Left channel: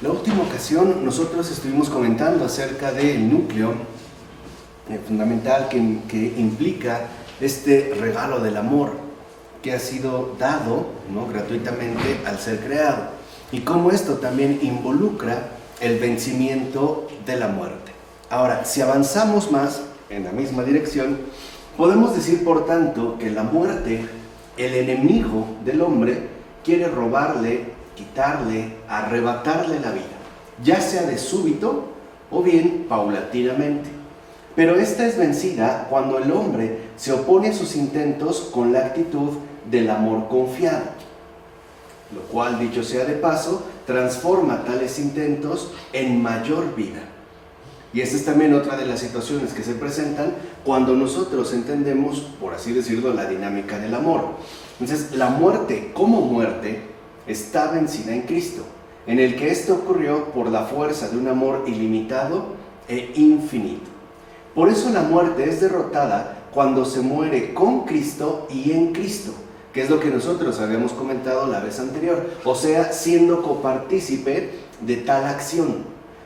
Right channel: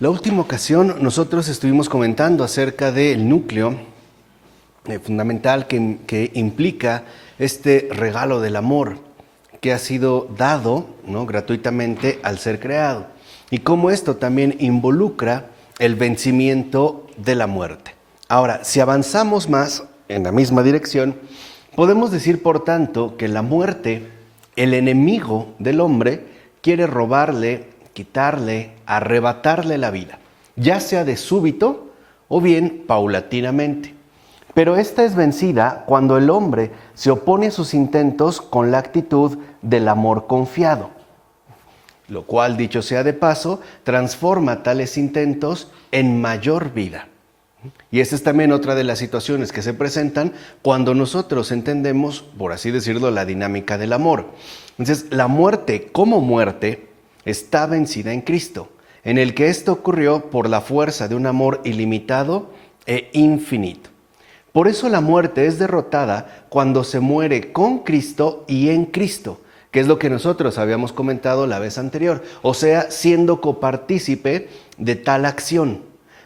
La última ocasión nosotros estuvimos comentando acerca del núcleo fundamental que implica este regalo del amor que ha sido dado, ¿no?, gratuitamente al ser creado, y cómo esto también involucra el vencimiento de la muerte. Ahora, si avanzamos más en la misma dirección, podemos decir, por tanto, que la muerte, el enemigo del hombre, quiere robarle, quitarle, arrebatarle la vida, ya sea de súbito o bien paulatinamente. Pero esta es vencida cuando el hombre se opone a sus intentos con la actitud del amor confiado, lo cual, dicho sea de paso, transforma tales intentos en mayor vida. Y esta es también otra de las situaciones que se presentan cuando nosotros entendemos, por así decirlo, la dinámica del amor. Entonces, la muerte como muerte está vencida en Cristo, en el que esto ocurrió por la fuerza de un amor ilimitado e infinito. Por eso la muerte es derrotada cuando se muere con Cristo y en Cristo, que es lo que nosotros habíamos comentado la vez anterior, o sea, siendo copartícipe de tal acción.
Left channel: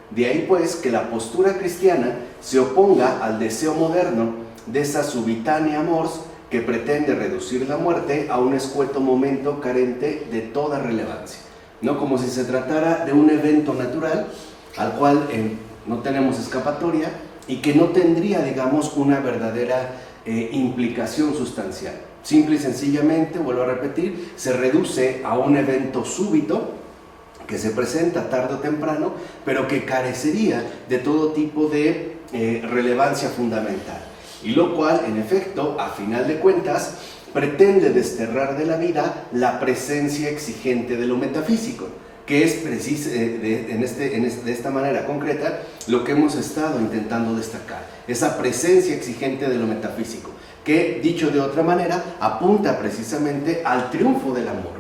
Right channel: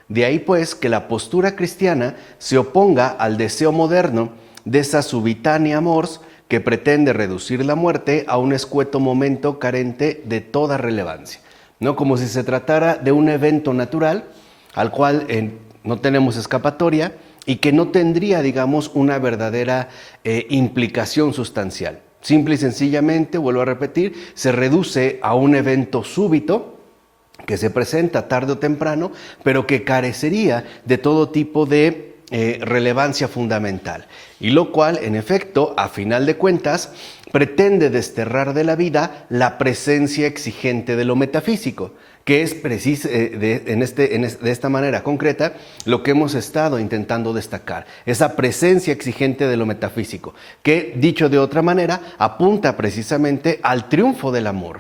De ahí pues que la postura cristiana se oponga al deseo moderno de esa subitánea mors que pretende reducir la muerte a un escueto momento carente de toda relevancia, ¿no? Como si se tratara de un evento natural al cual no tenemos escapatoria y que no tendría, digamos, una verdadera implicación sustancial. Simple y sencillamente, vuelvo a repetir, se reduce a un evento súbito que se presenta tarde o temprano, pero que carecería de todo tipo de relevancia fundamental. Y lo cual, en efecto, a final de cuentas, pretende desterrar de la vida la presencia exigente de lo metafísico, que es de esta manera concreta lo que hemos estado intentando destacar. Esa presencia exigente de lo metafísico, que, dicho de otra manera, apunta precisamente al triunfo del amor.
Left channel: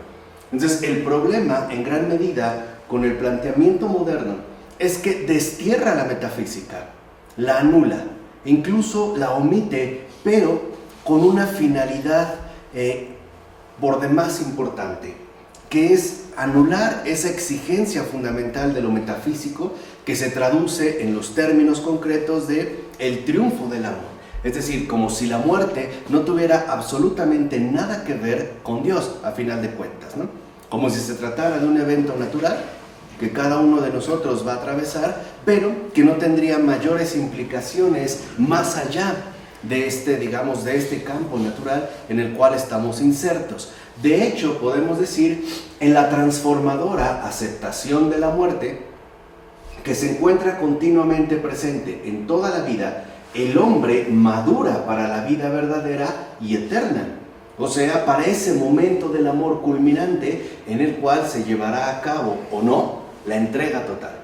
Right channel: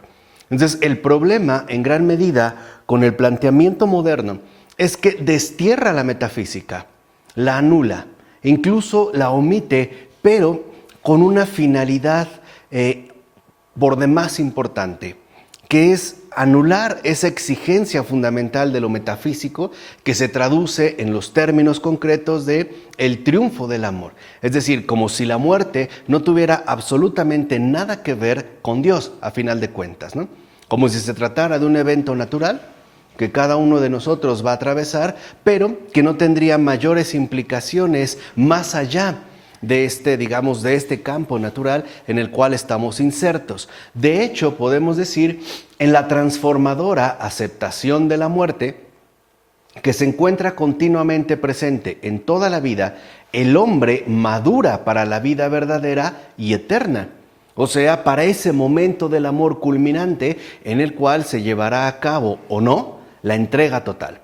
Entonces, el problema, en gran medida, con el planteamiento moderno, es que destierra la metafísica, la anula, incluso la omite, pero con una finalidad por demás importante, que es anular esa exigencia fundamental de lo metafísico que se traduce en los términos concretos de el triunfo del amor. Es decir, como si la muerte no tuviera absolutamente nada que ver con Dios, a final de cuentas, ¿no? Como si se tratara de un evento natural que cada uno de nosotros va a atravesar, pero que no tendría mayores implicaciones más allá de este campo natural en el cual estamos insertos. De hecho, podemos decir, en la transformadora aceptación de la muerte, que se encuentra continuamente presente en toda la vida, el hombre madura para la vida verdadera y eterna. O sea, para ese momento del amor culminante en el cual se llevará a cabo o no la entrega total,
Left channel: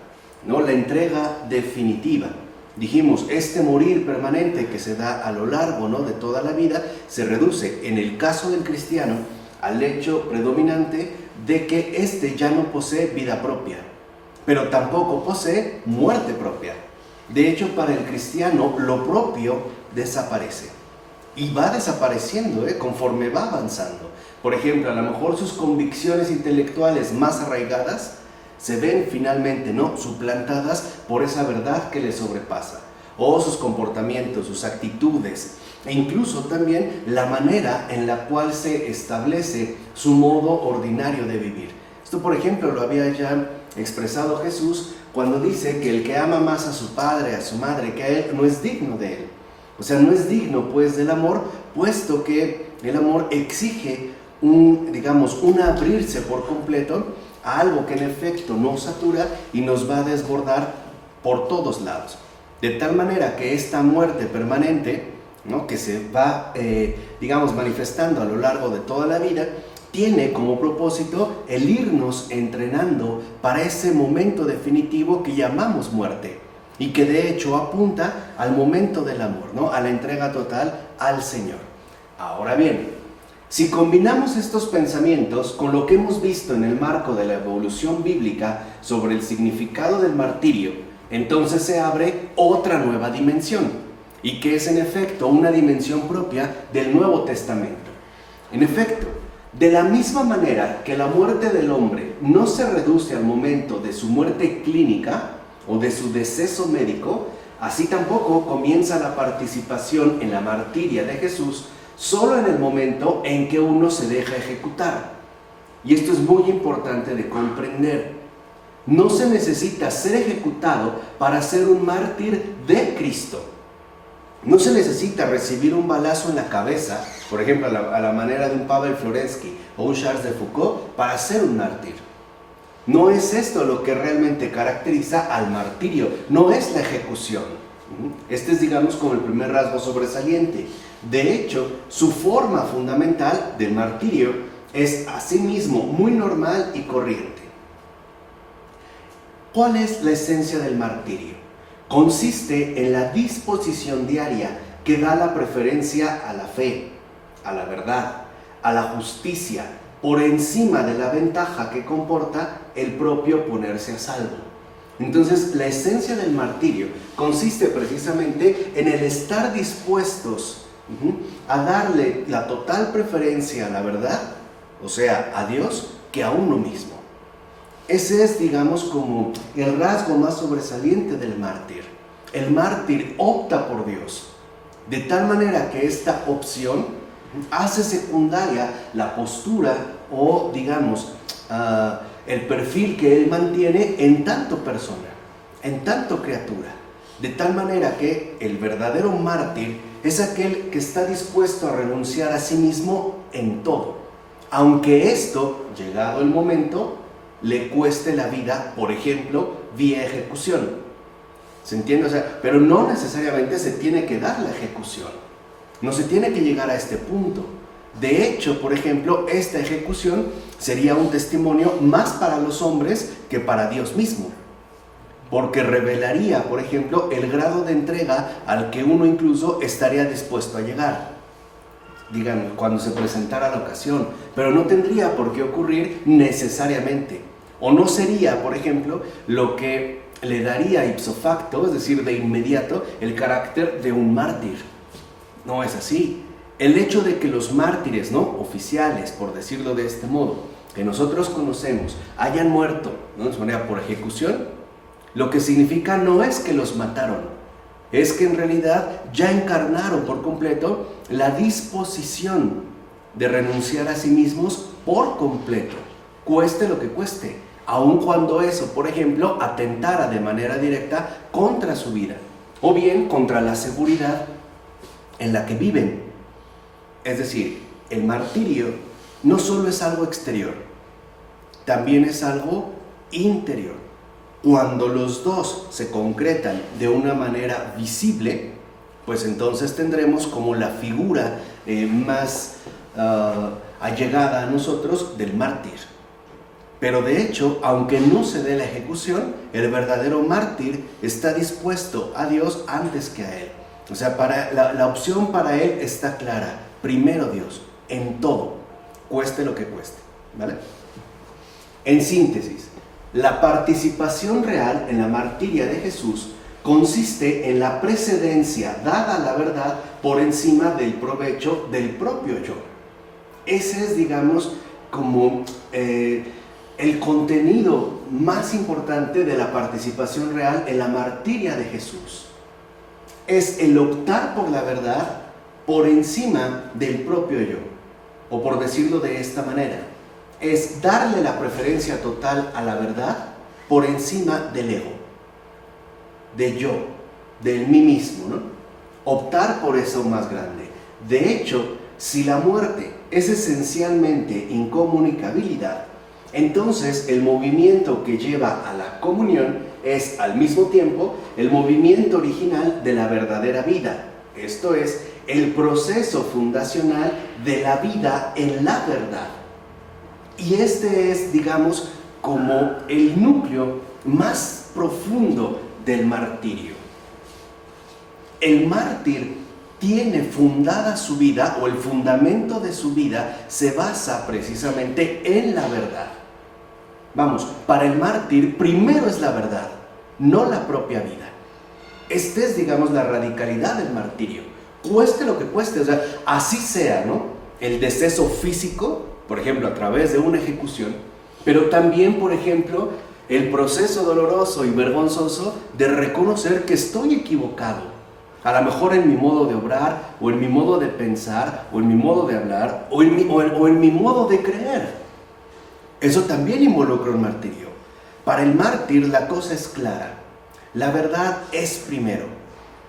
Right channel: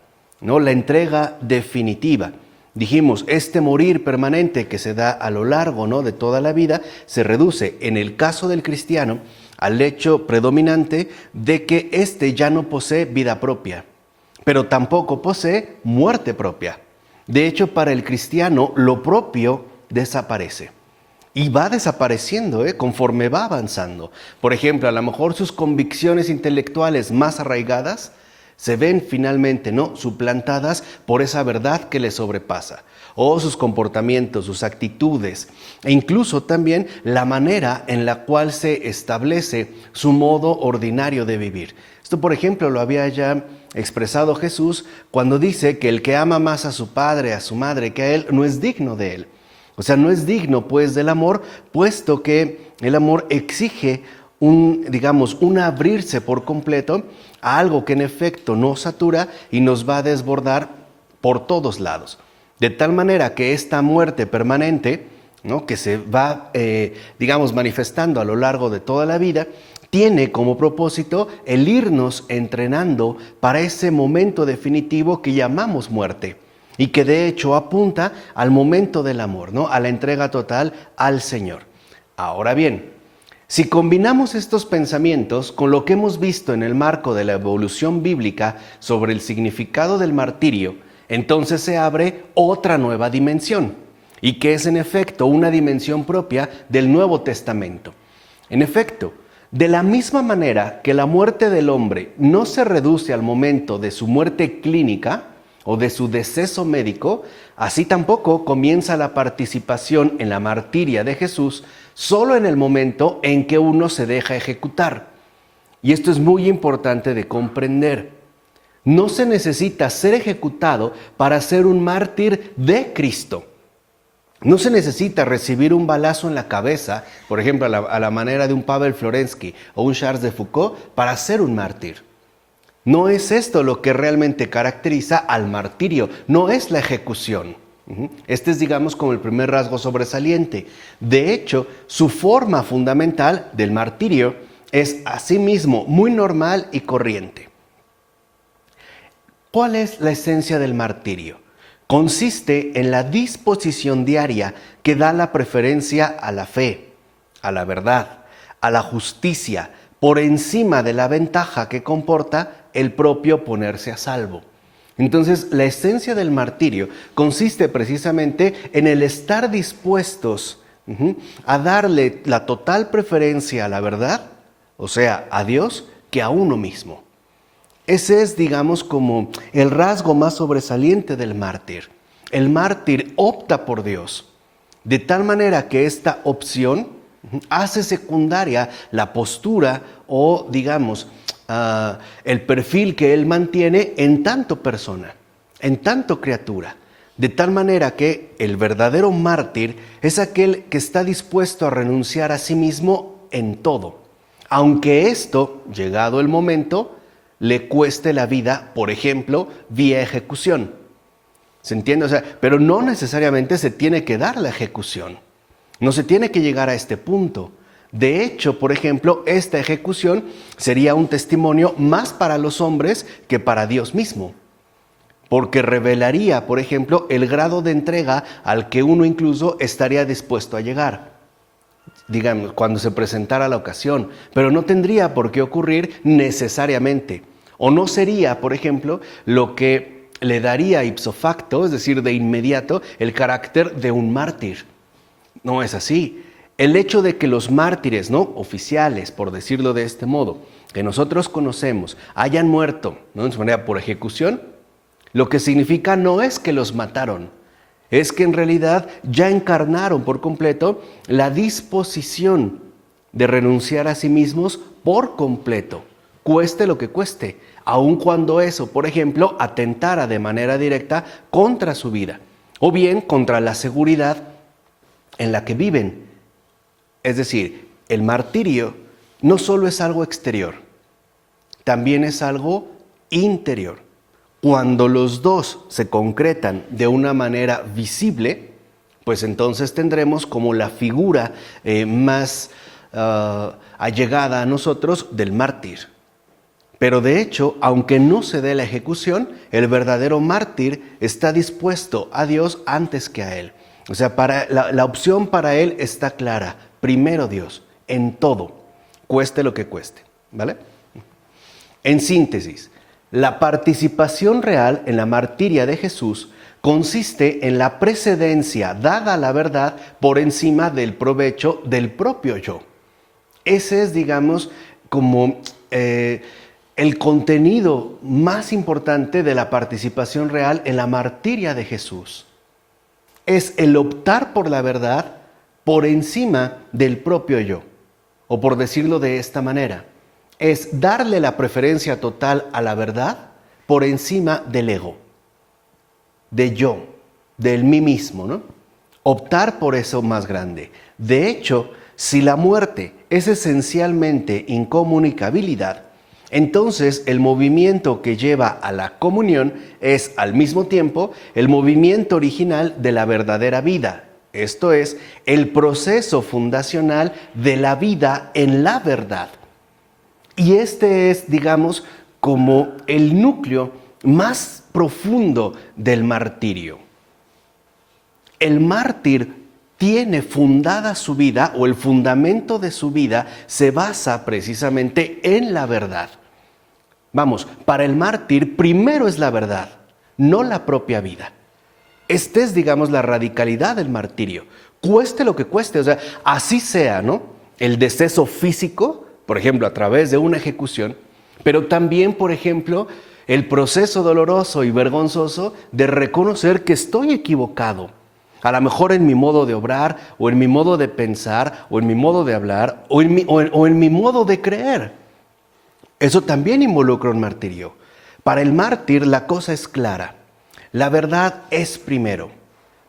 ¿no? La entrega definitiva. Dijimos, este morir permanente que se da a lo largo, ¿no?, de toda la vida, se reduce, en el caso del cristiano, al hecho predominante de que éste ya no posee vida propia, pero tampoco posee muerte propia. De hecho, para el cristiano, lo propio desaparece. Y va desapareciendo, conforme va avanzando. Por ejemplo, a lo mejor sus convicciones intelectuales más arraigadas se ven finalmente, ¿no?, suplantadas por esa verdad que le sobrepasa. O sus comportamientos, sus actitudes, e incluso también la manera en la cual se establece su modo ordinario de vivir. Esto, por ejemplo, lo había ya expresado Jesús cuando dice que el que ama más a su padre, a su madre, que a él, no es digno de él. O sea, no es digno pues del amor, puesto que el amor exige un abrirse por completo a algo que en efecto nos satura y nos va a desbordar por todos lados. De tal manera que esta muerte permanente, ¿no?, que se va, manifestando a lo largo de toda la vida, tiene como propósito el irnos entrenando para ese momento definitivo que llamamos muerte. Y que de hecho apunta al momento del amor, ¿no?, a la entrega total al Señor. Ahora bien, si combinamos estos pensamientos con lo que hemos visto en el marco de la evolución bíblica sobre el significado del martirio, entonces se abre otra nueva dimensión, y que es en efecto una dimensión propia del Nuevo Testamento. En efecto, De la misma manera que la muerte del hombre no se reduce al momento de su muerte clínica o de su deceso médico, así tampoco comienza la participación en la martiria de Jesús solo en el momento en que uno se deja ejecutar. Y esto es muy importante de comprender. No se necesita ser ejecutado para ser un mártir de Cristo. No se necesita recibir un balazo en la cabeza, por ejemplo, a la manera de un Pavel Florensky o un Charles de Foucault, para ser un mártir. No es esto lo que realmente caracteriza al martirio, no es la ejecución. Este es, digamos, como el primer rasgo sobresaliente. De hecho, su forma fundamental del martirio es asimismo muy normal y corriente. ¿Cuál es la esencia del martirio? Consiste en la disposición diaria que da la preferencia a la fe, a la verdad, a la justicia, por encima de la ventaja que comporta el propio ponerse a salvo. Entonces, la esencia del martirio consiste precisamente en el estar dispuestos a darle la total preferencia a la verdad, o sea, a Dios, que a uno mismo. Ese es, digamos, como el rasgo más sobresaliente del mártir. El mártir opta por Dios, de tal manera que esta opción hace secundaria la postura o, digamos, el perfil que él mantiene en tanto persona, en tanto criatura. De tal manera que el verdadero mártir es aquel que está dispuesto a renunciar a sí mismo en todo, aunque esto, llegado el momento, le cueste la vida, por ejemplo, vía ejecución. ¿Se entiende? O sea, pero no necesariamente se tiene que dar la ejecución. No se tiene que llegar a este punto. De hecho, por ejemplo, esta ejecución sería un testimonio más para los hombres que para Dios mismo. Porque revelaría, por ejemplo, el grado de entrega al que uno incluso estaría dispuesto a llegar, digamos, cuando se presentara la ocasión. Pero no tendría por qué ocurrir necesariamente. O no sería, por ejemplo, lo que le daría ipso facto, es decir, de inmediato, el carácter de un mártir. No es así. El hecho de que los mártires, ¿no?, oficiales, por decirlo de este modo, que nosotros conocemos, hayan muerto, ¿no?, de su manera por ejecución, lo que significa no es que los mataron, es que en realidad ya encarnaron por completo la disposición de renunciar a sí mismos por completo, cueste lo que cueste, aun cuando eso, por ejemplo, atentara de manera directa contra su vida, o bien contra la seguridad en la que viven. Es decir, el martirio no solo es algo exterior, también es algo interior. Cuando los dos se concretan de una manera visible, pues entonces tendremos como la figura más allegada a nosotros del mártir. Pero de hecho, aunque no se dé la ejecución, el verdadero mártir está dispuesto a Dios antes que a él. O sea, la opción para él está clara. Primero Dios, en todo, cueste lo que cueste, ¿vale? En síntesis, la participación real en la martiria de Jesús consiste en la precedencia dada a la verdad por encima del provecho del propio yo. Ese es, digamos, como el contenido más importante de la participación real en la martiria de Jesús. Es el optar por la verdad por encima del propio yo, o por decirlo de esta manera, es darle la preferencia total a la verdad por encima del ego, de yo, del mí mismo, ¿no? Optar por eso más grande. De hecho, si la muerte es esencialmente incomunicabilidad, entonces el movimiento que lleva a la comunión es al mismo tiempo el movimiento original de la verdadera vida. Esto es, el proceso fundacional de la vida en la verdad. Y este es, digamos, como el núcleo más profundo del martirio. El mártir tiene fundada su vida, o el fundamento de su vida se basa precisamente en la verdad. Vamos, para el mártir primero es la verdad, no la propia vida. Esta es, digamos, la radicalidad del martirio. Cueste lo que cueste, o sea, así sea, ¿no?, el deceso físico, por ejemplo, a través de una ejecución, pero también, por ejemplo, el proceso doloroso y vergonzoso de reconocer que estoy equivocado. A lo mejor en mi modo de obrar, o en mi modo de pensar, o en mi modo de hablar, o en mi modo de creer. Eso también involucra un martirio. Para el mártir la cosa es clara. La verdad es primero.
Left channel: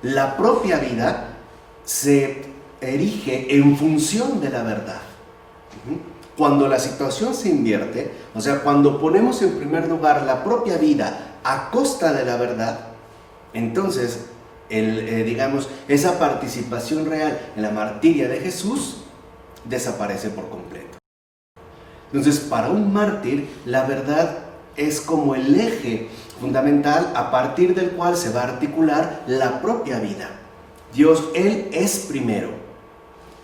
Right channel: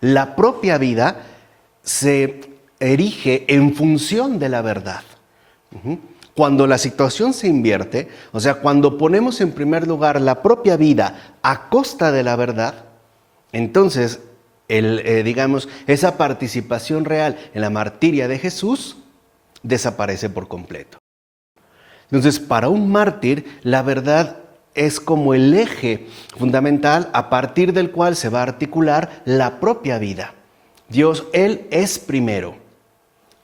La propia vida se erige en función de la verdad. Cuando la situación se invierte, o sea, cuando ponemos en primer lugar la propia vida a costa de la verdad, entonces, digamos, esa participación real en la martiria de Jesús desaparece por completo. Entonces, para un mártir, la verdad es como el eje fundamental a partir del cual se va a articular la propia vida. Dios, Él es primero,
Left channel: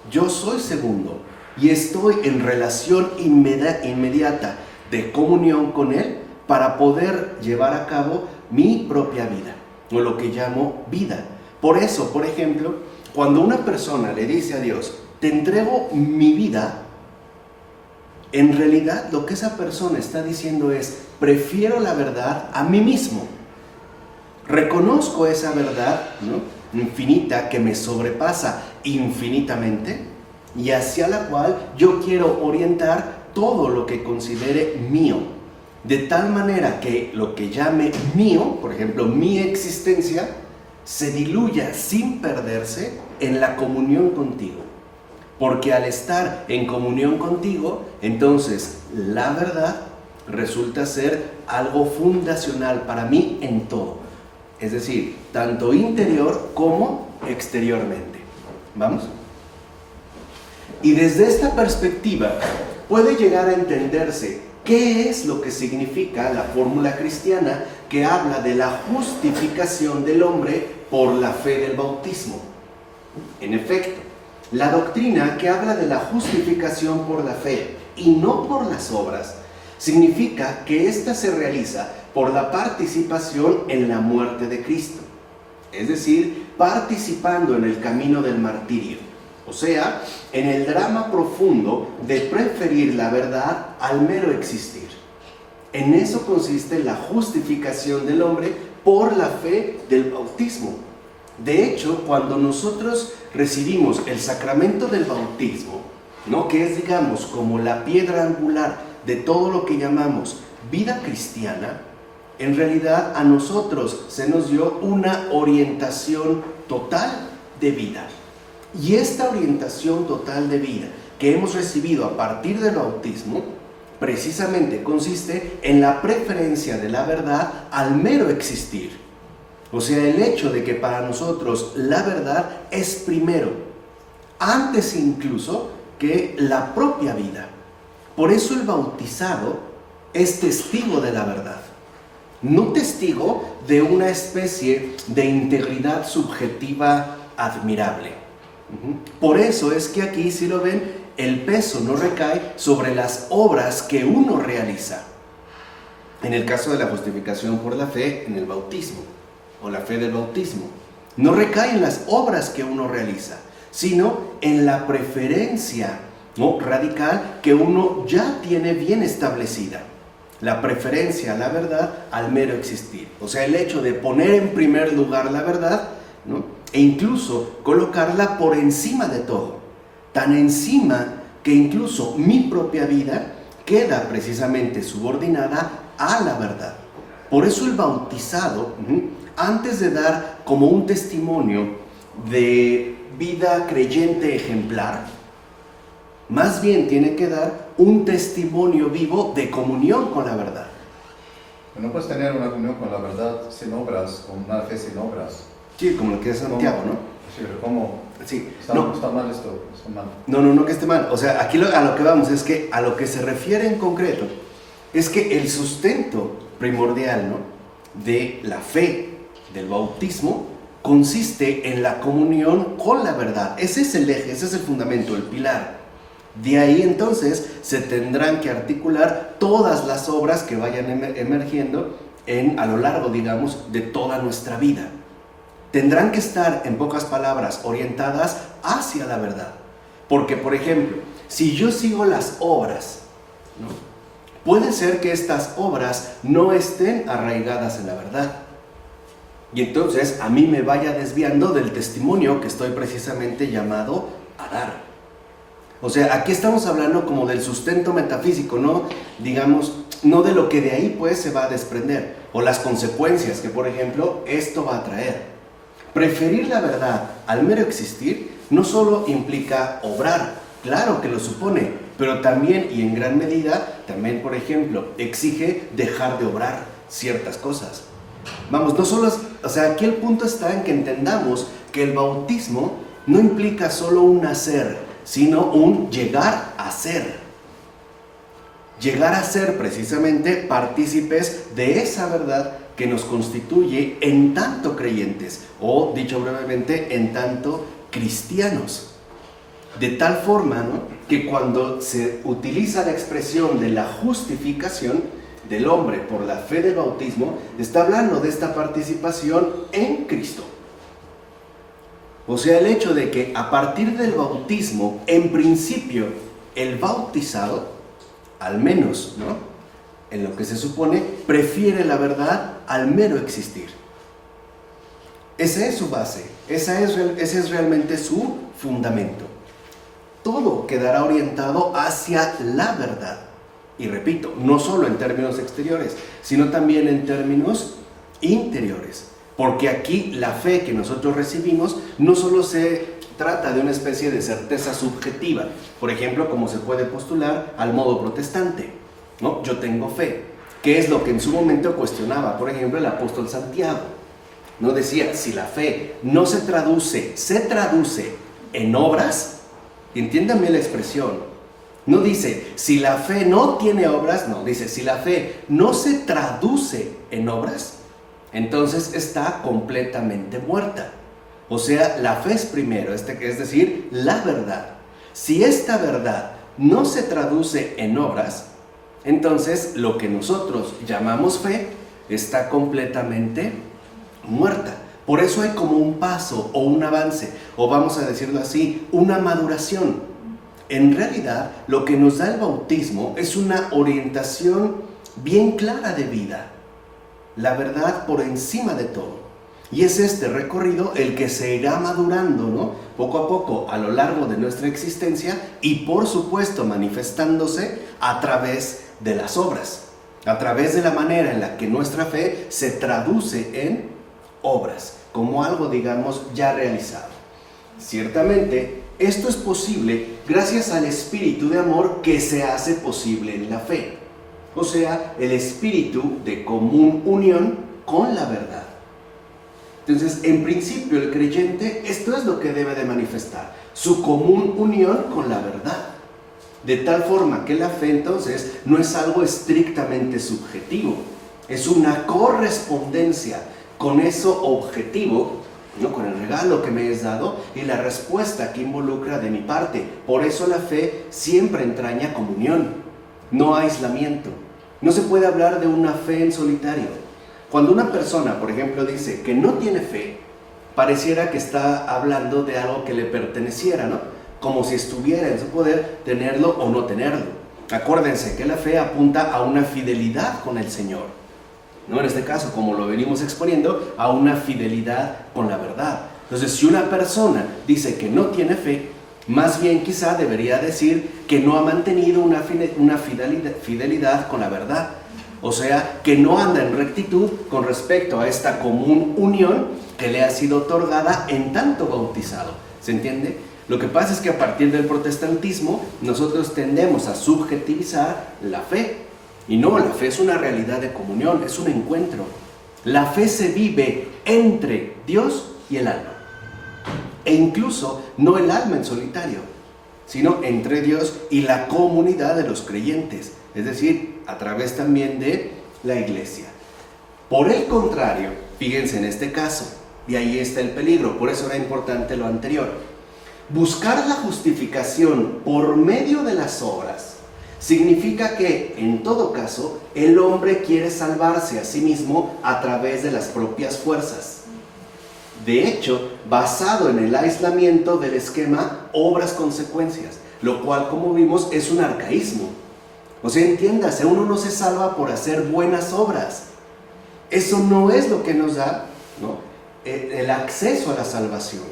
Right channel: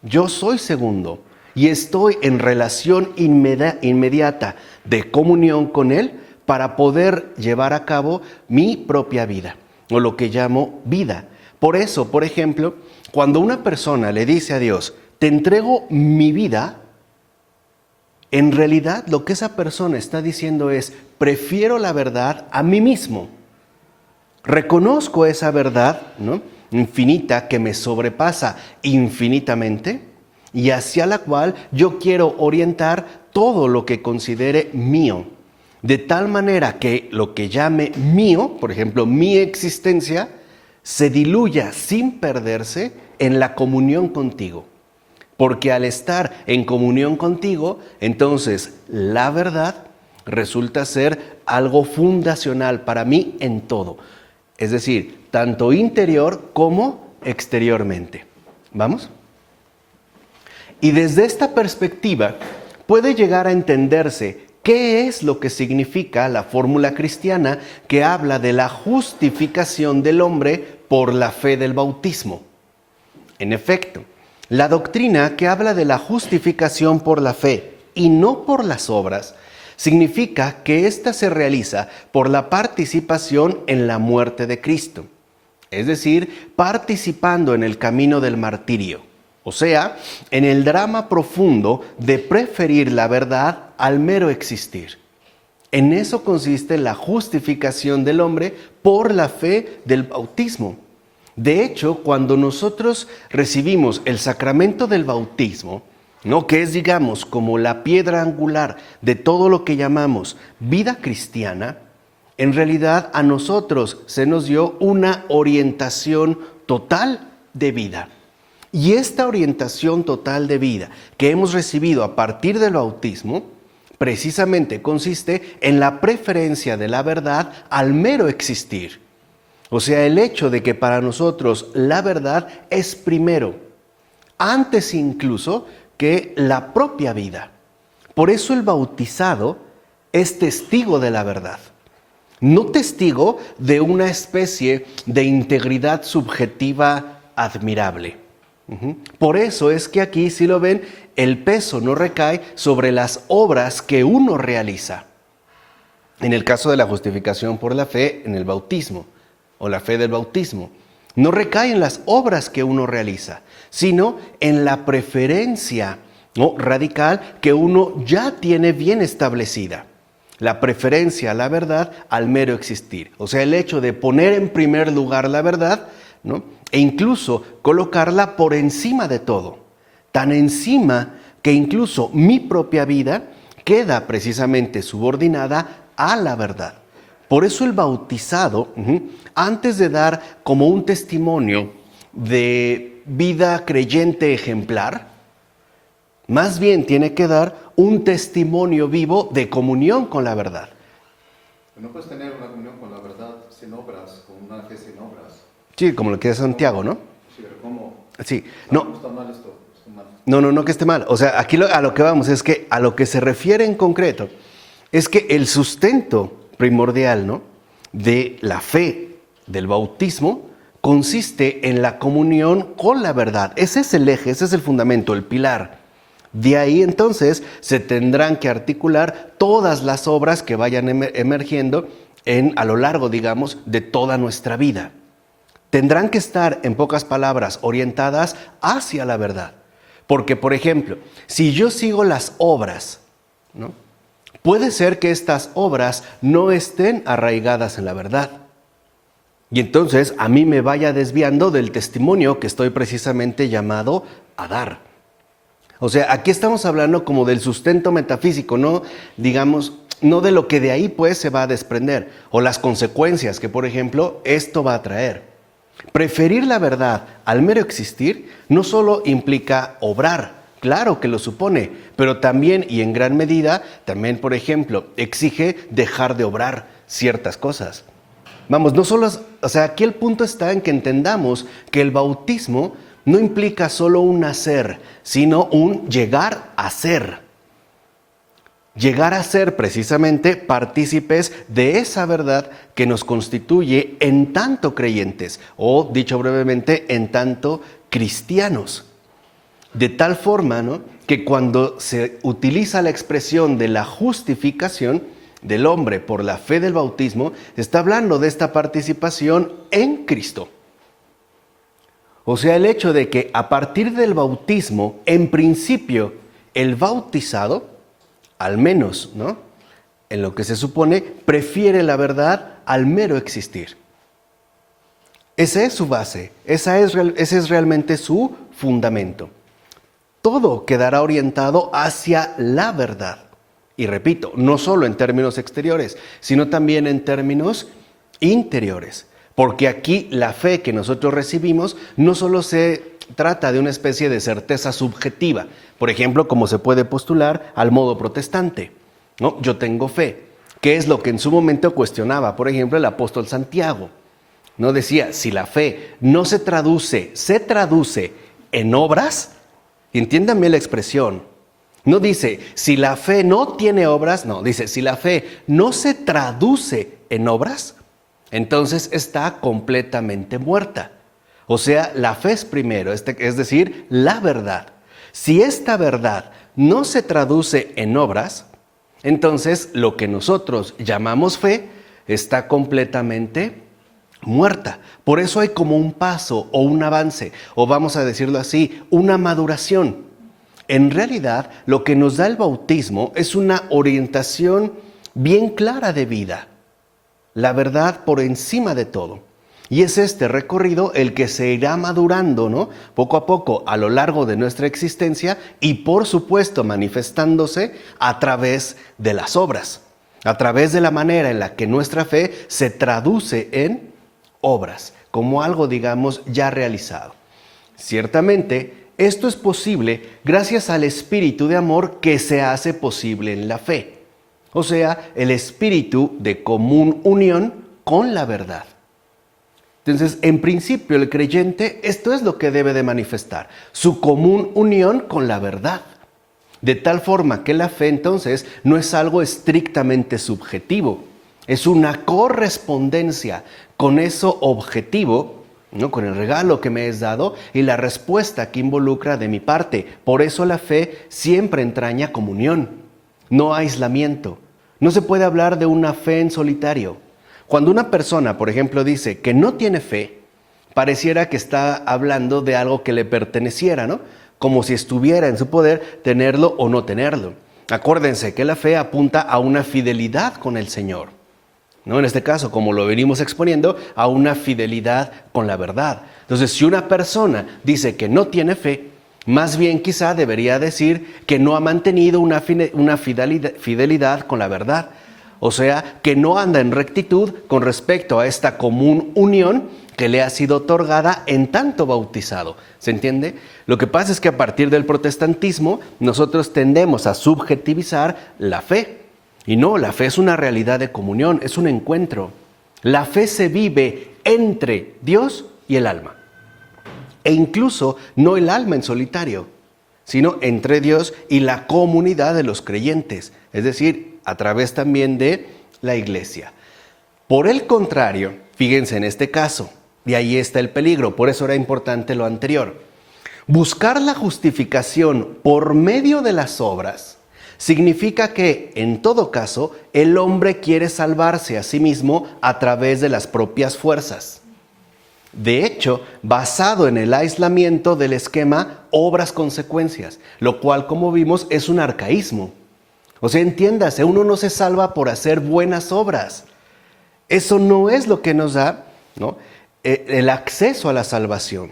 yo soy segundo y estoy en relación inmediata de comunión con Él para poder llevar a cabo mi propia vida, o lo que llamo vida. Por eso, por ejemplo, cuando una persona le dice a Dios, te entrego mi vida, en realidad lo que esa persona está diciendo es, prefiero la verdad a mí mismo. Reconozco esa verdad, ¿no?, infinita, que me sobrepasa infinitamente y hacia la cual yo quiero orientar todo lo que considere mío. De tal manera que lo que llame mío, por ejemplo, mi existencia, se diluya sin perderse en la comunión contigo. Porque al estar en comunión contigo, entonces la verdad resulta ser algo fundacional para mí en todo. Es decir, tanto interior como exteriormente. ¿Vamos? Y desde esta perspectiva puede llegar a entenderse qué es lo que significa la fórmula cristiana que habla de la justificación del hombre por la fe del bautismo. En efecto, la doctrina que habla de la justificación por la fe y no por las obras, significa que ésta se realiza por la participación en la muerte de Cristo, es decir, participando en el camino del martirio, o sea, en el drama profundo de preferir la verdad al mero existir. En eso consiste la justificación del hombre por la fe del bautismo. De hecho, cuando nosotros recibimos el sacramento del bautismo, ¿no?, que es, digamos, como la piedra angular de todo lo que llamamos vida cristiana, en realidad a nosotros se nos dio una orientación total de vida. Y esta orientación total de vida que hemos recibido a partir del bautismo, precisamente consiste en la preferencia de la verdad al mero existir. O sea, el hecho de que para nosotros la verdad es primero, antes incluso que la propia vida. Por eso el bautizado es testigo de la verdad, no testigo de una especie de integridad subjetiva admirable. Por eso es que aquí, si lo ven, el peso no recae sobre las obras que uno realiza. En el caso de la justificación por la fe en el bautismo, o la fe del bautismo, no recae en las obras que uno realiza, sino en la preferencia, ¿no?, radical que uno ya tiene bien establecida. La preferencia a la verdad al mero existir. O sea, el hecho de poner en primer lugar la verdad, ¿no?, e incluso colocarla por encima de todo. Tan encima que incluso mi propia vida queda precisamente subordinada a la verdad. Por eso el bautizado, antes de dar como un testimonio de vida creyente ejemplar, más bien tiene que dar un testimonio vivo de comunión con la verdad. No puedes tener una comunión con la verdad sin obras, con una fe sin obras. Sí, como lo que es Santiago, ¿no? Sí, pero ¿cómo? Sí. ¿Está mal esto? ¿Está mal? No que esté mal. O sea, aquí a lo que vamos es que a lo que se refiere en concreto es que el sustento primordial, ¿no?, de la fe del bautismo consiste en la comunión con la verdad. Ese es el eje, ese es el fundamento, el pilar. De ahí entonces se tendrán que articular todas las obras que vayan emergiendo a lo largo, digamos, de toda nuestra vida. Tendrán que estar, en pocas palabras, orientadas hacia la verdad. Porque, por ejemplo, si yo sigo las obras, ¿no? Puede ser que estas obras no estén arraigadas en la verdad. Y entonces a mí me vaya desviando del testimonio que estoy precisamente llamado a dar. O sea, aquí estamos hablando como del sustento metafísico, no, digamos, no de lo que de ahí pues se va a desprender, o las consecuencias que, por ejemplo, esto va a traer. Preferir la verdad al mero existir no solo implica obrar, claro que lo supone, pero también y en gran medida, también, por ejemplo, exige dejar de obrar ciertas cosas. Vamos, no solo es, o sea, aquí el punto está en que entendamos que el bautismo no implica solo un nacer, sino un llegar a ser. Llegar a ser precisamente partícipes de esa verdad que nos constituye en tanto creyentes, o dicho brevemente, en tanto cristianos. De tal forma, ¿no?, que cuando se utiliza la expresión de la justificación del hombre por la fe del bautismo, está hablando de esta participación en Cristo. O sea, el hecho de que a partir del bautismo, en principio, el bautizado, al menos, ¿no?, en lo que se supone, prefiere la verdad al mero existir. Esa es su base, ese es realmente su fundamento. Todo quedará orientado hacia la verdad. Y repito, no solo en términos exteriores, sino también en términos interiores. Porque aquí la fe que nosotros recibimos no solo se trata de una especie de certeza subjetiva, por ejemplo, como se puede postular al modo protestante, ¿no? Yo tengo fe, que es lo que en su momento cuestionaba, por ejemplo, el apóstol Santiago, ¿no? Decía, si la fe no se traduce en obras, y entiéndanme la expresión, no dice, si la fe no tiene obras, no, dice, si la fe no se traduce en obras, entonces está completamente muerta. O sea, la fe es primero, es decir, la verdad. Si esta verdad no se traduce en obras, entonces lo que nosotros llamamos fe está completamente muerta. Por eso hay como un paso o un avance, o vamos a decirlo así, una maduración. En realidad, lo que nos da el bautismo es una orientación bien clara de vida. La verdad por encima de todo. Y es este recorrido el que se irá madurando, ¿no?, poco a poco a lo largo de nuestra existencia y por supuesto manifestándose a través de las obras, a través de la manera en la que nuestra fe se traduce en obras, como algo, digamos, ya realizado. Ciertamente, esto es posible gracias al espíritu de amor que se hace posible en la fe. O sea, el espíritu de común unión con la verdad. Entonces, en principio, el creyente, esto es lo que debe de manifestar, su común unión con la verdad. De tal forma que la fe, entonces, no es algo estrictamente subjetivo, es una correspondencia con eso objetivo, ¿no?, con el regalo que me es dado y la respuesta que involucra de mi parte. Por eso la fe siempre entraña comunión, no aislamiento. No se puede hablar de una fe en solitario. Cuando una persona, por ejemplo, dice que no tiene fe, pareciera que está hablando de algo que le perteneciera, ¿no?, como si estuviera en su poder tenerlo o no tenerlo. Acuérdense que la fe apunta a una fidelidad con el Señor, ¿no? En este caso, como lo venimos exponiendo, a una fidelidad con la verdad. Entonces, si una persona dice que no tiene fe, más bien quizá debería decir que no ha mantenido una fidelidad con la verdad. O sea, que no anda en rectitud con respecto a esta común unión que le ha sido otorgada en tanto bautizado. ¿Se entiende? Lo que pasa es que a partir del protestantismo nosotros tendemos a subjetivizar la fe. Y no, la fe es una realidad de comunión, es un encuentro. La fe se vive entre Dios y el alma. E incluso no el alma en solitario, sino entre Dios y la comunidad de los creyentes. Es decir, a través también de la iglesia. Por el contrario, fíjense en este caso, y ahí está el peligro, por eso era importante lo anterior. Buscar la justificación por medio de las obras significa que, en todo caso, el hombre quiere salvarse a sí mismo a través de las propias fuerzas. De hecho, basado en el aislamiento del esquema obras-consecuencias, lo cual, como vimos, es un arcaísmo. O sea, entiéndase, uno no se salva por hacer buenas obras. Eso no es lo que nos da, ¿no?, el acceso a la salvación.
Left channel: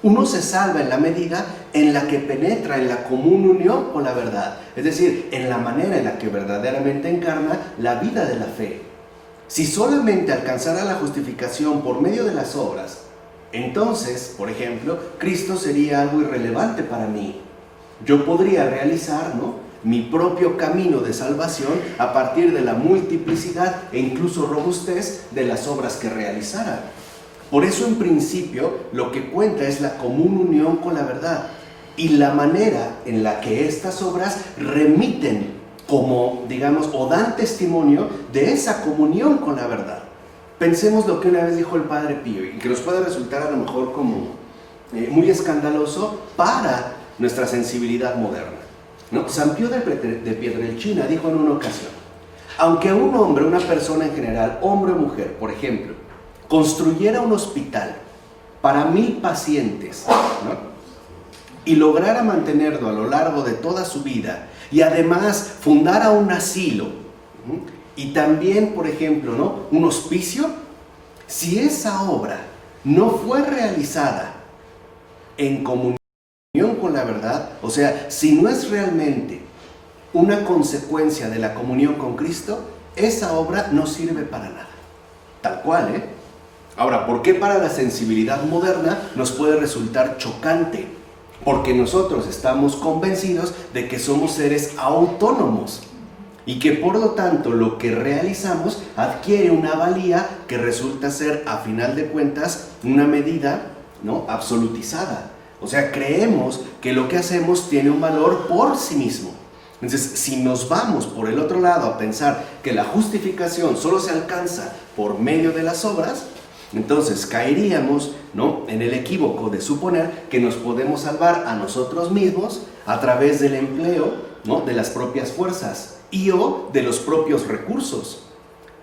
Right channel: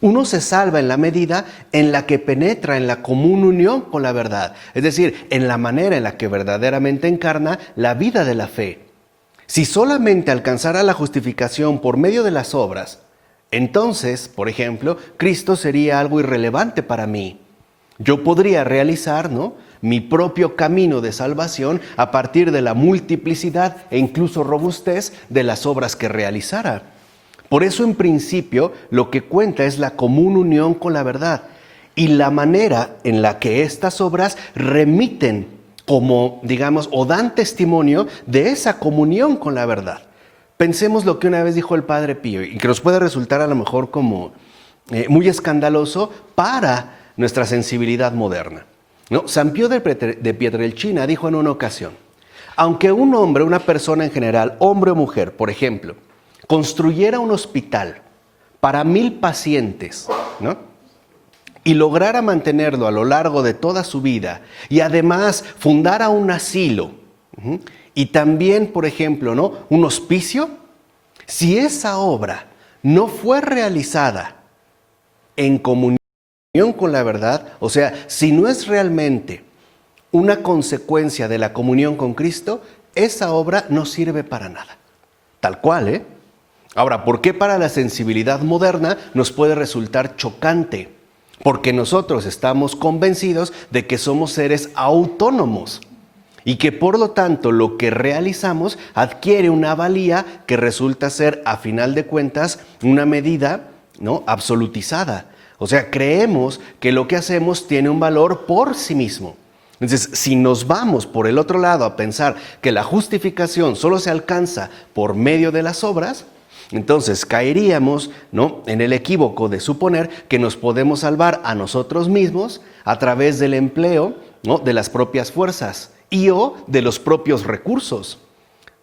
Uno se salva en la medida en la que penetra en la común unión con la verdad, es decir, en la manera en la que verdaderamente encarna la vida de la fe. Si solamente alcanzara la justificación por medio de las obras, entonces, por ejemplo, Cristo sería algo irrelevante para mí. Yo podría realizar, ¿no?, mi propio camino de salvación a partir de la multiplicidad e incluso robustez de las obras que realizara. Por eso, en principio, lo que cuenta es la común unión con la verdad y la manera en la que estas obras remiten como, digamos, o dan testimonio de esa comunión con la verdad. Pensemos lo que una vez dijo el Padre Pío y que nos puede resultar a lo mejor como muy escandaloso para nuestra sensibilidad moderna, ¿no? San Pío de Pietrelcina dijo en una ocasión: aunque un hombre, una persona en general, hombre o mujer, por ejemplo, construyera un hospital para 1000 pacientes, ¿no?, y lograra mantenerlo a lo largo de toda su vida, y además fundara un asilo, y también, por ejemplo, ¿no?, un hospicio, si esa obra no fue realizada en comunión con la verdad, o sea, si no es realmente una consecuencia de la comunión con Cristo, esa obra no sirve para nada. Tal cual, ¿eh? Ahora, ¿por qué para la sensibilidad moderna nos puede resultar chocante? Porque nosotros estamos convencidos de que somos seres autónomos y que por lo tanto lo que realizamos adquiere una valía que resulta ser, a final de cuentas, una medida, ¿no?, absolutizada. O sea, creemos que lo que hacemos tiene un valor por sí mismo. Entonces, si nos vamos por el otro lado a pensar que la justificación solo se alcanza por medio de las obras, entonces caeríamos, ¿no?, en el equívoco de suponer que nos podemos salvar a nosotros mismos a través del empleo, ¿no?, de las propias fuerzas y o de los propios recursos.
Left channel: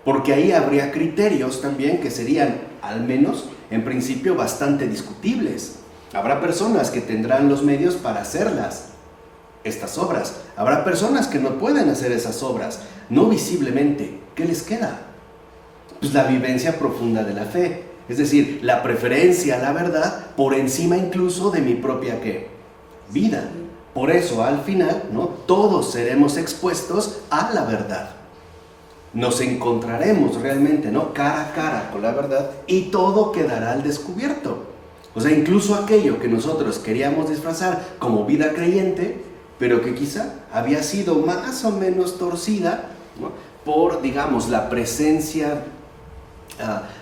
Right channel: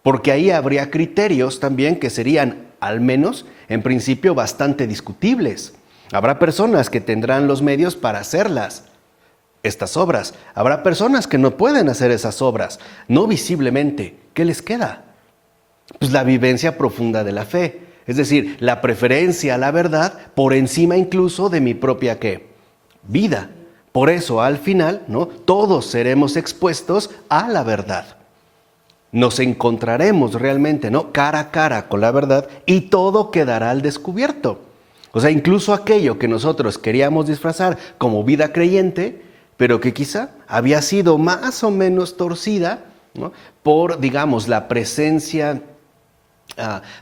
Porque ahí habría criterios también que serían, al menos en principio, bastante discutibles. Habrá personas que tendrán los medios para hacerlas, estas obras. Habrá personas que no pueden hacer esas obras, no visiblemente. ¿Qué les queda? Pues la vivencia profunda de la fe, es decir, la preferencia a la verdad por encima incluso de mi propia ¿qué? Vida. Por eso, al final, ¿no?, todos seremos expuestos a la verdad. Nos encontraremos realmente, ¿no?, cara a cara con la verdad y todo quedará al descubierto. O sea, incluso aquello que nosotros queríamos disfrazar como vida creyente, pero que quizá había sido más o menos torcida, ¿no?, por, digamos, la presencia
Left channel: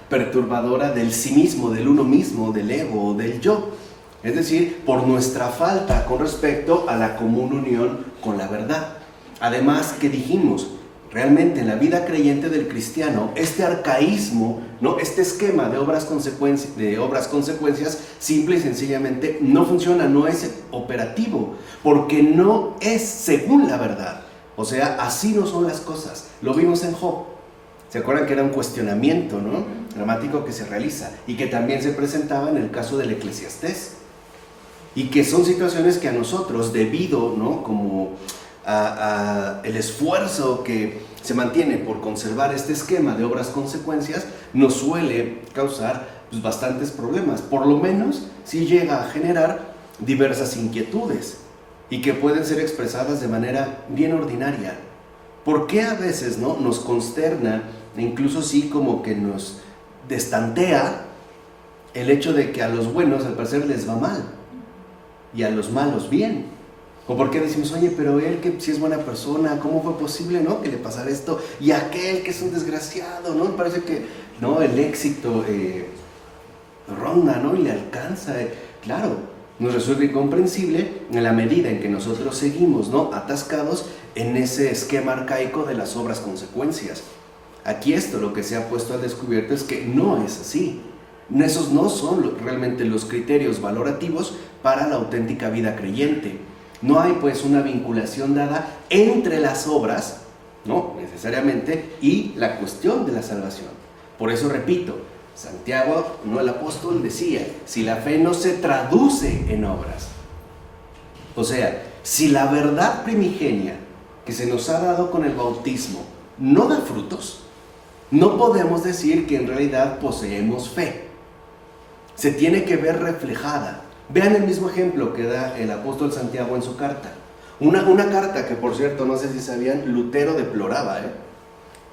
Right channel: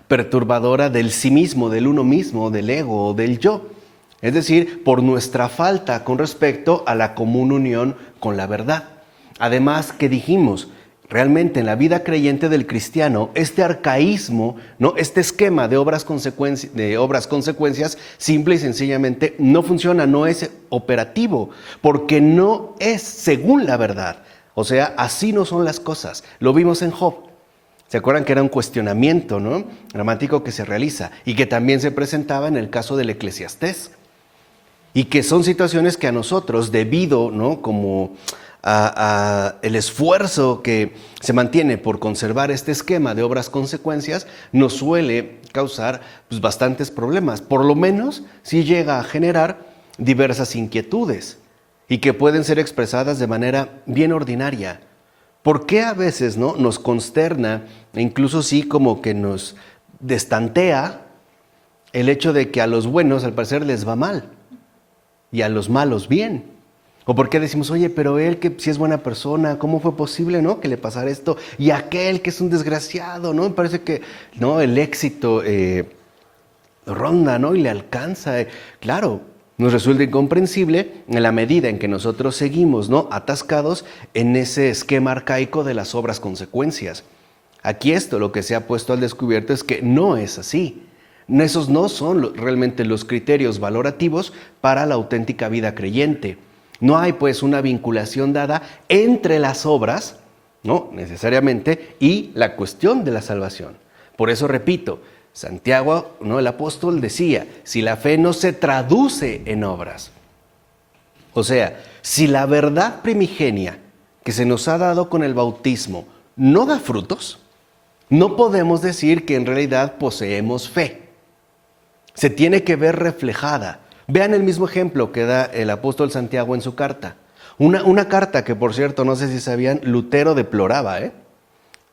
perturbadora del sí mismo, del uno mismo, del ego o del yo. Es decir, por nuestra falta con respecto a la común unión con la verdad. Además, que dijimos, realmente en la vida creyente del cristiano, este arcaísmo, ¿no?, este esquema de obras consecuencias, simple y sencillamente no funciona, no es operativo, porque no es según la verdad. O sea, así no son las cosas. Lo vimos en Job. ¿Se acuerdan que era un cuestionamiento, ¿no?, dramático que se realiza y que también se presentaba en el caso del Eclesiastés? Y que son situaciones que a nosotros, debido, ¿no?, como a el esfuerzo que se mantiene por conservar este esquema de obras consecuencias, nos suele causar pues bastantes problemas. Por lo menos sí llega a generar diversas inquietudes y que pueden ser expresadas de manera bien ordinaria. ¿Por qué a veces, ¿no?, nos consterna e incluso sí como que nos destantea el hecho de que a los buenos al parecer les va mal y a los malos bien? ¿O por qué decimos, oye, pero él que si es buena persona, ¿cómo fue posible, ¿no?, que le pasara esto? Y aquel que es un desgraciado, ¿no? Me parece que, ¿no?, el éxito ronda, ¿no?, y le alcanza. Claro, nos resulta incomprensible en la medida en que nosotros seguimos, ¿no?, atascados en ese esquema arcaico de las obras consecuencias. Aquí esto lo que se ha puesto al descubierto es que no es así. Esos no son realmente los criterios valorativos para la auténtica vida creyente. No hay pues una vinculación dada entre las obras, ¿no?, necesariamente, y la cuestión de la salvación. Por eso repito, Santiago, ¿no? El apóstol decía, si la fe no se traduce en obras, o sea, si la verdad primigenia que se nos ha dado con el bautismo no da frutos, no podemos decir que en realidad poseemos fe. Se tiene que ver reflejada. Vean el mismo ejemplo que da el apóstol Santiago en su carta. Una carta que, por cierto, no sé si sabían, Lutero deploraba,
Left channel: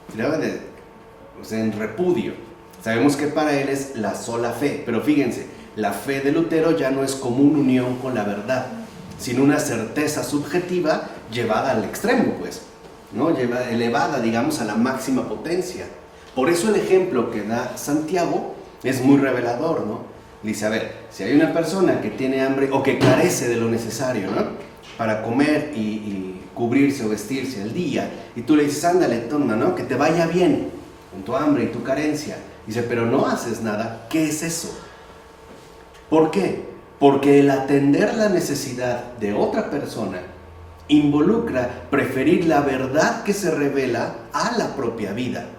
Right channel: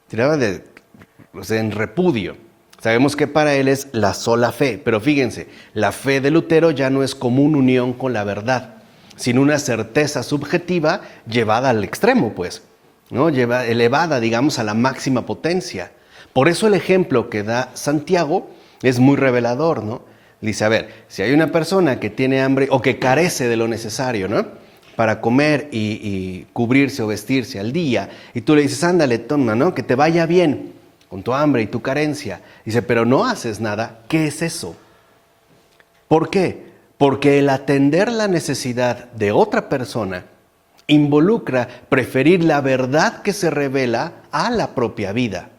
tiraba en repudio. Sabemos que para él es la sola fe, pero fíjense, la fe de Lutero ya no es como una unión con la verdad, sino una certeza subjetiva llevada al extremo, pues, ¿no? Elevada, digamos, a la máxima potencia. Por eso el ejemplo que da Santiago es muy revelador, ¿no? Dice, a ver, si hay una persona que tiene hambre o que carece de lo necesario, ¿no? Para comer y cubrirse o vestirse al día, y tú le dices, ándale, toma, ¿no? Que te vaya bien con tu hambre y tu carencia. Dice, pero no haces nada. ¿Qué es eso? ¿Por qué? Porque el atender la necesidad de otra persona involucra preferir la verdad que se revela a la propia vida.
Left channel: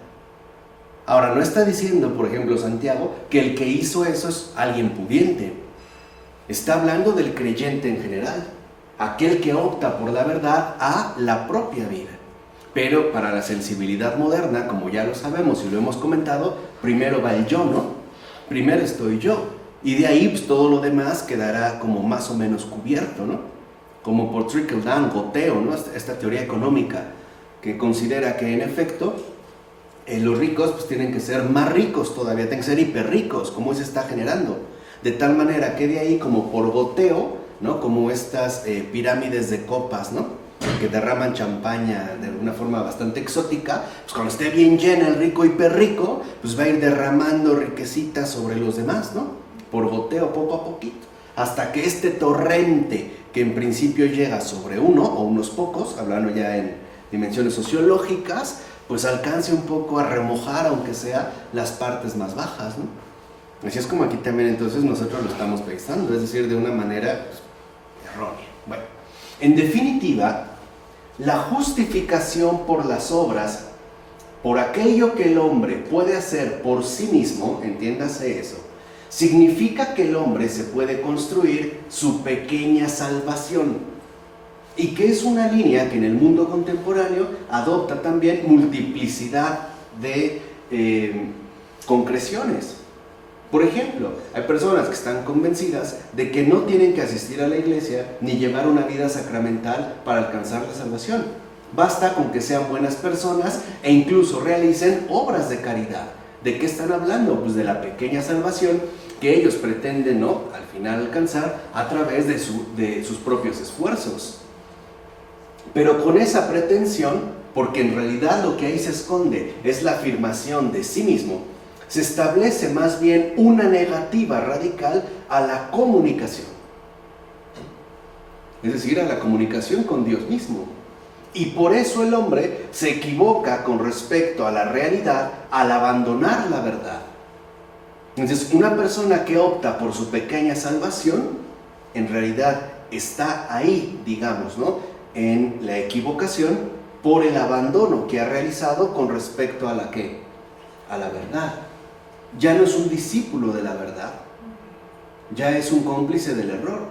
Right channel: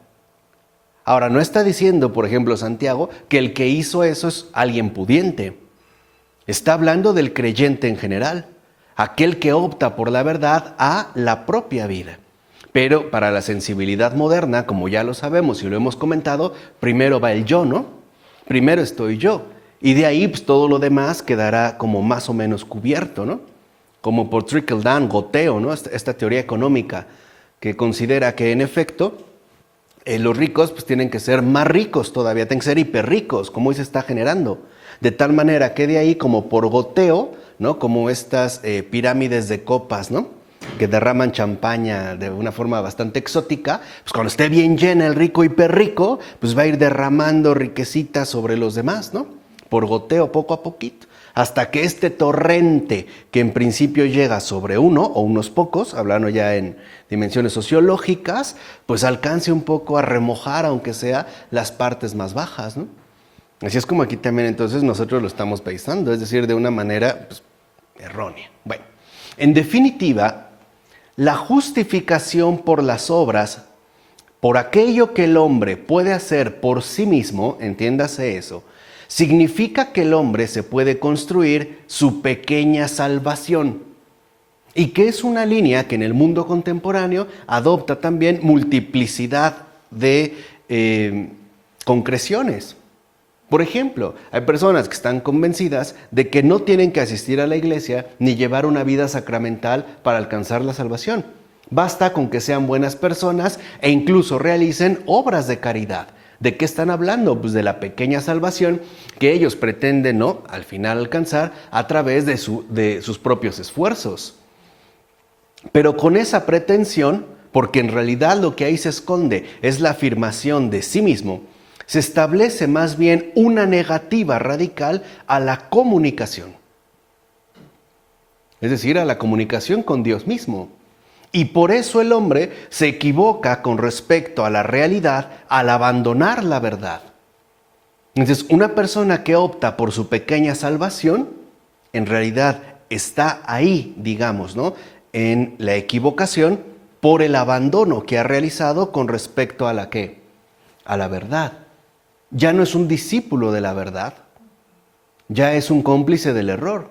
Ahora, no está diciendo, por ejemplo, Santiago, que el que hizo eso es alguien pudiente. Está hablando del creyente en general, aquel que opta por la verdad a la propia vida. Pero para la sensibilidad moderna, como ya lo sabemos y lo hemos comentado, primero va el yo, ¿no? Primero estoy yo. Y de ahí pues, todo lo demás quedará como más o menos cubierto, ¿no? Como por trickle down, goteo, ¿no? Esta teoría económica que considera que en efecto los ricos pues tienen que ser más ricos todavía, tienen que ser hiperricos, como hoy se está generando. De tal manera que de ahí como por goteo, ¿no? Como estas pirámides de copas, ¿no? Que derraman champaña de una forma bastante exótica, pues cuando esté bien llena el rico hiperrico, pues va a ir derramando riquecitas sobre los demás, ¿no? Por goteo, poco a poquito, hasta que este torrente que en principio llega sobre uno o unos pocos, hablando ya en dimensiones sociológicas, pues alcance un poco a remojar, aunque sea las partes más bajas, ¿no? Así es como aquí también entonces nosotros lo estamos pensando, es decir, de una manera pues, errónea. Bueno, en definitiva, la justificación por las obras, por aquello que el hombre puede hacer por sí mismo, entiéndase eso, significa que el hombre se puede construir su pequeña salvación. Y que es una línea que en el mundo contemporáneo adopta también multiplicidad de concreciones. Por ejemplo, hay personas que están convencidas de que no tienen que asistir a la iglesia ni llevar una vida sacramental para alcanzar la salvación. Basta con que sean buenas personas e incluso realicen obras de caridad. ¿De qué están hablando? Pues de la pequeña salvación que ellos pretenden, ¿no?, al final alcanzar a través de sus propios esfuerzos. Pero con esa pretensión, porque en realidad lo que ahí se esconde es la afirmación de sí mismo, se establece más bien una negativa radical a la comunicación. Es decir, a la comunicación con Dios mismo. Y por eso el hombre se equivoca con respecto a la realidad al abandonar la verdad. Entonces, una persona que opta por su pequeña salvación, en realidad está ahí, digamos, ¿no?, en la equivocación por el abandono que ha realizado con respecto a la ¿qué? A la verdad. Ya no es un discípulo de la verdad, ya es un cómplice del error.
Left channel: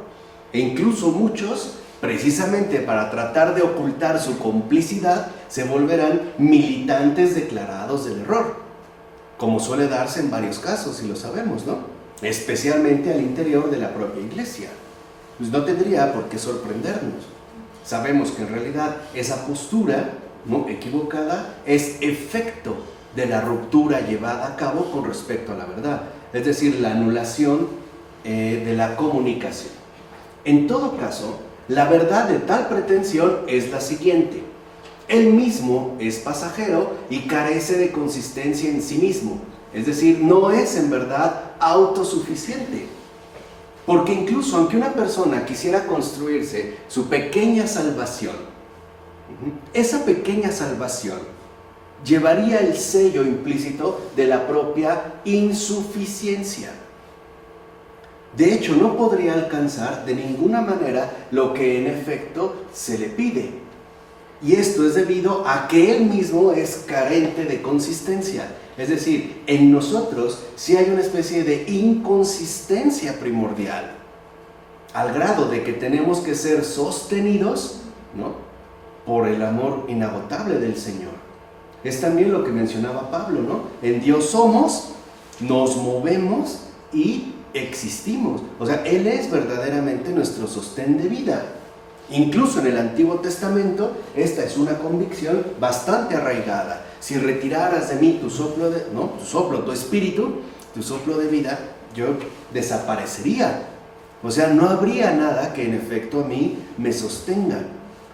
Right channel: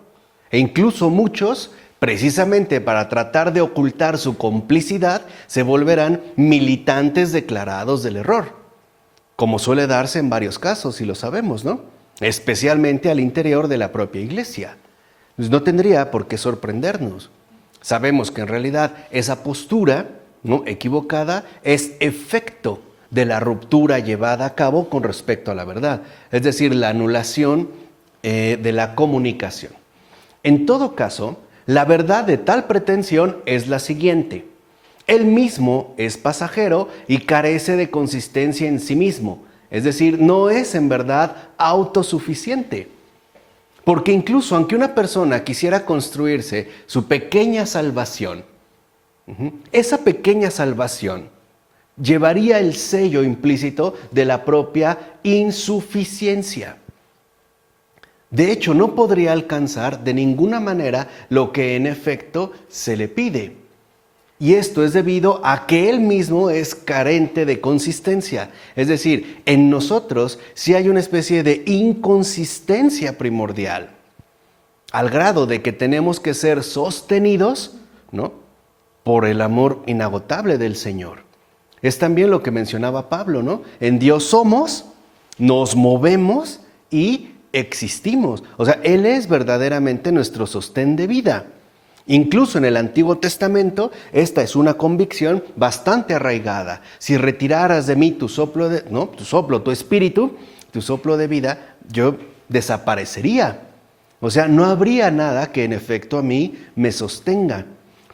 E incluso muchos, precisamente para tratar de ocultar su complicidad, se volverán militantes declarados del error, como suele darse en varios casos, y lo sabemos, ¿no? Especialmente al interior de la propia iglesia. Pues no tendría por qué sorprendernos. Sabemos que en realidad esa postura, ¿no?, equivocada es efecto de la ruptura llevada a cabo con respecto a la verdad, es decir, la anulación de la comunicación. En todo caso, la verdad de tal pretensión es la siguiente: él mismo es pasajero y carece de consistencia en sí mismo, es decir, no es en verdad autosuficiente. Porque incluso aunque una persona quisiera construirse su pequeña salvación, esa pequeña salvación llevaría el sello implícito de la propia insuficiencia. De hecho, no podría alcanzar de ninguna manera lo que en efecto se le pide. Y esto es debido a que Él mismo es carente de consistencia. Es decir, en nosotros sí hay una especie de inconsistencia primordial, al grado de que tenemos que ser sostenidos, ¿no?, por el amor inagotable del Señor. Es también lo que mencionaba Pablo, ¿no? En Dios somos, nos movemos y existimos. O sea, Él es verdaderamente nuestro sostén de vida. Incluso en el Antiguo Testamento, esta es una convicción bastante arraigada. Si retiraras de mí tu soplo, tu espíritu, tu soplo de vida, yo desaparecería. O sea, no habría nada que en efecto a mí me sostenga.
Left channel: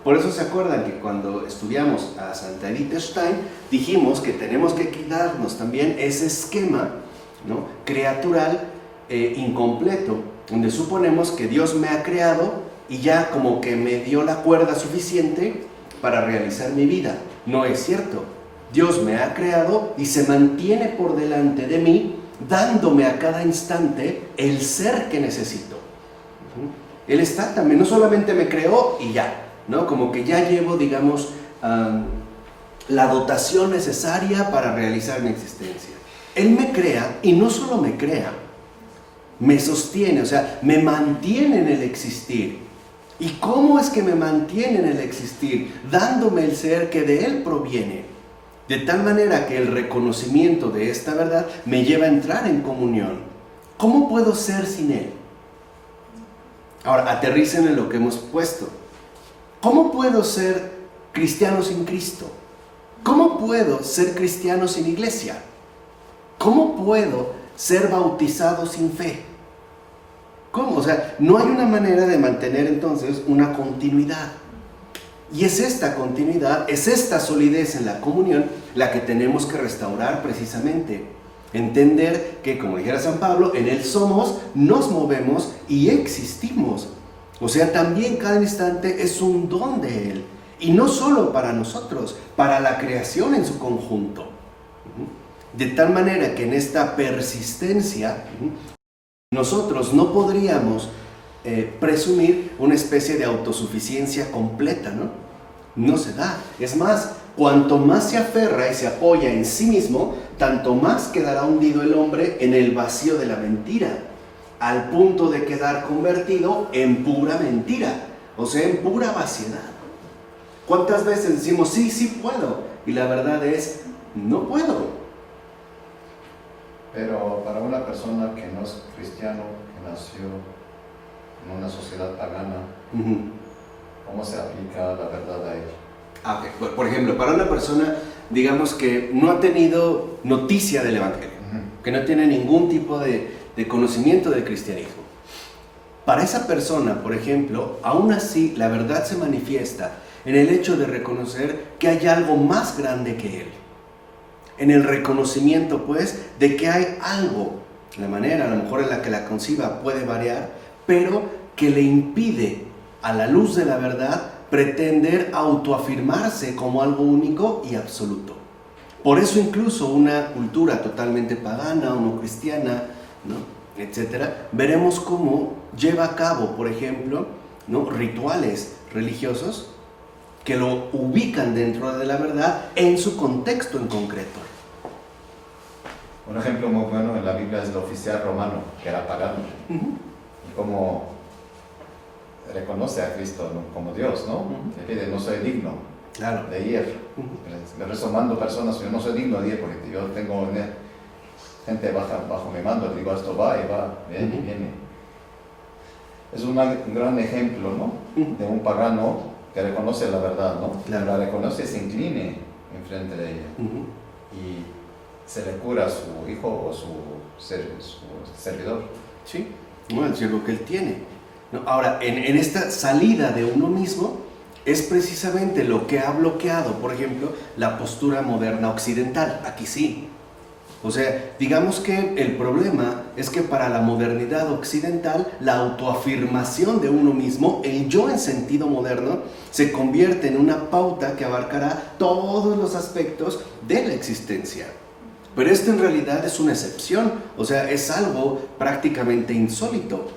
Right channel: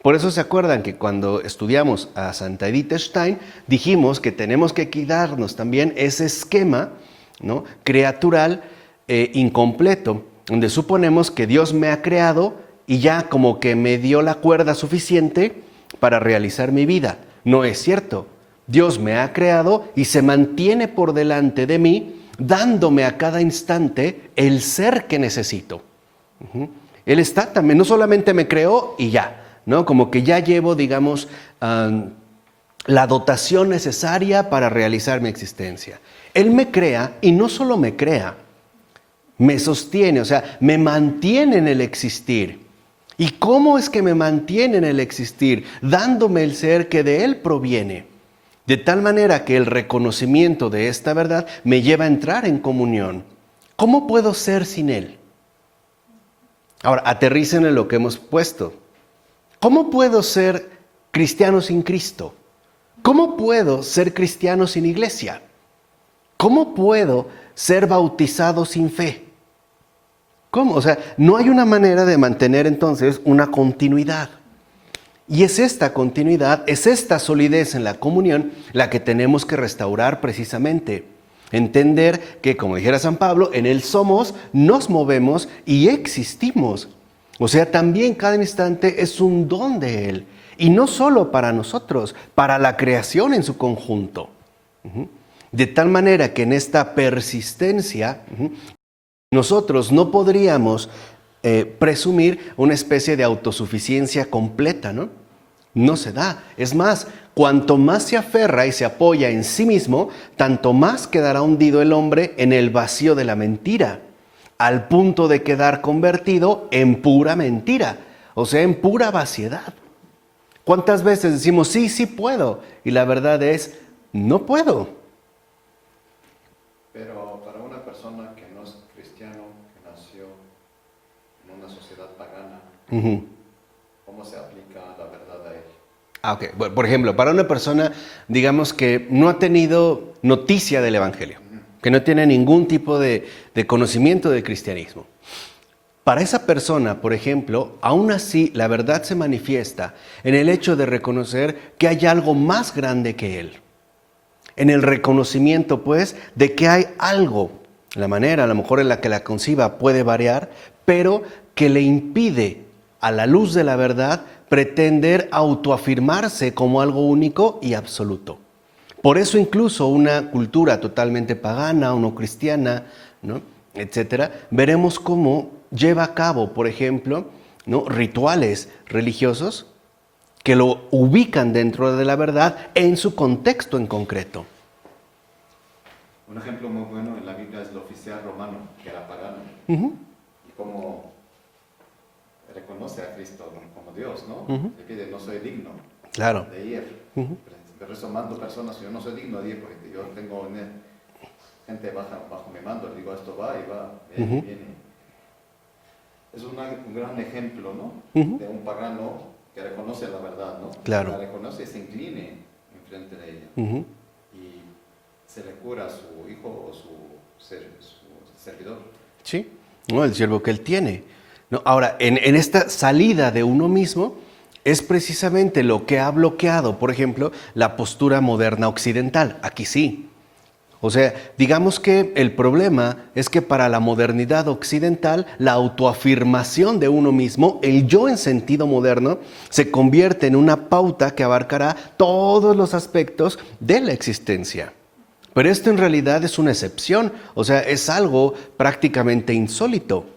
Por eso se acuerdan que cuando estudiamos a Santa Edith Stein, dijimos que tenemos que quitarnos también ese esquema, ¿no?, creatural incompleto, donde suponemos que Dios me ha creado y ya como que me dio la cuerda suficiente para realizar mi vida. No es cierto. Dios me ha creado y se mantiene por delante de mí, dándome a cada instante el ser que necesito. Él está también, no solamente me creó y ya, ¿no? Como que ya llevo, digamos, la dotación necesaria para realizar mi existencia. Él me crea y no solo me crea, me sostiene, o sea, me mantiene en el existir. ¿Y cómo es que me mantiene en el existir? Dándome el ser que de Él proviene. De tal manera que el reconocimiento de esta verdad me lleva a entrar en comunión. ¿Cómo puedo ser sin Él? Ahora, aterricen en lo que hemos puesto. ¿Cómo puedo ser cristiano sin Cristo? ¿Cómo puedo ser cristiano sin iglesia? ¿Cómo puedo ser bautizado sin fe? ¿Cómo? O sea, no hay una manera de mantener entonces una continuidad. Y es esta continuidad, es esta solidez en la comunión la que tenemos que restaurar precisamente. Entender que, como dijera San Pablo, en Él somos, nos movemos y existimos. O sea, también cada instante es un don de Él. Y no solo para nosotros, para la creación en su conjunto. De tal manera que en esta persistencia, nosotros no podríamos presumir una especie de autosuficiencia completa, ¿no? No se da. Es más, cuanto más se aferra y se apoya en sí mismo, tanto más quedará hundido el hombre en el vacío de la mentira, al punto de quedar convertido en pura mentira, o sea, en pura vaciedad. ¿Cuántas veces decimos, sí, sí puedo? Y la verdad es, no puedo. Pero para una persona que no es cristiano, que nació en una sociedad pagana, ¿cómo se aplica la verdad a él? Ok. Bueno, por ejemplo, para una persona, digamos que no ha tenido noticia del Evangelio, que no tiene ningún tipo de conocimiento del cristianismo. Para esa persona, por ejemplo, aún así la verdad se manifiesta en el hecho de reconocer que hay algo más grande que él. En el reconocimiento, pues, de que hay algo, la manera a lo mejor en la que la conciba puede variar, pero que le impide, a la luz de la verdad, pretender autoafirmarse como algo único y absoluto. Por eso incluso una cultura totalmente pagana o no cristiana, ¿no?, etcétera, veremos cómo lleva a cabo, por ejemplo, ¿no?, rituales religiosos que lo ubican dentro de la verdad en su contexto en concreto. Un ejemplo muy bueno en la Biblia es el oficial romano, que era pagano, y como reconoce a Cristo como Dios, ¿no? Le pide, no soy digno de ir. Me resomando personas, yo no soy digno de ir porque yo tengo gente bajo mi mando, digo, esto va y va, viene y viene. Es un gran ejemplo, ¿no? De un pagano que reconoce la verdad, ¿no? Claro. La reconoce y se incline enfrente de ella. Y se le cura a su hijo o su servidor. Sí, no, el siervo que él tiene. No, ahora, en esta salida de uno mismo es precisamente lo que ha bloqueado, por ejemplo, la postura moderna occidental. Aquí sí. O sea, digamos que el problema es que para la modernidad occidental, la autoafirmación de uno mismo, el yo en sentido moderno, se convierte en una pauta que abarcará todos los aspectos de la existencia. Pero esto en realidad es una excepción, o sea, es algo prácticamente insólito.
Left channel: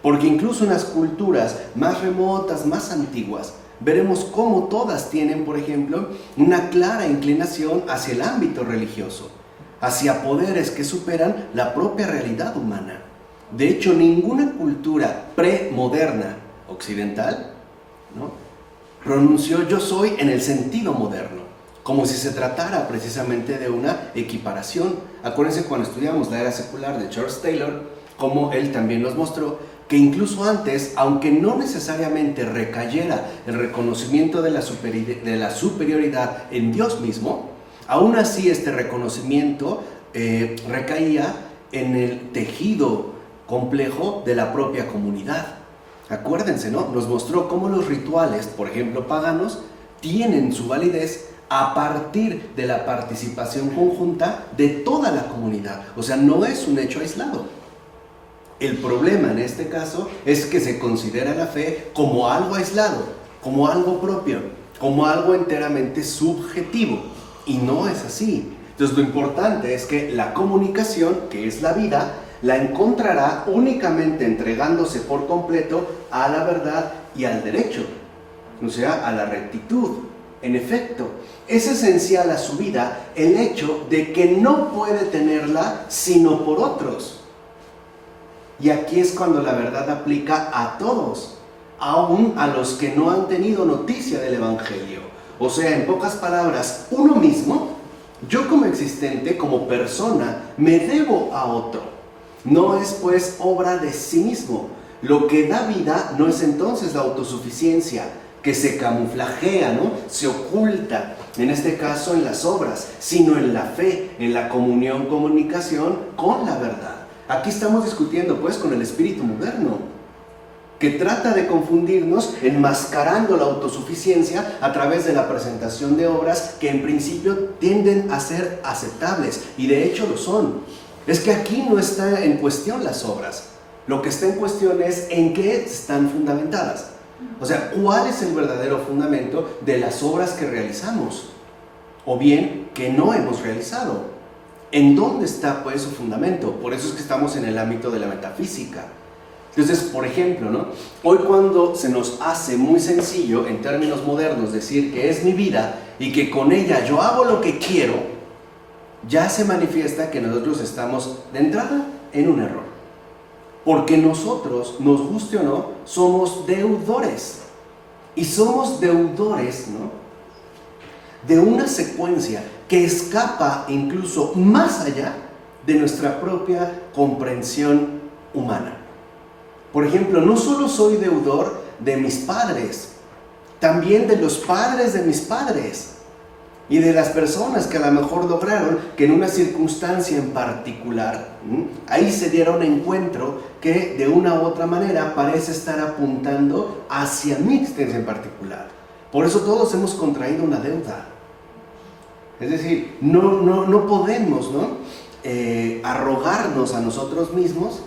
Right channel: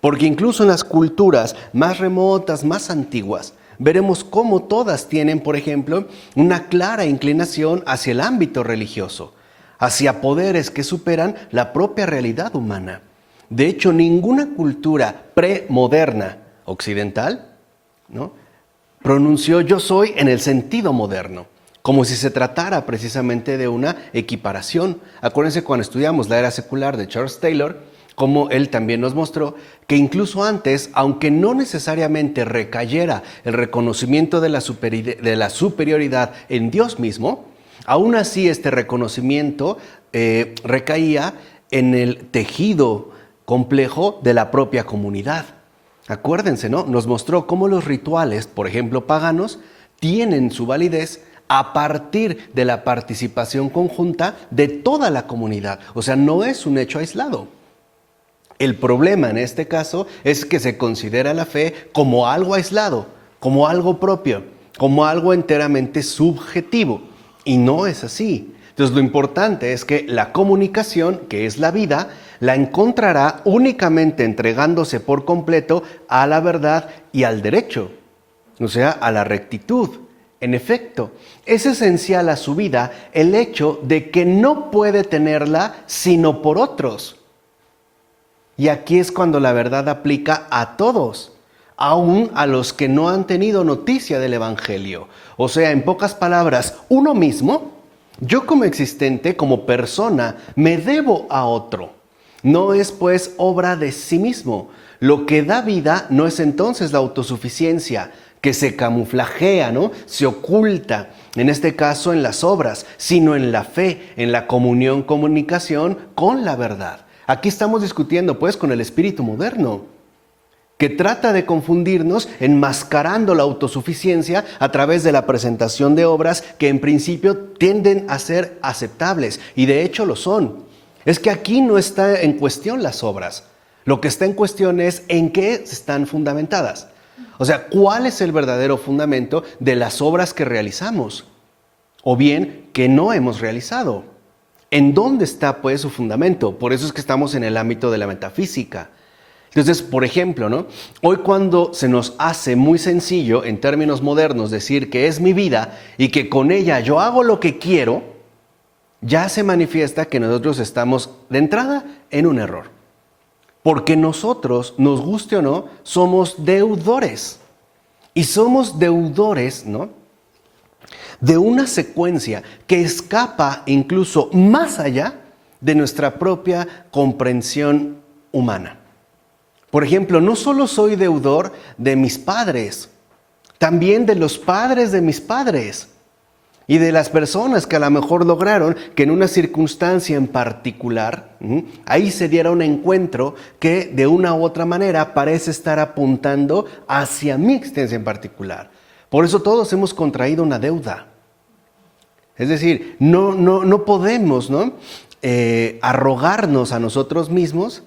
Porque incluso en las culturas más remotas, más antiguas, veremos cómo todas tienen, por ejemplo, una clara inclinación hacia el ámbito religioso, hacia poderes que superan la propia realidad humana. De hecho, ninguna cultura premoderna occidental, ¿no?, pronunció yo soy en el sentido moderno, como si se tratara precisamente de una equiparación. Acuérdense cuando estudiamos la era secular de Charles Taylor, como él también nos mostró que incluso antes, aunque no necesariamente recayera el reconocimiento de la superioridad en Dios mismo, aún así este reconocimiento recaía en el tejido complejo de la propia comunidad. Acuérdense, ¿no? Nos mostró cómo los rituales, por ejemplo, paganos, tienen su validez a partir de la participación conjunta de toda la comunidad. O sea, no es un hecho aislado. El problema en este caso es que se considera la fe como algo aislado, como algo propio, como algo enteramente subjetivo. Y no es así. Entonces, lo importante es que la comunicación, que es la vida, la encontrará únicamente entregándose por completo a la verdad y al derecho, o sea, a la rectitud. En efecto, es esencial a su vida el hecho de que no puede tenerla sino por otros. Y aquí es cuando la verdad aplica a todos, aún a los que no han tenido noticia del Evangelio. O sea, en pocas palabras, uno mismo, yo como existente, como persona, me debo a otro. No es pues obra de sí mismo. Lo que da vida no es entonces la autosuficiencia, que se camuflajea, ¿no?, se oculta, en este caso en las obras, sino en la fe, en la comunicación con la verdad. Aquí estamos discutiendo pues con el espíritu moderno, que trata de confundirnos enmascarando la autosuficiencia a través de la presentación de obras que en principio tienden a ser aceptables, y de hecho lo son. Es que aquí no está en cuestión las obras. Lo que está en cuestión es en qué están fundamentadas. O sea, ¿cuál es el verdadero fundamento de las obras que realizamos? O bien, que no hemos realizado. ¿En dónde está pues su fundamento? Por eso es que estamos en el ámbito de la metafísica. Entonces, por ejemplo, ¿no?, hoy cuando se nos hace muy sencillo, en términos modernos, decir que es mi vida y que con ella yo hago lo que quiero, ya se manifiesta que nosotros estamos de entrada en un error. Porque nosotros, nos guste o no, somos deudores. Y somos deudores, ¿no?, de una secuencia que escapa incluso más allá de nuestra propia comprensión humana. Por ejemplo, no solo soy deudor de mis padres, también de los padres de mis padres. Y de las personas que a lo mejor lograron que en una circunstancia en particular, ahí se diera un encuentro que de una u otra manera parece estar apuntando hacia mi existencia en particular. Por eso todos hemos contraído una deuda. Es decir, no podemos, ¿no?, arrogarnos a nosotros mismos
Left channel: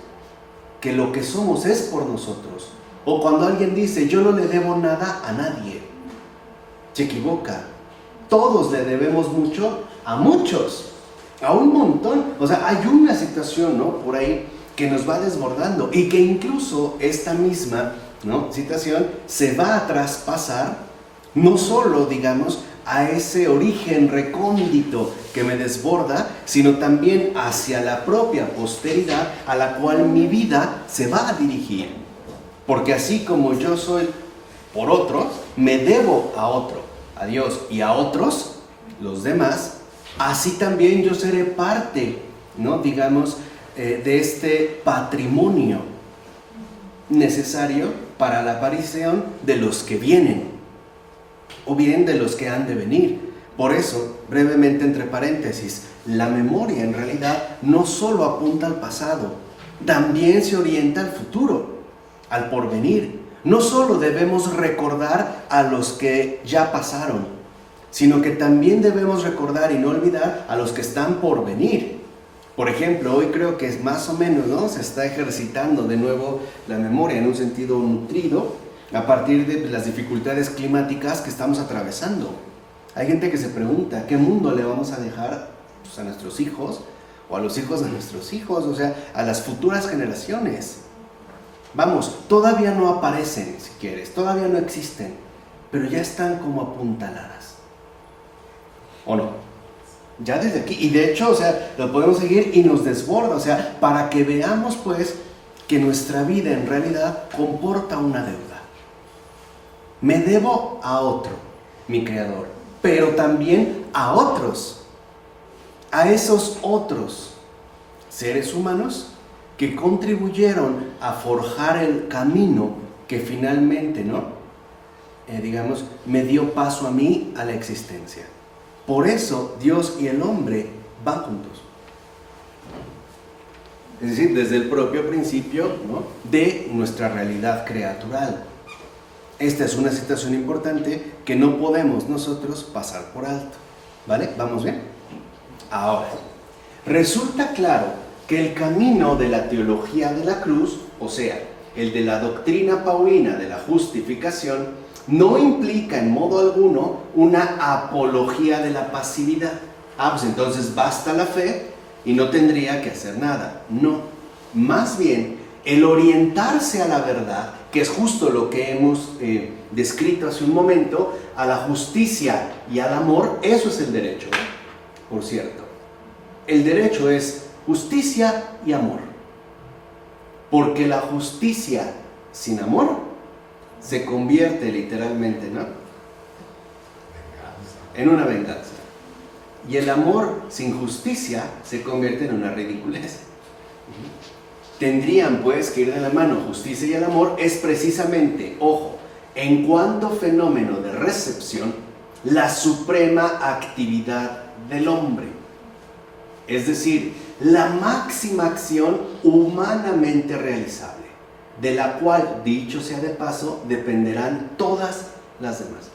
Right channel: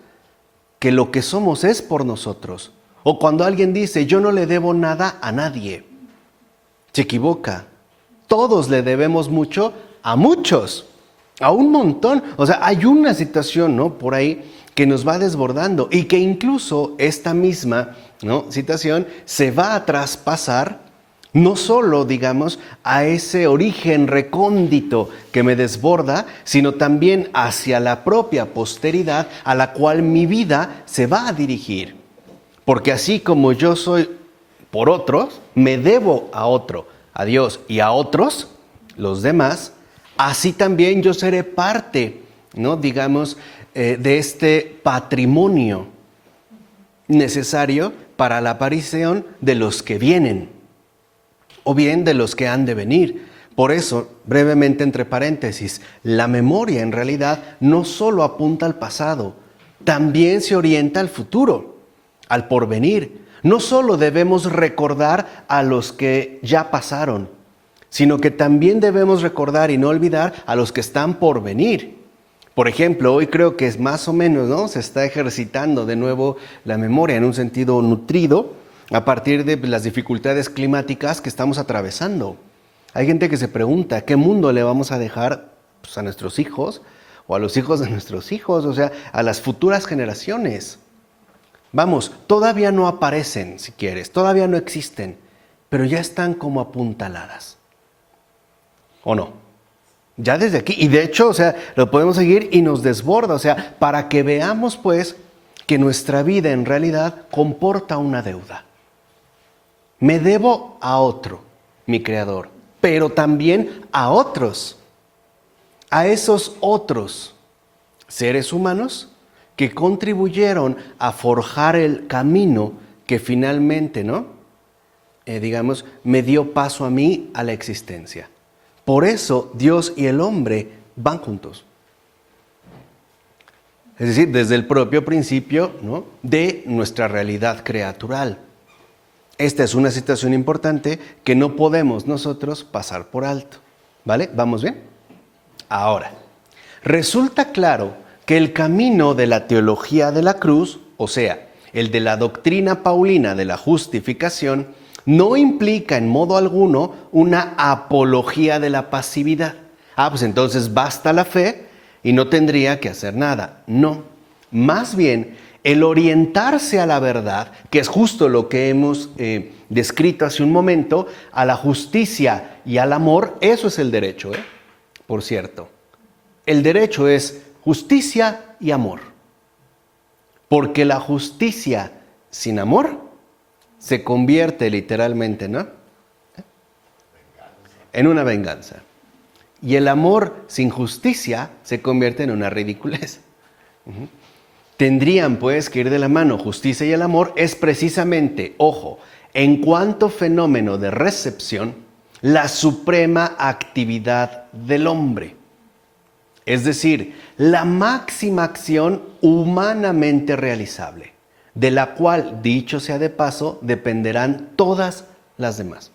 que lo que somos es por nosotros. O cuando alguien dice, yo no le debo nada a nadie, se equivoca. Todos le debemos mucho a muchos, a un montón. O sea, hay una situación, ¿no?, por ahí que nos va desbordando y que incluso esta misma, ¿no?, situación se va a traspasar no solo, digamos, a ese origen recóndito que me desborda, sino también hacia la propia posteridad a la cual mi vida se va a dirigir. Porque así como yo soy por otros, me debo a otro, a Dios y a otros, los demás, así también yo seré parte, ¿no?, digamos, de este patrimonio necesario para la aparición de los que vienen, o bien de los que han de venir. Por eso, brevemente entre paréntesis, la memoria en realidad no solo apunta al pasado, también se orienta al futuro, al porvenir. No solo debemos recordar a los que ya pasaron, sino que también debemos recordar y no olvidar a los que están por venir. Por ejemplo, hoy creo que es más o menos, ¿no?, se está ejercitando de nuevo la memoria en un sentido nutrido a partir de las dificultades climáticas que estamos atravesando. Hay gente que se pregunta, ¿qué mundo le vamos a dejar, pues, a nuestros hijos o a los hijos de nuestros hijos? O sea, a las futuras generaciones. Vamos, todavía no aparecen, si quieres, todavía no existen, pero ya están como apuntaladas. ¿O no? Ya desde aquí. Y de hecho, o sea, lo podemos seguir y nos desborda. O sea, para que veamos pues que nuestra vida en realidad comporta una deuda. Me debo a otro, mi creador, pero también a otros. A esos otros seres humanos que contribuyeron a forjar el camino que finalmente, digamos, me dio paso a mí a la existencia. Por eso Dios y el hombre van juntos. Es decir, desde el propio principio, de nuestra realidad creatural. Esta es una situación importante que no podemos nosotros pasar por alto. ¿Vale? ¿Vamos bien? Ahora, resulta claro que el camino de la teología de la cruz, o sea, el de la doctrina paulina de la justificación, no implica en modo alguno una apología de la pasividad. Pues entonces basta la fe y no tendría que hacer nada. No, más bien el orientarse a la verdad, que es justo lo que hemos descrito hace un momento, a la justicia y al amor, eso es el derecho, por cierto. El derecho es justicia y amor. Porque la justicia sin amor se convierte literalmente, en una venganza. Y el amor sin justicia se convierte en una ridiculez. Tendrían pues que ir de la mano. Justicia y el amor es precisamente, ojo, en cuanto fenómeno de recepción, la suprema actividad del hombre. Es decir, la máxima acción humanamente realizable, de la cual, dicho sea de paso, dependerán todas las demás.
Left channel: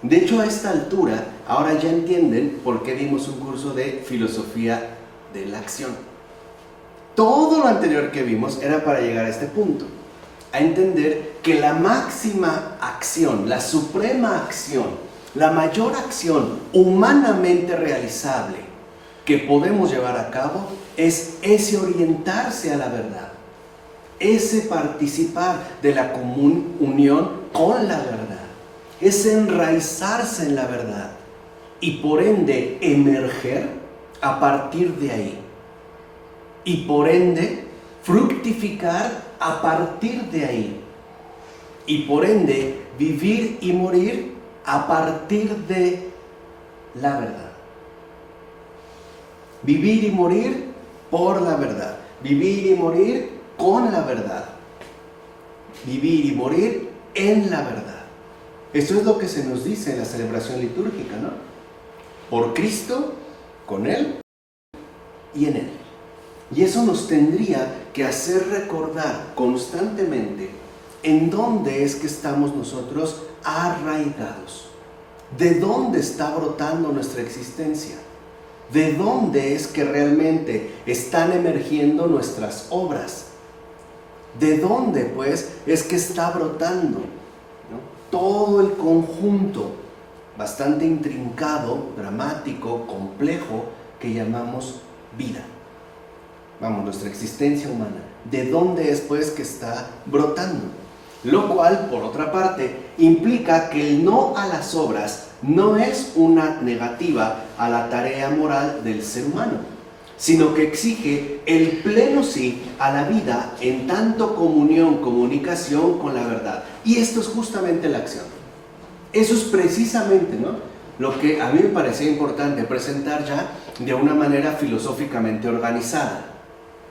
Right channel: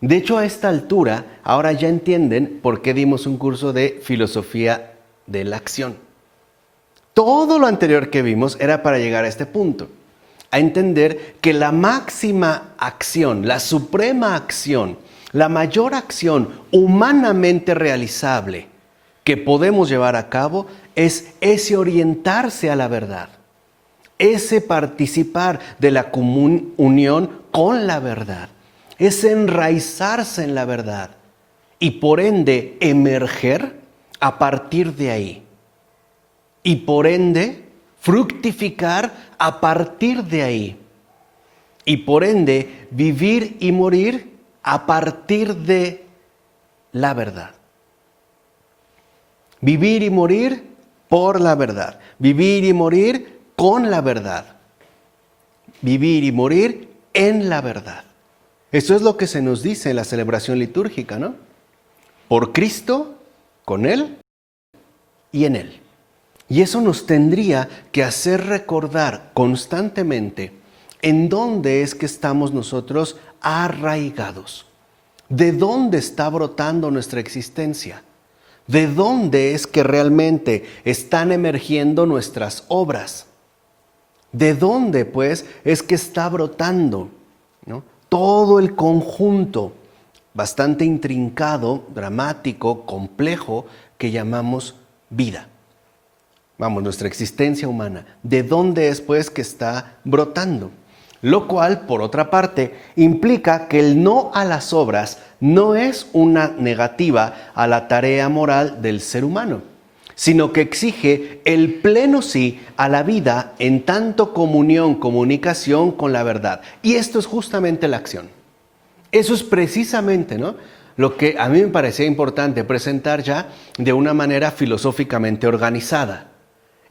De hecho, a esta altura, ahora ya entienden por qué dimos un curso de filosofía de la acción. Todo lo anterior que vimos era para llegar a este punto, a entender que la máxima acción, la suprema acción, la mayor acción humanamente realizable que podemos llevar a cabo es ese orientarse a la verdad, ese participar de la común unión con la verdad, ese enraizarse en la verdad y por ende emerger a partir de ahí. Y por ende, fructificar a partir de ahí. Y por ende, vivir y morir a partir de la verdad. Vivir y morir por la verdad. Vivir y morir con la verdad. Vivir y morir en la verdad. Esto es lo que se nos dice en la celebración litúrgica, Por Cristo, con Él y en Él. Y eso nos tendría que hacer recordar constantemente en dónde es que estamos nosotros arraigados. ¿De dónde está brotando nuestra existencia? ¿De dónde es que realmente están emergiendo nuestras obras? ¿De dónde, pues, es que está brotando, todo el conjunto bastante intrincado, dramático, complejo que llamamos vida? Nuestra existencia humana. ¿De dónde es pues que está brotando? Lo cual, por otra parte, implica que el no a las obras no es una negativa a la tarea moral del ser humano, sino que exige el pleno sí a la vida en tanto comunión, comunicación con la verdad. Y esto es justamente la acción. Eso es precisamente, lo que a mí me parecía importante presentar ya de una manera filosóficamente organizada.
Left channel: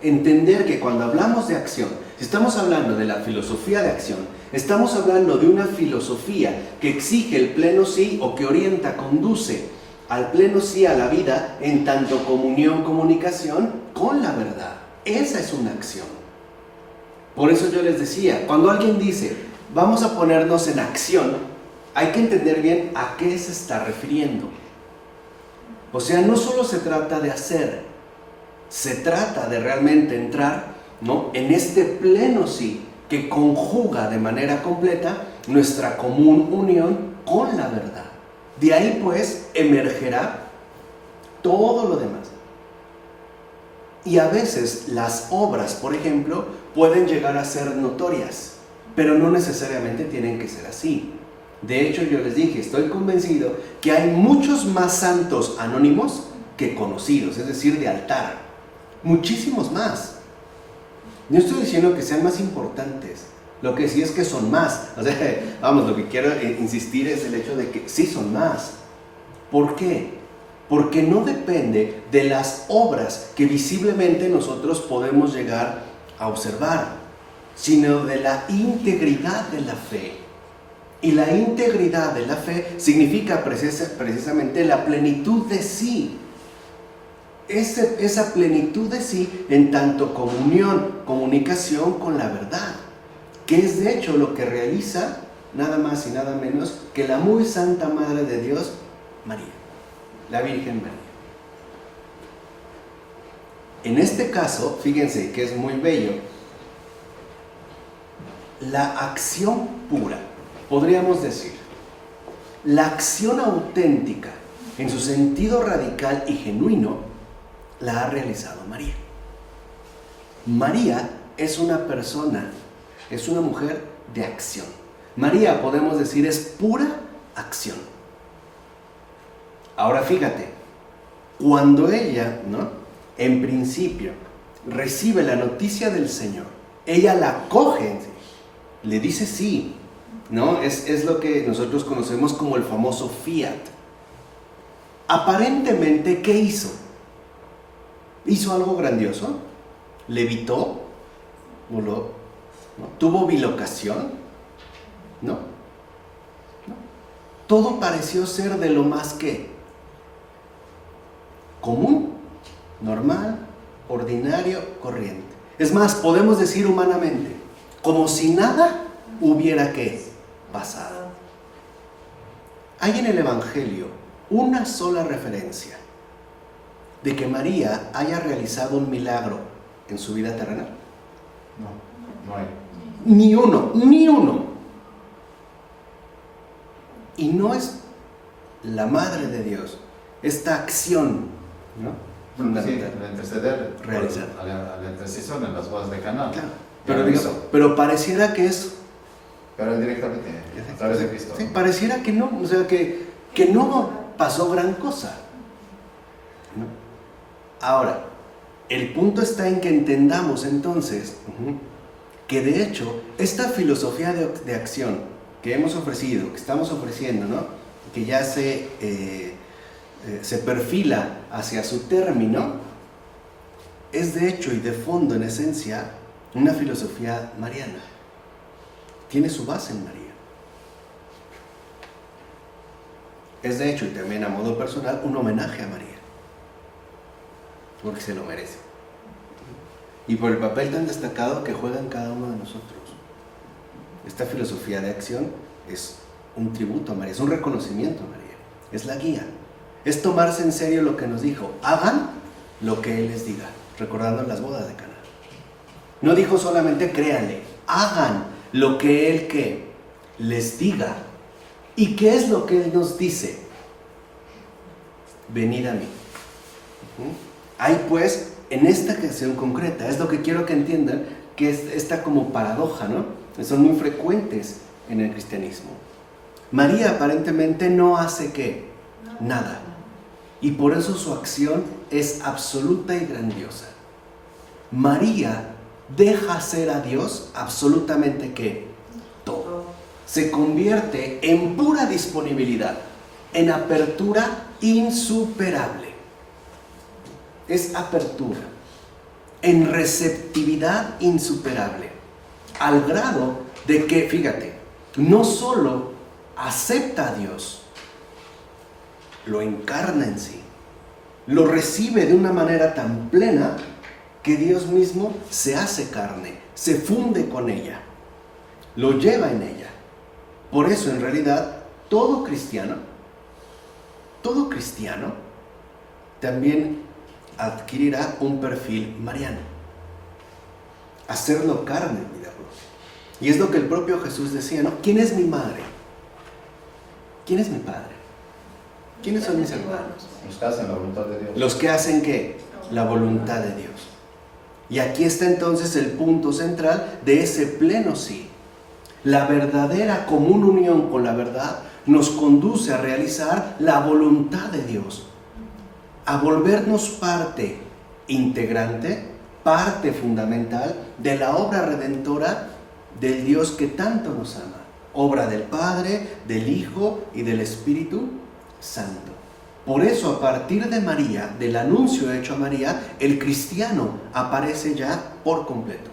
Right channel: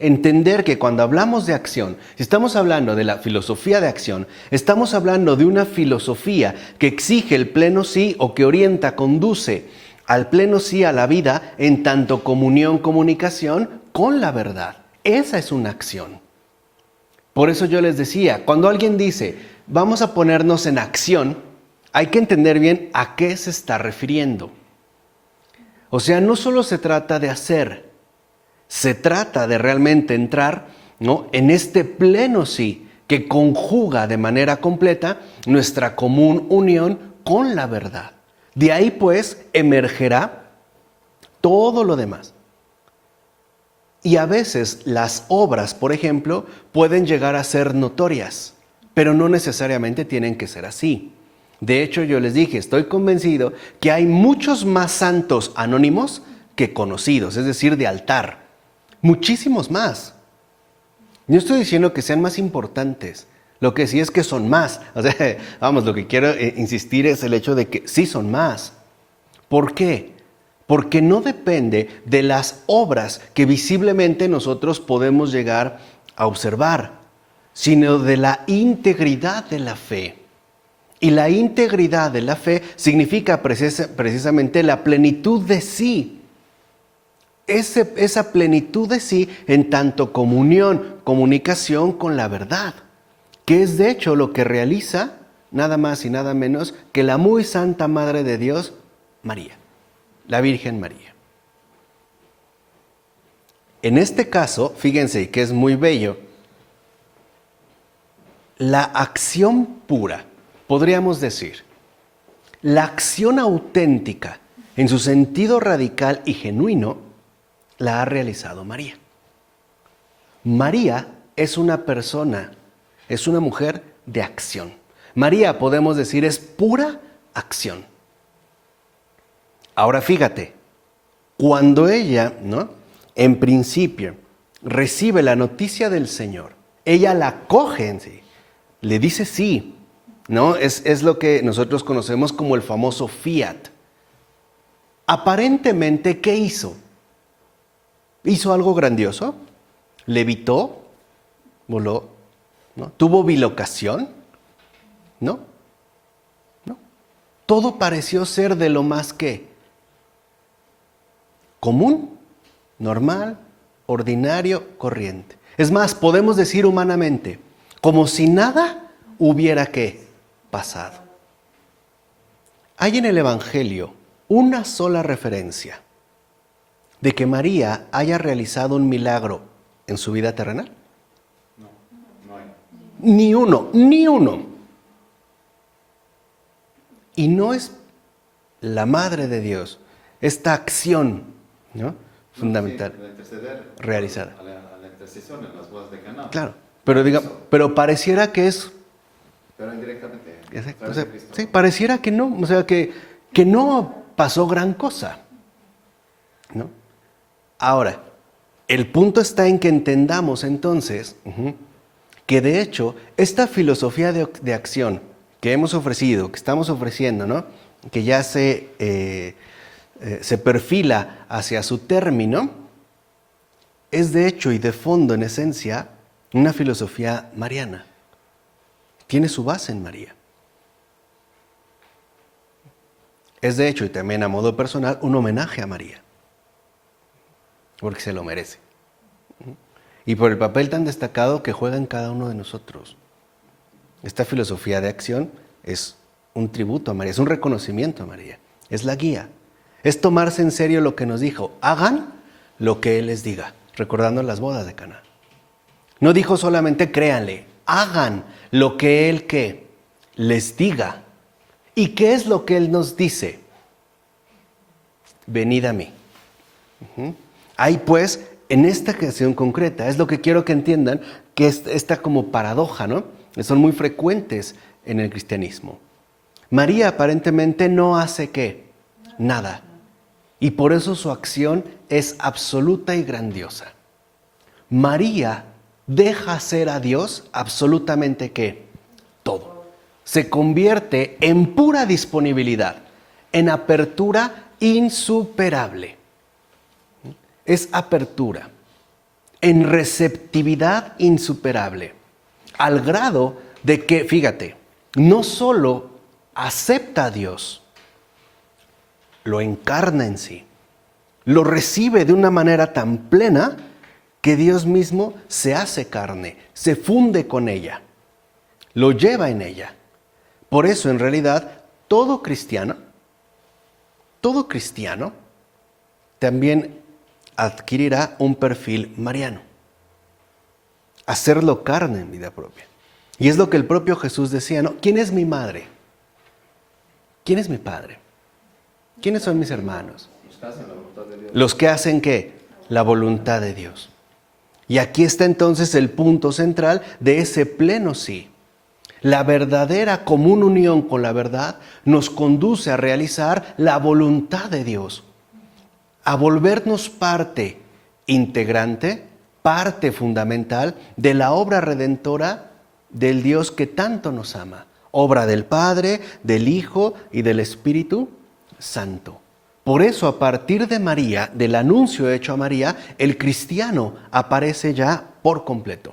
Entender que cuando hablamos de acción, si estamos hablando de la filosofía de acción, estamos hablando de una filosofía que exige el pleno sí o que orienta, conduce al pleno sí a la vida en tanto comunión, comunicación con la verdad. Esa es una acción. Por eso yo les decía, cuando alguien dice, vamos a ponernos en acción, hay que entender bien a qué se está refiriendo. O sea, no solo se trata de hacer, se trata de realmente entrar, en este pleno sí que conjuga de manera completa nuestra común unión con la verdad. De ahí pues emergerá todo lo demás. Y a veces las obras, por ejemplo, pueden llegar a ser notorias. pero no necesariamente tienen que ser así. De hecho, yo les dije, estoy convencido que hay muchos más santos anónimos que conocidos, es decir, de altar. Muchísimos más. No estoy diciendo que sean más importantes. Lo que sí es que son más. O sea, vamos, lo que quiero insistir es el hecho de que sí son más. ¿Por qué? Porque no depende de las obras que visiblemente nosotros podemos llegar a observar, sino de la integridad de la fe. Y la integridad de la fe significa precisamente la plenitud de sí. Esa plenitud de sí en tanto comunión, comunicación con la verdad, que es de hecho lo que realiza nada más y nada menos que la muy santa Madre de Dios, María, la Virgen María. En este caso, fíjense que es muy bello, la acción pura, podríamos decir, la acción auténtica en su sentido radical y genuino, la ha realizado María. María es una persona, es una mujer de acción. María, podemos decir, es pura acción. Ahora fíjate, cuando ella, ¿no?, en principio recibe la noticia del Señor, ella la coge en sí, le dice sí, ¿no? Es lo que nosotros conocemos como el famoso fiat. Aparentemente, ¿qué hizo? ¿Hizo algo grandioso? ¿Levitó? ¿Voló? ¿No? ¿Tuvo bilocación? ¿No? ¿No? Todo pareció ser de lo más que común, normal, ordinario, corriente. Es más, podemos decir humanamente, como si nada hubiera ¿qué? Pasado. Hay en el Evangelio una sola referencia de que María haya realizado un milagro en su vida terrenal. No, no hay. Ni uno. Y no es la Madre de Dios, esta acción, ¿no?, fundamental, Sí, interceder, realizar. A la intercesión en las bodas de Caná. Claro, pero pareciera que es... Pero directamente, a través de Cristo. Sí, pareciera que no, o sea, que no pasó gran cosa, ¿no? Ahora, el punto está en que entendamos entonces que de hecho esta filosofía de acción que hemos ofrecido, que estamos ofreciendo, ¿no?, que ya se perfila hacia su término, es de hecho y de fondo, en esencia, una filosofía mariana. Tiene su base en María. Es de hecho, y también a modo personal, un homenaje a María, porque se lo merece. Y por el papel tan destacado que juega en cada uno de nosotros. Esta filosofía de acción es un tributo a María, es un reconocimiento a María, es la guía. Es tomarse en serio lo que nos dijo, hagan lo que Él les diga, recordando las bodas de Caná. No dijo solamente créanle, hagan lo que Él ¿qué? Les diga. ¿Y qué es lo que Él nos dice? Venid a mí. Hay pues, en esta ocasión concreta, es lo que quiero que entiendan, que esta como paradoja, ¿no?, son muy frecuentes en el cristianismo. María aparentemente no hace ¿qué? Nada. Y por eso su acción es absoluta y grandiosa. María deja hacer a Dios absolutamente ¿qué? Todo. Se convierte en pura disponibilidad, en apertura insuperable. Es apertura, en receptividad insuperable, al grado de que, fíjate, no solo acepta a Dios, lo encarna en sí, lo recibe de una manera tan plena que Dios mismo se hace carne, se funde con ella, lo lleva en ella. Por eso, en realidad, todo cristiano también adquirirá un perfil mariano. Hacerlo carne en vida propia. Y es lo que el propio Jesús decía, ¿no? ¿Quién es mi madre? ¿Quién es mi padre? ¿Quiénes son mis hermanos? Los que hacen la voluntad de Dios. Los que hacen ¿qué? La voluntad de Dios. Y aquí está entonces el punto central de ese pleno sí. La verdadera común unión con la verdad nos conduce a realizar la voluntad de Dios, a volvernos parte integrante, parte fundamental de la obra redentora del Dios que tanto nos ama. Obra del Padre, del Hijo y del Espíritu Santo. Por eso, a partir de María, del anuncio hecho a María, el cristiano aparece ya por completo.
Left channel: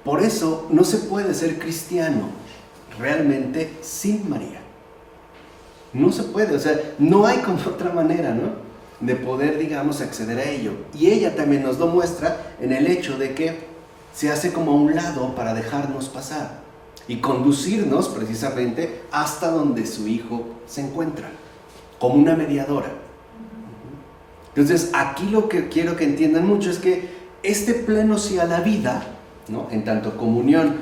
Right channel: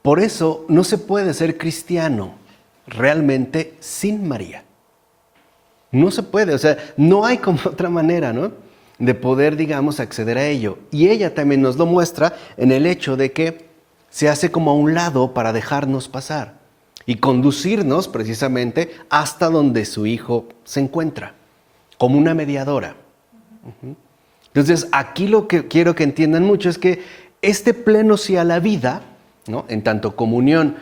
Por eso no se puede ser cristiano realmente sin María. No se puede, o sea, no hay como otra manera, ¿no?, de poder, digamos, acceder a ello. Y ella también nos lo muestra en el hecho de que se hace como a un lado para dejarnos pasar y conducirnos precisamente hasta donde su hijo se encuentra, como una mediadora. Entonces, aquí lo que quiero que entiendan mucho es que este pleno sí a la vida, ¿no?, en tanto comunión,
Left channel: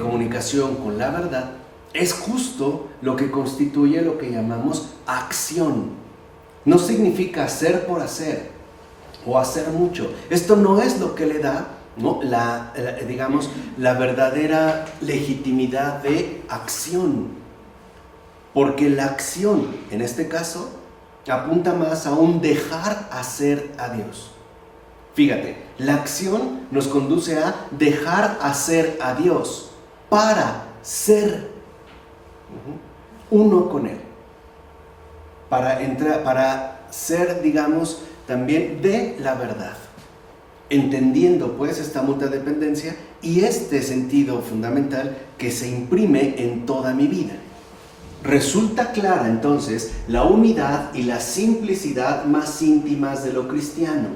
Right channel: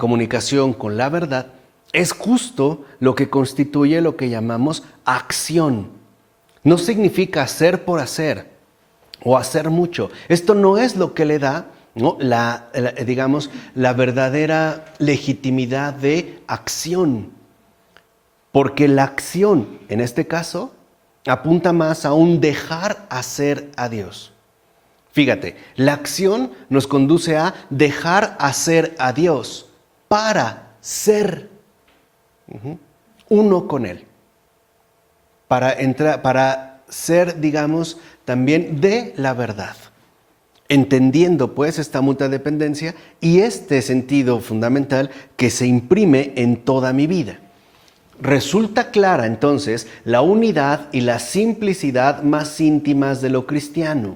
comunicación con la verdad, es justo lo que constituye lo que llamamos acción. No significa hacer por hacer o hacer mucho. Esto no es lo que le da, ¿no?, digamos, la verdadera legitimidad de acción. Porque la acción, en este caso, apunta más a un dejar hacer a Dios. Fíjate, la acción nos conduce a dejar hacer a Dios para ser uno con Él. Para ser, digamos, también de la verdad. Entendiendo pues esta mutua dependencia y este sentido fundamental que se imprime en toda mi vida. Resulta clara entonces la unidad y la simplicidad más íntimas de lo cristiano.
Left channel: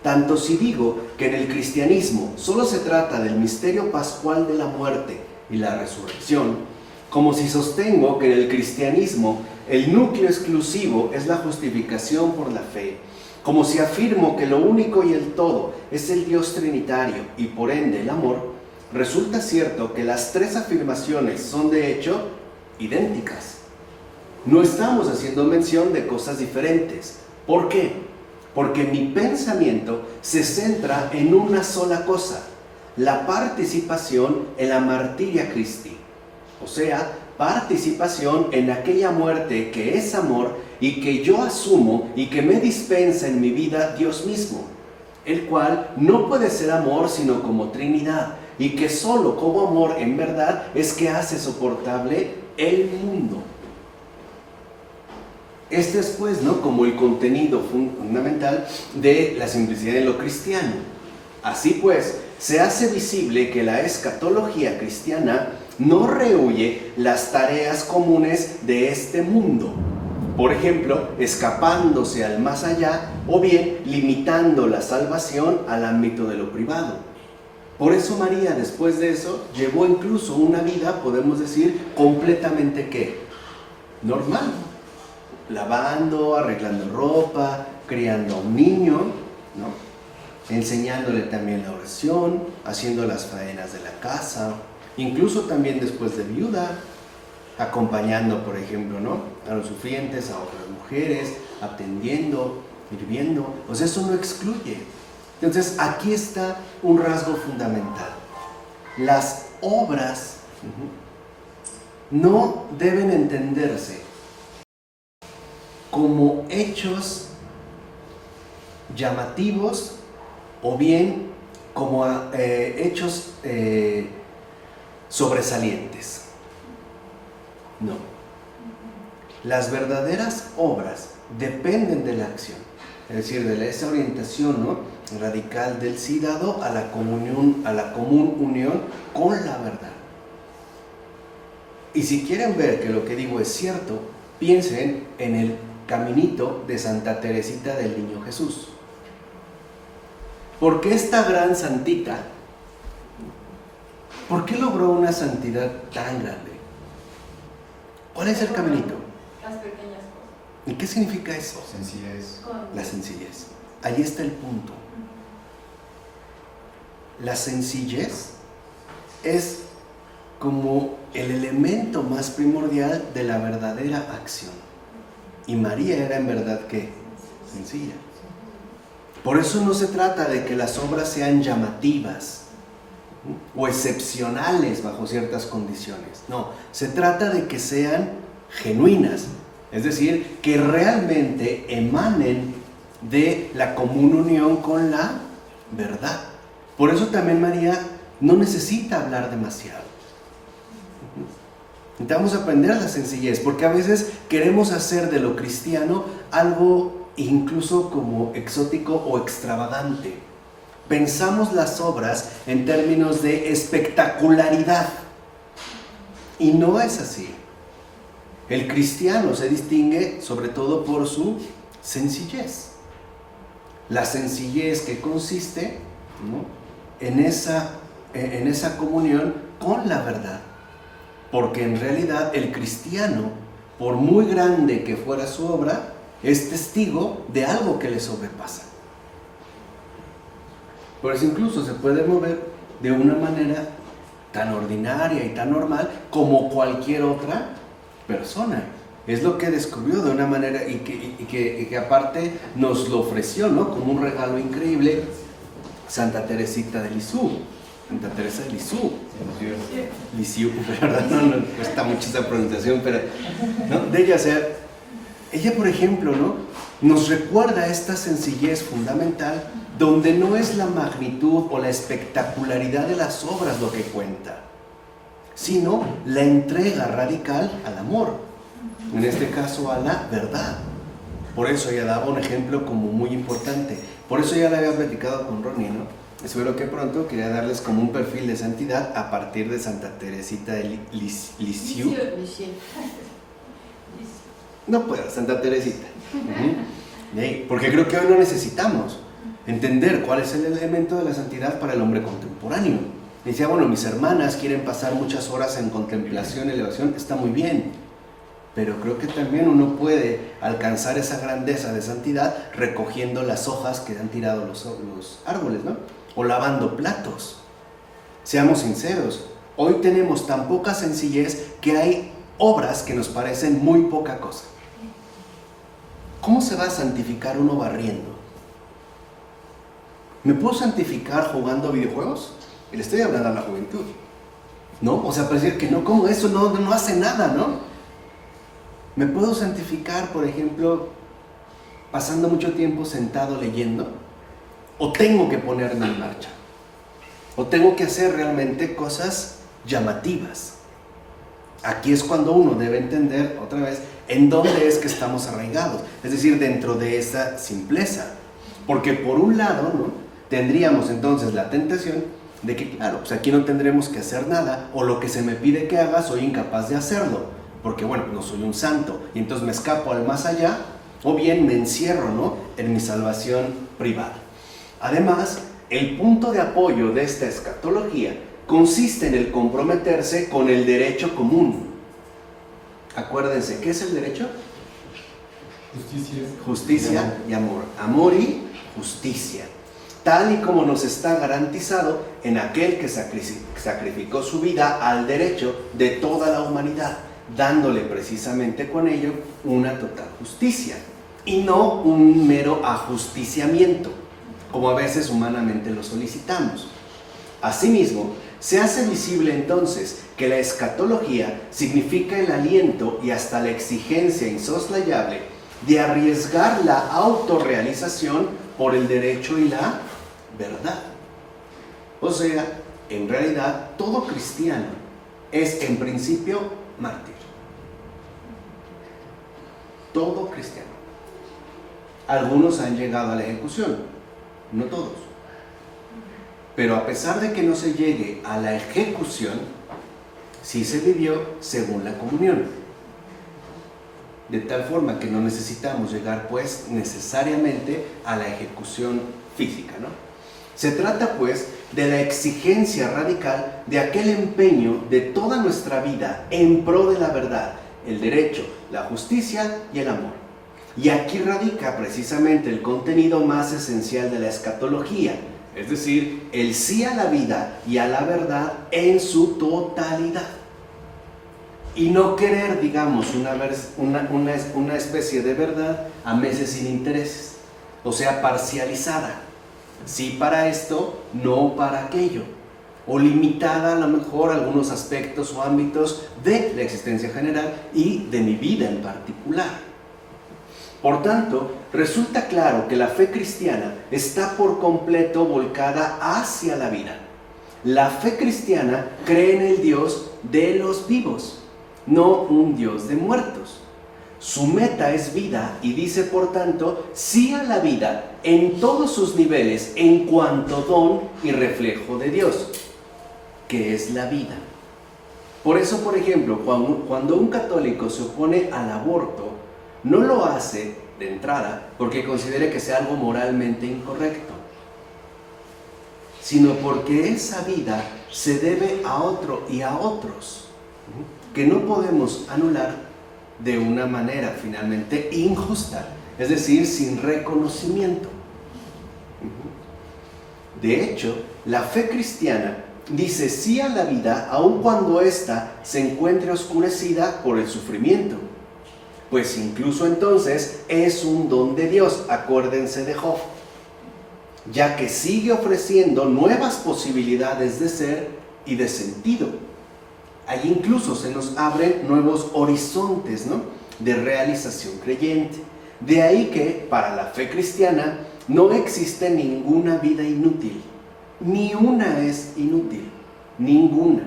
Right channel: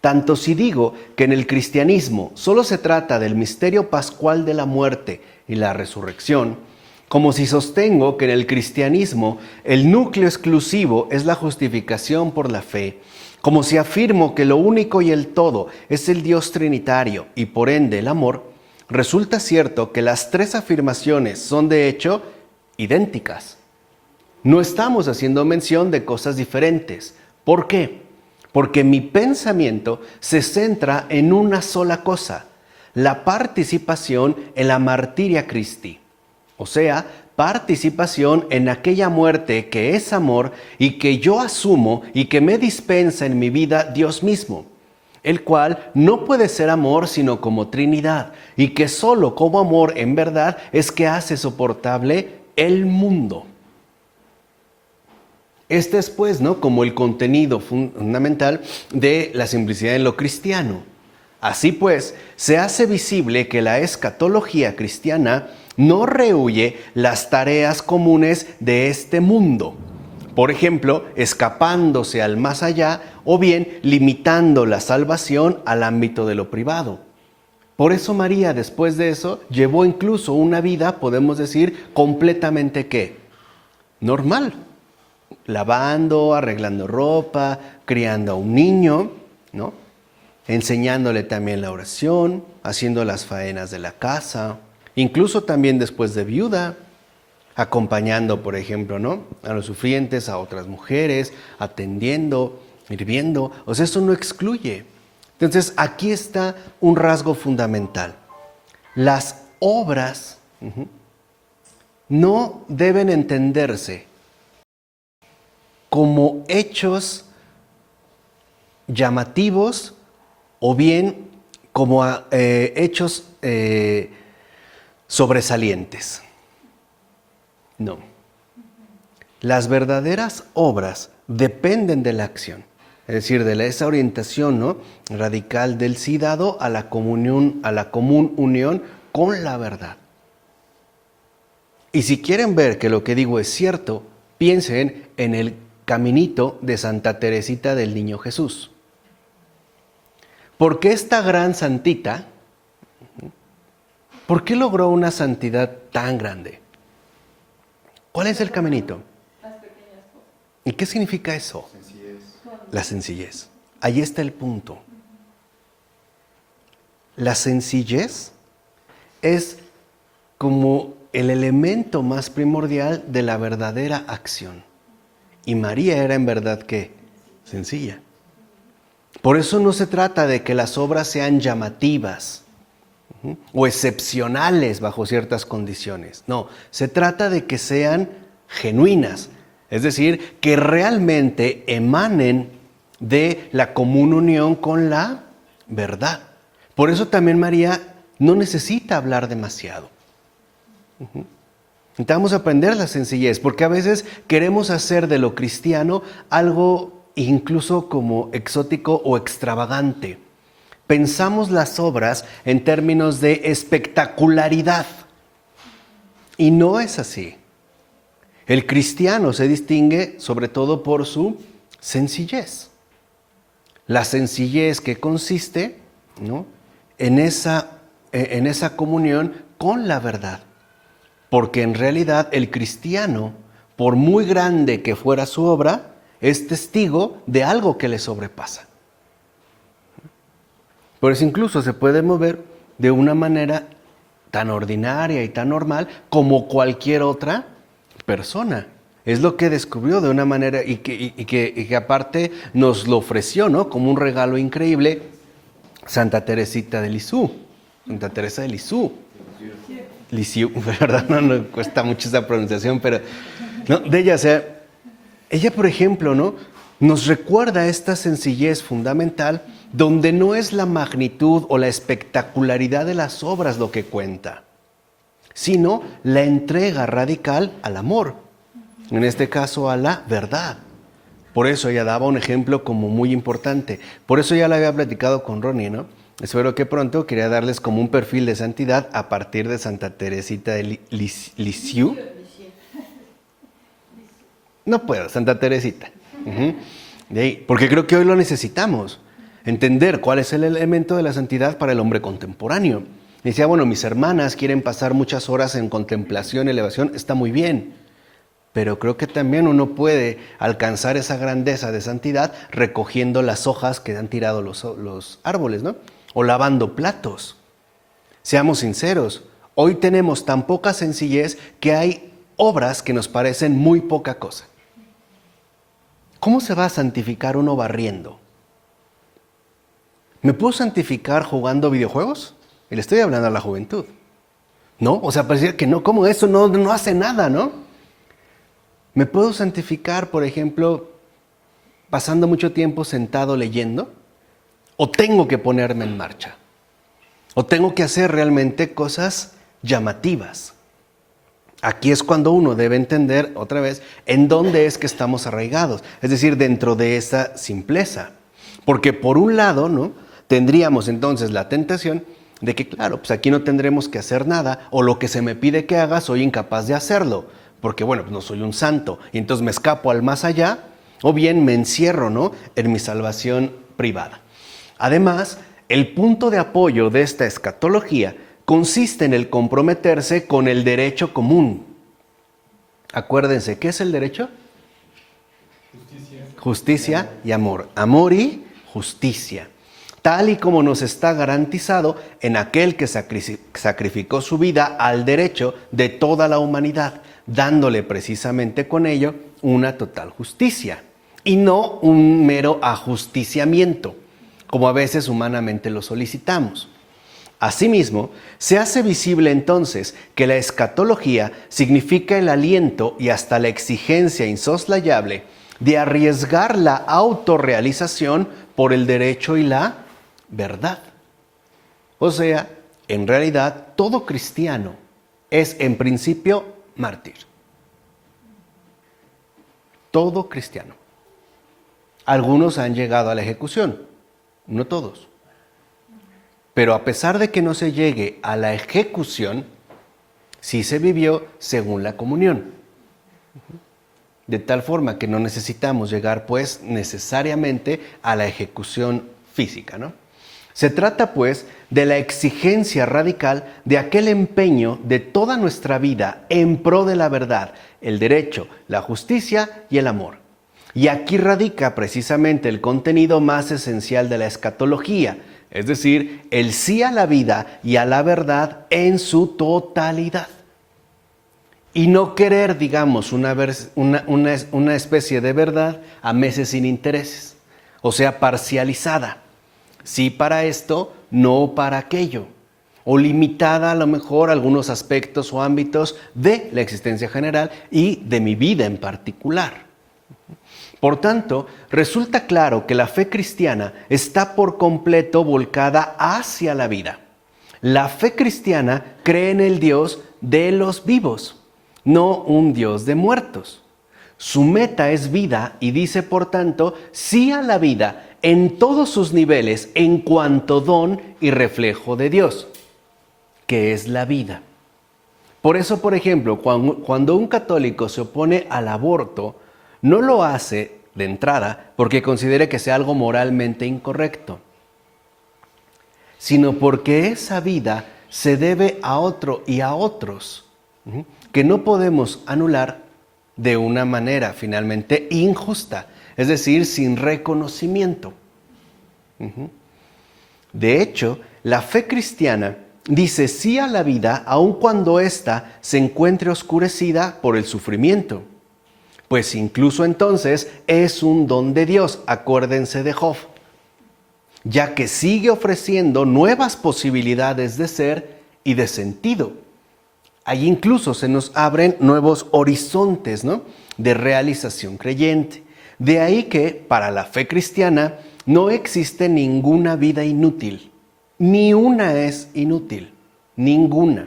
Tanto si digo que en el cristianismo solo se trata del misterio pascual de la muerte y la resurrección, como si sostengo que en el cristianismo el núcleo exclusivo es la justificación por la fe, como si afirmo que lo único y el todo es el Dios trinitario y por ende el amor, resulta cierto que las tres afirmaciones son de hecho idénticas. No estamos haciendo mención de cosas diferentes. ¿Por qué? Porque mi pensamiento se centra en una sola cosa, la participación en la martiria Christi. O sea, participación en aquella muerte que es amor y que yo asumo y que me dispensa en mi vida Dios mismo, el cual no puede ser amor sino como Trinidad y que solo como amor en verdad es que hace soportable el mundo. Este es pues, ¿no?, como el contenido fundamental de la simplicidad en lo cristiano. Así pues, se hace visible que la escatología cristiana no rehúye las tareas comunes de este mundo. Por ejemplo, escapándose al más allá o bien limitando la salvación al ámbito de lo privado. Por eso María, después de eso, llevó incluso una vida, podemos decir, completamente ¿qué? Normal. Lavando, arreglando ropa, criando a un niño, ¿no?, enseñándole también la oración, haciendo las faenas de la casa, incluso también después de viuda, acompañando, por ejemplo, ¿no?, a los sufrientes, a otras mujeres, atendiendo, sirviendo. O sea, eso no excluye. Entonces, aquí está un rasgo fundamental. Las obras no deben entenderse como hechos llamativos o bien como hechos sobresalientes. No. Las verdaderas obras dependen de la acción, es decir, de esa orientación, ¿no?, radical del sí dado a la comunión, a la común unión con la verdad. Y si quieren ver que lo que digo es cierto, piensen en el caminito de Santa Teresita del Niño Jesús. ¿Por qué esta gran santita? ¿Por qué logró una santidad tan grande? ¿Cuál es el caminito? Las pequeñas cosas. ¿Y qué significa eso? Sencillez. La sencillez. Ahí está el punto. La sencillez es como el elemento más primordial de la verdadera acción. Y María era en verdad ¿qué? Sencilla. Por eso no se trata de que las obras sean llamativas. o excepcionales bajo ciertas condiciones. No, se trata de que sean genuinas, es decir, que realmente emanen de la común unión con la verdad. Por eso también María no necesita hablar demasiado. Necesitamos aprender la sencillez, porque a veces queremos hacer de lo cristiano algo incluso como exótico o extravagante. Pensamos las obras en términos de espectacularidad. Y no es así. El cristiano se distingue sobre todo por su sencillez. La sencillez que consiste, ¿no?, en esa comunión con la verdad. Porque en realidad el cristiano, por muy grande que fuera su obra, es testigo de algo que le sobrepasa. Por eso incluso se puede mover de una manera tan ordinaria y tan normal como cualquier otra persona. Es lo que descubrió de una manera y que aparte nos lo ofreció, ¿no?, como un regalo increíble, Santa Teresita de Lisieux. Santa Teresa de Lisieux. Lisieux, ¿verdad? No cuesta mucho esa pronunciación, pero no, de ella, o sea, ella, por ejemplo, ¿no?, nos recuerda esta sencillez fundamental donde no es la magnitud o la espectacularidad de las obras lo que cuenta, sino la entrega radical al amor, en este caso a la verdad. Por eso ella daba un ejemplo como muy importante. Por eso ya lo había platicado con Ronnie, ¿no? Espero que pronto quería darles como un perfil de santidad a partir de Santa Teresita de Lisieux. No puedo, Santa Teresita. De ahí, porque creo que hoy lo necesitamos. Entender cuál es el elemento de la santidad para el hombre contemporáneo. Decía, bueno, mis hermanas quieren pasar muchas horas en contemplación, elevación, está muy bien. Pero creo que también uno puede alcanzar esa grandeza de santidad recogiendo las hojas que han tirado los árboles, ¿no? O lavando platos. Seamos sinceros, hoy tenemos tan poca sencillez que hay obras que nos parecen muy poca cosa. ¿Cómo se va a santificar uno barriendo? ¿Me puedo santificar jugando videojuegos? Y le estoy hablando a la juventud, ¿no? O sea, parecía que no, ¿cómo eso no hace nada, no? ¿Me puedo santificar, por ejemplo, pasando mucho tiempo sentado leyendo? ¿O tengo que ponerme en marcha? ¿O tengo que hacer realmente cosas llamativas? Aquí es cuando uno debe entender, otra vez, en dónde es que estamos arraigados. Es decir, dentro de esa simpleza. Porque por un lado, ¿no?, tendríamos entonces la tentación de que, claro, pues aquí no tendremos que hacer nada, o lo que se me pide que haga, soy incapaz de hacerlo. Porque, bueno, no soy un santo, y entonces me escapo al más allá, o bien me encierro, ¿no?, en mi salvación privada. Además, el punto de apoyo de esta escatología consiste en el comprometerse con el derecho común. Acuérdense, ¿qué es el derecho? Justicia y amor. Amor y justicia. Tal y como nos está garantizado en aquel que sacrificó su vida al derecho de toda la humanidad, dándole precisamente con ello una total justicia y no un mero ajusticiamiento, como a veces humanamente lo solicitamos. Asimismo, se hace visible entonces que la escatología significa el aliento y hasta la exigencia insoslayable de arriesgar la autorrealización por el derecho y la verdad. O sea, en realidad, todo cristiano es en principio mártir. Todo cristiano. Algunos han llegado a la ejecución, no todos. Pero a pesar de que no se llegue a la ejecución, sí se vivió según la comunión. De tal forma que no necesitamos llegar, pues, necesariamente a la ejecución física, ¿no? Se trata, pues, de la exigencia radical de aquel empeño de toda nuestra vida en pro de la verdad, el derecho, la justicia y el amor. Y aquí radica precisamente el contenido más esencial de la escatología, es decir, el sí a la vida y a la verdad en su totalidad. Y no querer, digamos, una especie de verdad a meses sin intereses, o sea, parcializada. Sí para esto, no para aquello. o limitada a lo mejor a algunos aspectos o ámbitos de la existencia general y de mi vida en particular. Por tanto, resulta claro que la fe cristiana está por completo volcada hacia la vida. La fe cristiana cree en el Dios de los vivos, no un Dios de muertos. Su meta es vida y dice, por tanto, sí a la vida en todos sus niveles en cuanto don y reflejo de Dios, que es la vida. Por eso, por ejemplo, cuando un católico se opone al aborto, no lo hace de entrada porque considere que sea algo moralmente incorrecto, sino porque esa vida se debe a otro y a otros, que no podemos anular de una manera finalmente injusta, es decir, sin reconocimiento. De hecho, la fe cristiana dice sí a la vida aun cuando ésta se encuentre oscurecida por el sufrimiento, pues incluso entonces es un don de Dios, acuérdense de Job, ya que sigue ofreciendo nuevas posibilidades de ser y de sentido. Ahí incluso se nos abren nuevos horizontes, ¿no?, de realización creyente. De ahí que para la fe cristiana no existe ninguna vida inútil, ni una es inútil, ninguna.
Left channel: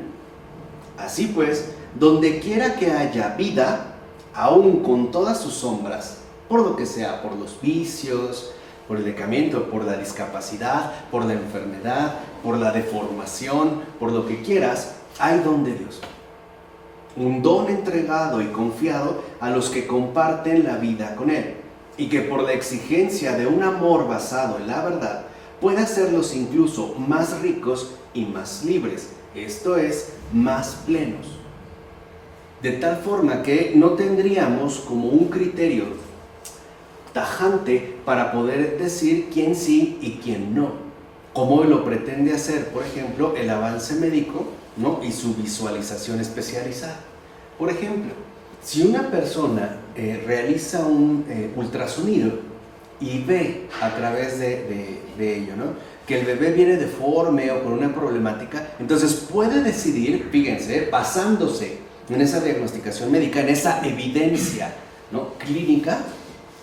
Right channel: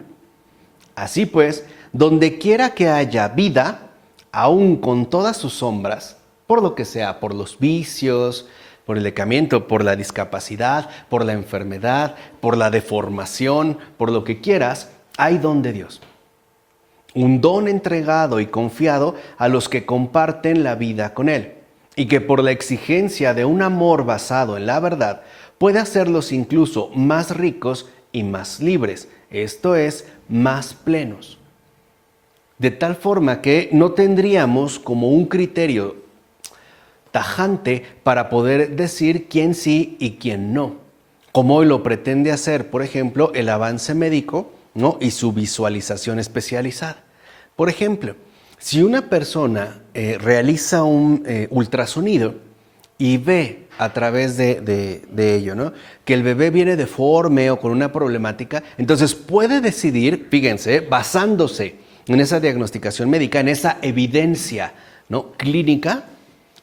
Así pues, donde quiera que haya vida, aún con todas sus sombras, por lo que sea, por los vicios, por el decaimiento, por la discapacidad, por la enfermedad, por la deformación, por lo que quieras, hay don de Dios. Un don entregado y confiado a los que comparten la vida con Él, y que por la exigencia de un amor basado en la verdad, puede hacerlos incluso más ricos y más libres, esto es, más plenos. De tal forma que no tendríamos como un criterio tajante para poder decir quién sí y quién no, como hoy lo pretende hacer, por ejemplo, el avance médico, ¿no?, y su visualización especializada. Por ejemplo, si una persona realiza un ultrasonido y ve a través de ello, ¿no?, que el bebé viene deforme o con una problemática, entonces puede decidir, fíjense, basándose en esa diagnosticación médica, en esa evidencia, ¿no?, clínica,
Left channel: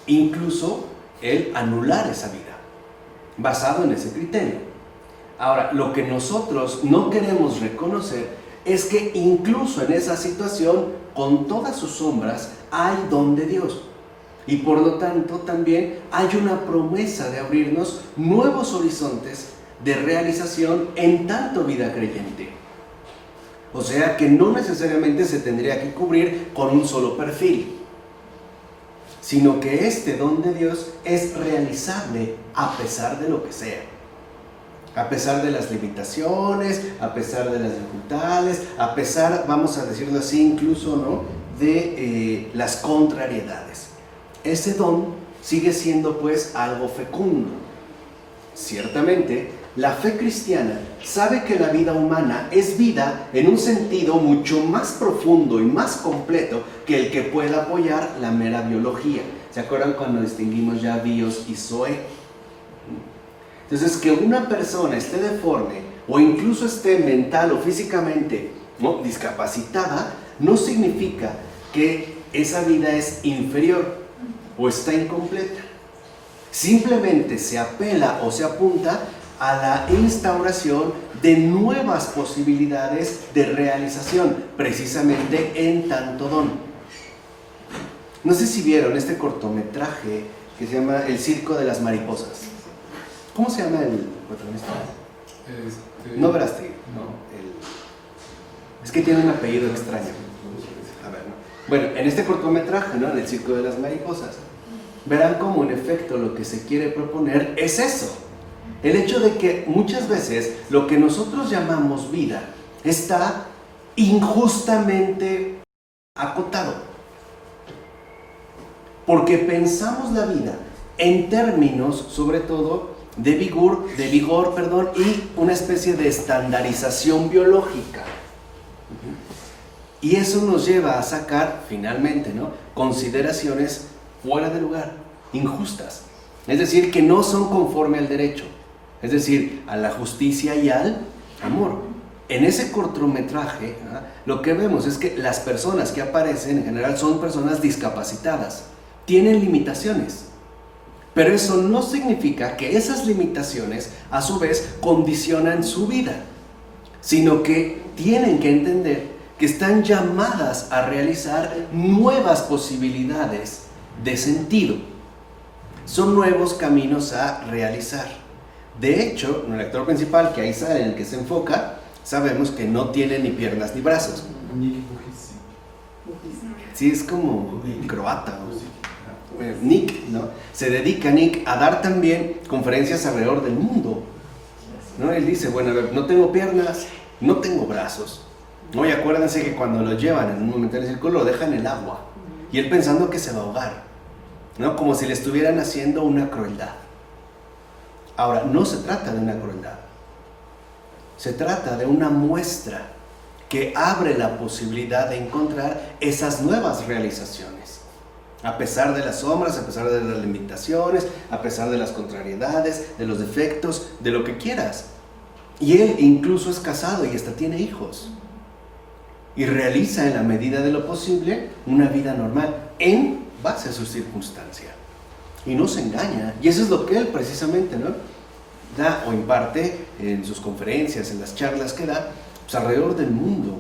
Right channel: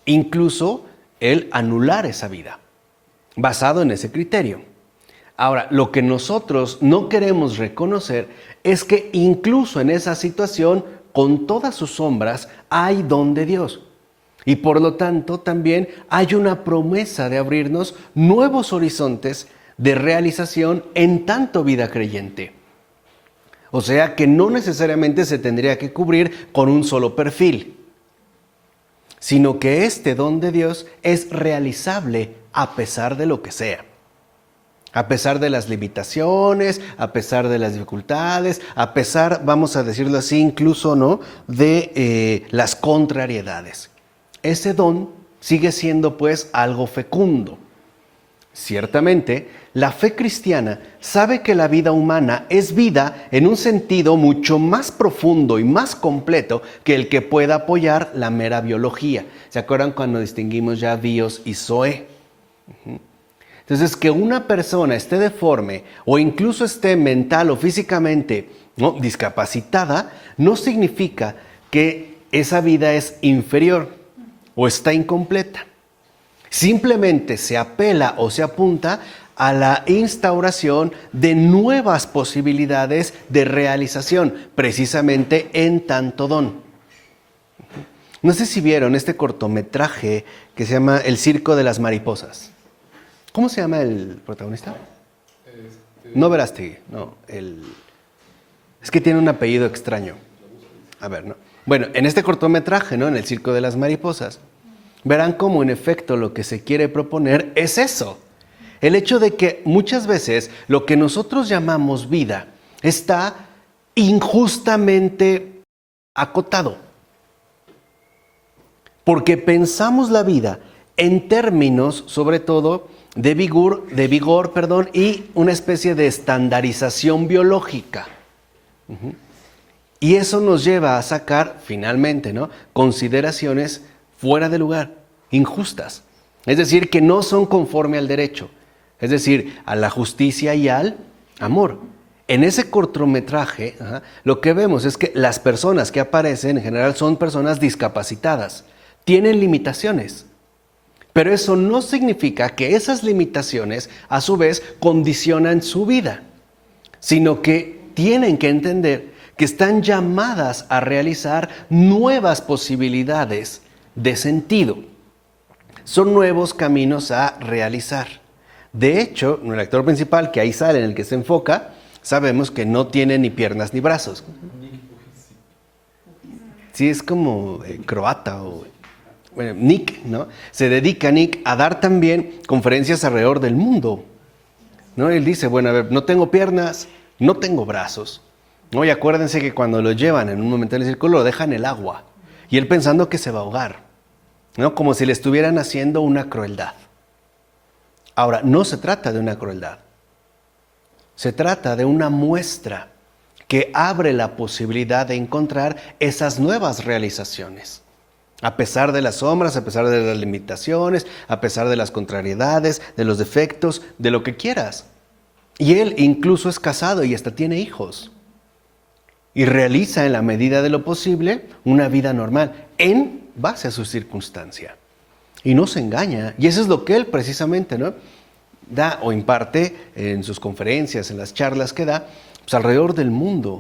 incluso el anular esa vida, basado en ese criterio. Ahora, lo que nosotros no queremos reconocer es que incluso en esa situación, con todas sus sombras, hay don de Dios. Y por lo tanto también hay una promesa de abrirnos nuevos horizontes de realización en tanto vida creyente. O sea que no necesariamente se tendría que cubrir con un solo perfil, sino que este don de Dios es realizable a pesar de lo que sea. A pesar de las limitaciones, a pesar de las dificultades, a pesar, vamos a decirlo así, incluso, ¿no?, de las contrariedades. Ese don sigue siendo pues algo fecundo. Ciertamente, la fe cristiana sabe que la vida humana es vida en un sentido mucho más profundo y más completo que el que pueda apoyar la mera biología. ¿Se acuerdan cuando distinguimos ya bios y zoe? Entonces, que una persona esté deforme o incluso esté mental o físicamente, ¿no?, discapacitada, no significa que esa vida es inferior o está incompleta. Simplemente se apela o se apunta a la instauración de nuevas posibilidades de realización, precisamente en tanto don. No sé si vieron este cortometraje que se llama El Circo de las Mariposas. ¿Cómo se llama el protagonista? No Verástegui, no. Es que tiene un apellido extraño. A ver, ¿no? Bueno, en este cortometraje, ¿no?, en El Circo de las Mariposas, verán cómo en efecto lo que se quiere proponer es eso. El hecho de que muchas veces lo que nosotros llamamos vida está injustamente acotado. Porque pensamos la vida en términos, sobre todo, de vigor, y una especie de estandarización biológica. Y eso nos lleva a sacar, finalmente, ¿no?, consideraciones fuera de lugar, injustas. Es decir, que no son conforme al derecho. Es decir, a la justicia y al amor. En ese cortometraje, lo que vemos es que las personas que aparecen en general son personas discapacitadas, tienen limitaciones, pero eso no significa que esas limitaciones a su vez condicionan su vida, sino que tienen que entender que están llamadas a realizar nuevas posibilidades de sentido. Son nuevos caminos a realizar. De hecho, el actor principal que ahí sale, en el que se enfoca, sabemos que no tiene ni piernas ni brazos. Sí, es como croata o bueno, Nick, ¿no? Se dedica Nick a dar también conferencias alrededor del mundo, ¿no? Él dice, bueno, a ver, no tengo piernas, no tengo brazos, ¿no? Y acuérdense que cuando lo llevan en un momento en el círculo lo dejan en el agua y él pensando que se va a ahogar, ¿no? Como si le estuvieran haciendo una crueldad. Ahora, no se trata de una crueldad. Se trata de una muestra que abre la posibilidad de encontrar esas nuevas realizaciones. A pesar de las sombras, a pesar de las limitaciones, a pesar de las contrariedades, de los defectos, de lo que quieras. Y él incluso es casado y hasta tiene hijos. Y realiza en la medida de lo posible una vida normal en base a su circunstancia. Y no se engaña. Y eso es lo que él precisamente, ¿no?, da o imparte en sus conferencias, en las charlas que da, pues alrededor del mundo.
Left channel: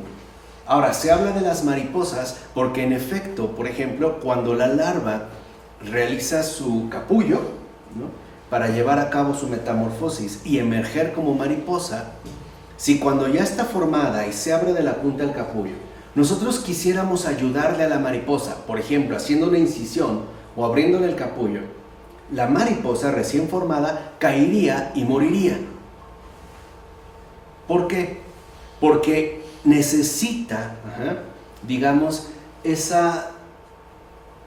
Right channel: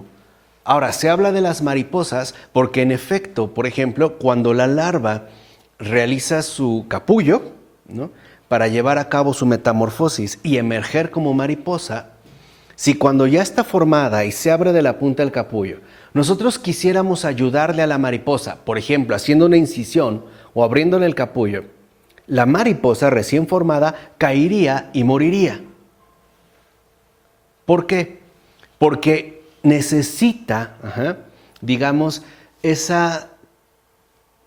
Ahora, se habla de las mariposas porque en efecto, por ejemplo, cuando la larva realiza su capullo, ¿no?, para llevar a cabo su metamorfosis y emerger como mariposa, si cuando ya está formada y se abre de la punta del capullo, nosotros quisiéramos ayudarle a la mariposa, por ejemplo, haciendo una incisión o abriéndole el capullo, la mariposa recién formada caería y moriría. ¿Por qué? Porque necesita, digamos, ese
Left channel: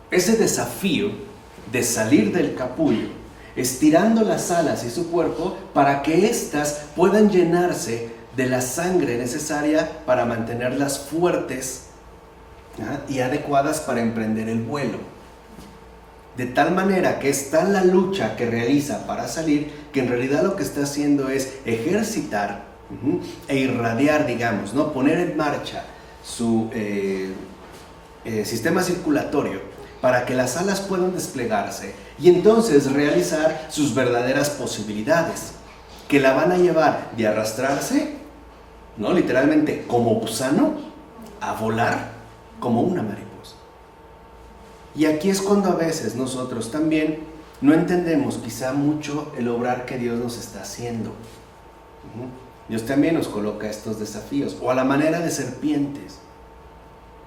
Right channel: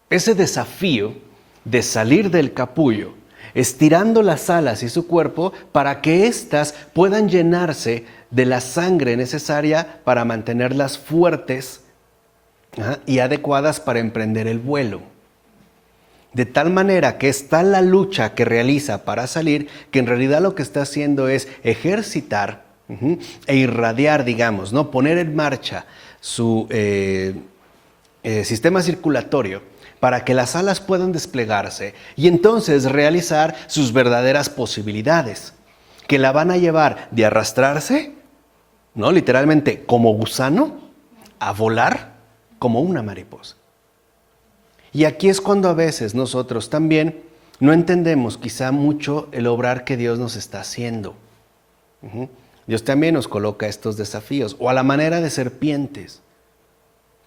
desafío de salir del capullo, estirando las alas y su cuerpo para que éstas puedan llenarse de la sangre necesaria para mantenerlas fuertes y adecuadas para emprender el vuelo. De tal manera que está la lucha que realiza para salir, que en realidad lo que está haciendo es ejercitar e irradiar, digamos, ¿no?, poner en marcha su sistema circulatorio para que las alas puedan desplegarse y entonces realizar sus verdaderas posibilidades, que la van a llevar de arrastrarse, ¿no?, literalmente como gusano, a volar como una mariposa. Y aquí es cuando a veces nosotros también no entendemos quizá mucho el obrar que Dios nos está haciendo. Dios también nos coloca estos desafíos, o a la manera de serpientes.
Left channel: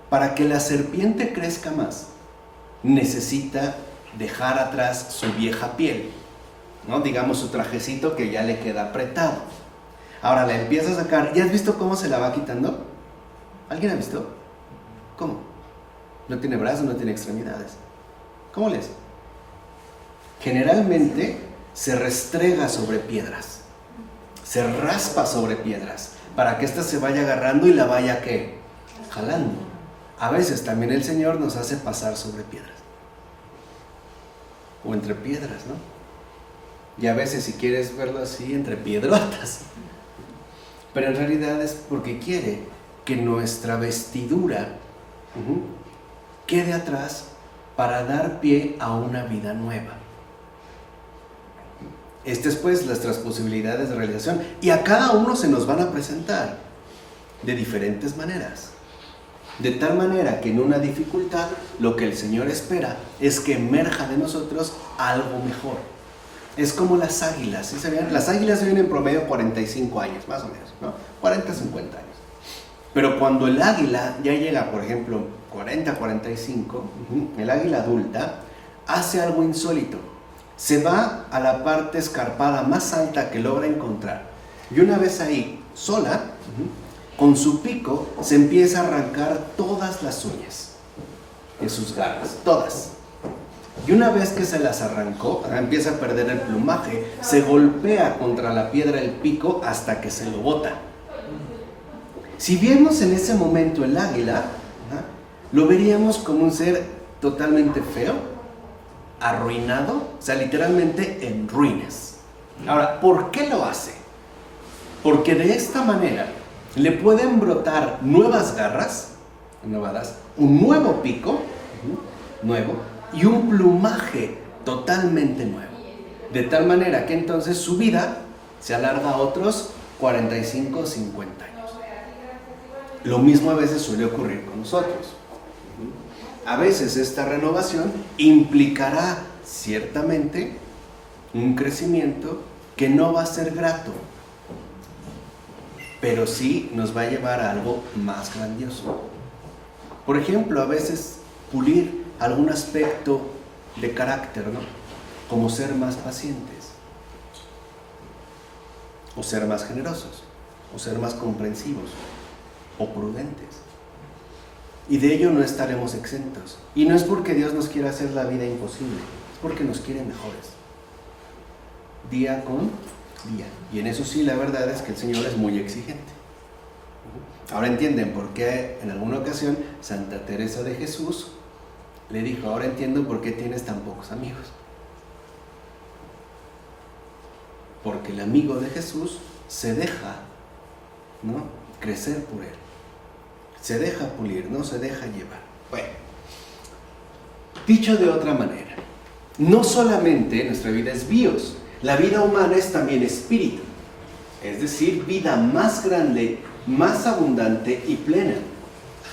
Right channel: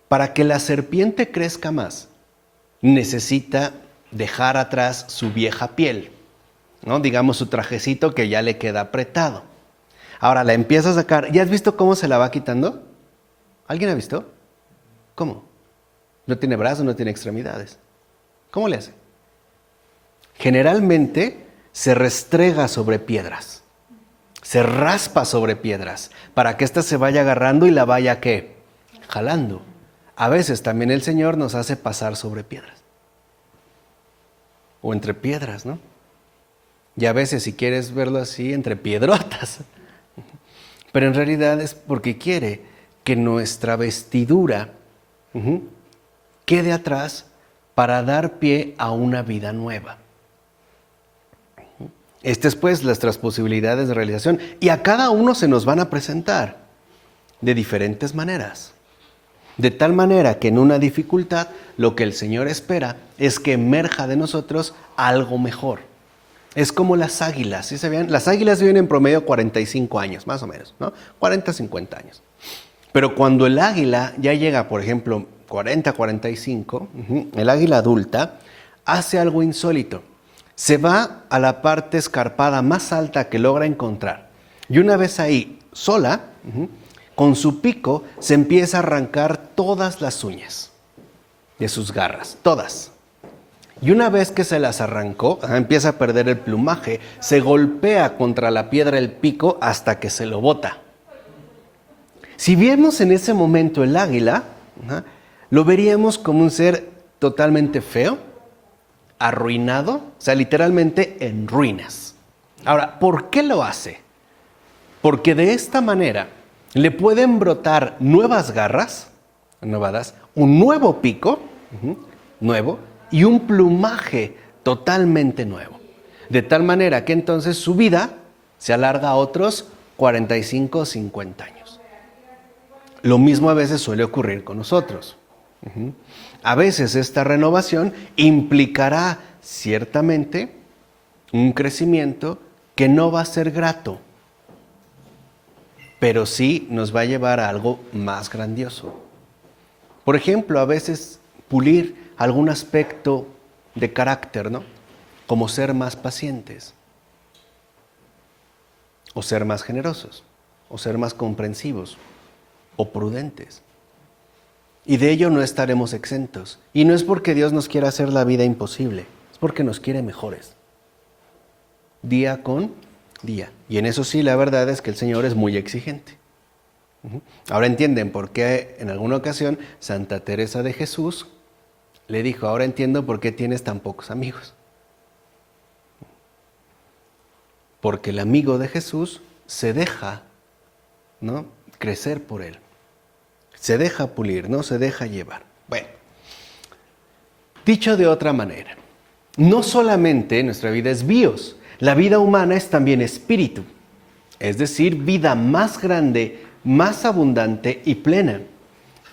Para que la serpiente crezca más, necesita dejar atrás su vieja piel, ¿no? Digamos su trajecito que ya le queda apretado. Ahora la empieza a sacar. ¿Ya has visto cómo se la va quitando? ¿Alguien ha visto? ¿Cómo? No tiene brazos, no tiene extremidades. ¿Cómo le hace? Generalmente se restrega sobre piedras. Se raspa sobre piedras para que ésta se vaya agarrando y la vaya, ¿qué?, jalando. A veces también el Señor nos hace pasar sobre piedras. O entre piedras, ¿no? Y a veces, si quieres verlo así, entre piedrotas. Pero en realidad es porque quiere que nuestra vestidura quede atrás para dar pie a una vida nueva. Estas pues nuestras posibilidades de realización, y a cada uno se nos van a presentar de diferentes maneras. De tal manera que en una dificultad lo que el Señor espera es que emerja de nosotros algo mejor. Es como las águilas, ¿sí se ven? Las águilas viven en promedio 45 años, más o menos, ¿no? 40, 50 años. Pero cuando el águila ya llega, por ejemplo, 40, 45, el águila adulta hace algo insólito. Se va a la parte escarpada más alta que logra encontrar. Y una vez ahí, sola, con su pico, se empieza a arrancar todas las uñas de sus garras, todas. Y una vez que se las arrancó, empieza a perder el plumaje, se golpea contra la piedra el pico hasta que se lo bota. Si viéramos en ese momento el águila, lo veríamos como un ser totalmente feo, arruinado, o sea, literalmente en ruinas. Ahora, ¿por qué lo hace? Porque de esta manera Le pueden brotar nuevas garras, novadas, un nuevo pico, nuevo, y un plumaje totalmente nuevo. De tal manera que entonces su vida se alarga a otros 45 o 50 años. Lo mismo a veces suele ocurrir con nosotros. A veces esta renovación implicará ciertamente un crecimiento que no va a ser grato, pero sí nos va a llevar a algo más grandioso. Por ejemplo, a veces pulir algún aspecto de carácter, ¿no? Como ser más pacientes, o ser más generosos, o ser más comprensivos, o prudentes. Y de ello no estaremos exentos. Y no es porque Dios nos quiera hacer la vida imposible, es porque nos quiere mejores. Día con día. Y en eso sí, la verdad es que el Señor es muy exigente. Ahora entienden por qué en alguna ocasión Santa Teresa de Jesús le dijo: ahora entiendo por qué tienes tan pocos amigos. Porque el amigo de Jesús se deja, ¿no?, crecer por él. Se deja pulir, no se deja llevar. Bueno, dicho de otra manera, no solamente nuestra vida es bios, la vida humana es también espíritu, es decir, vida más grande, más abundante y plena.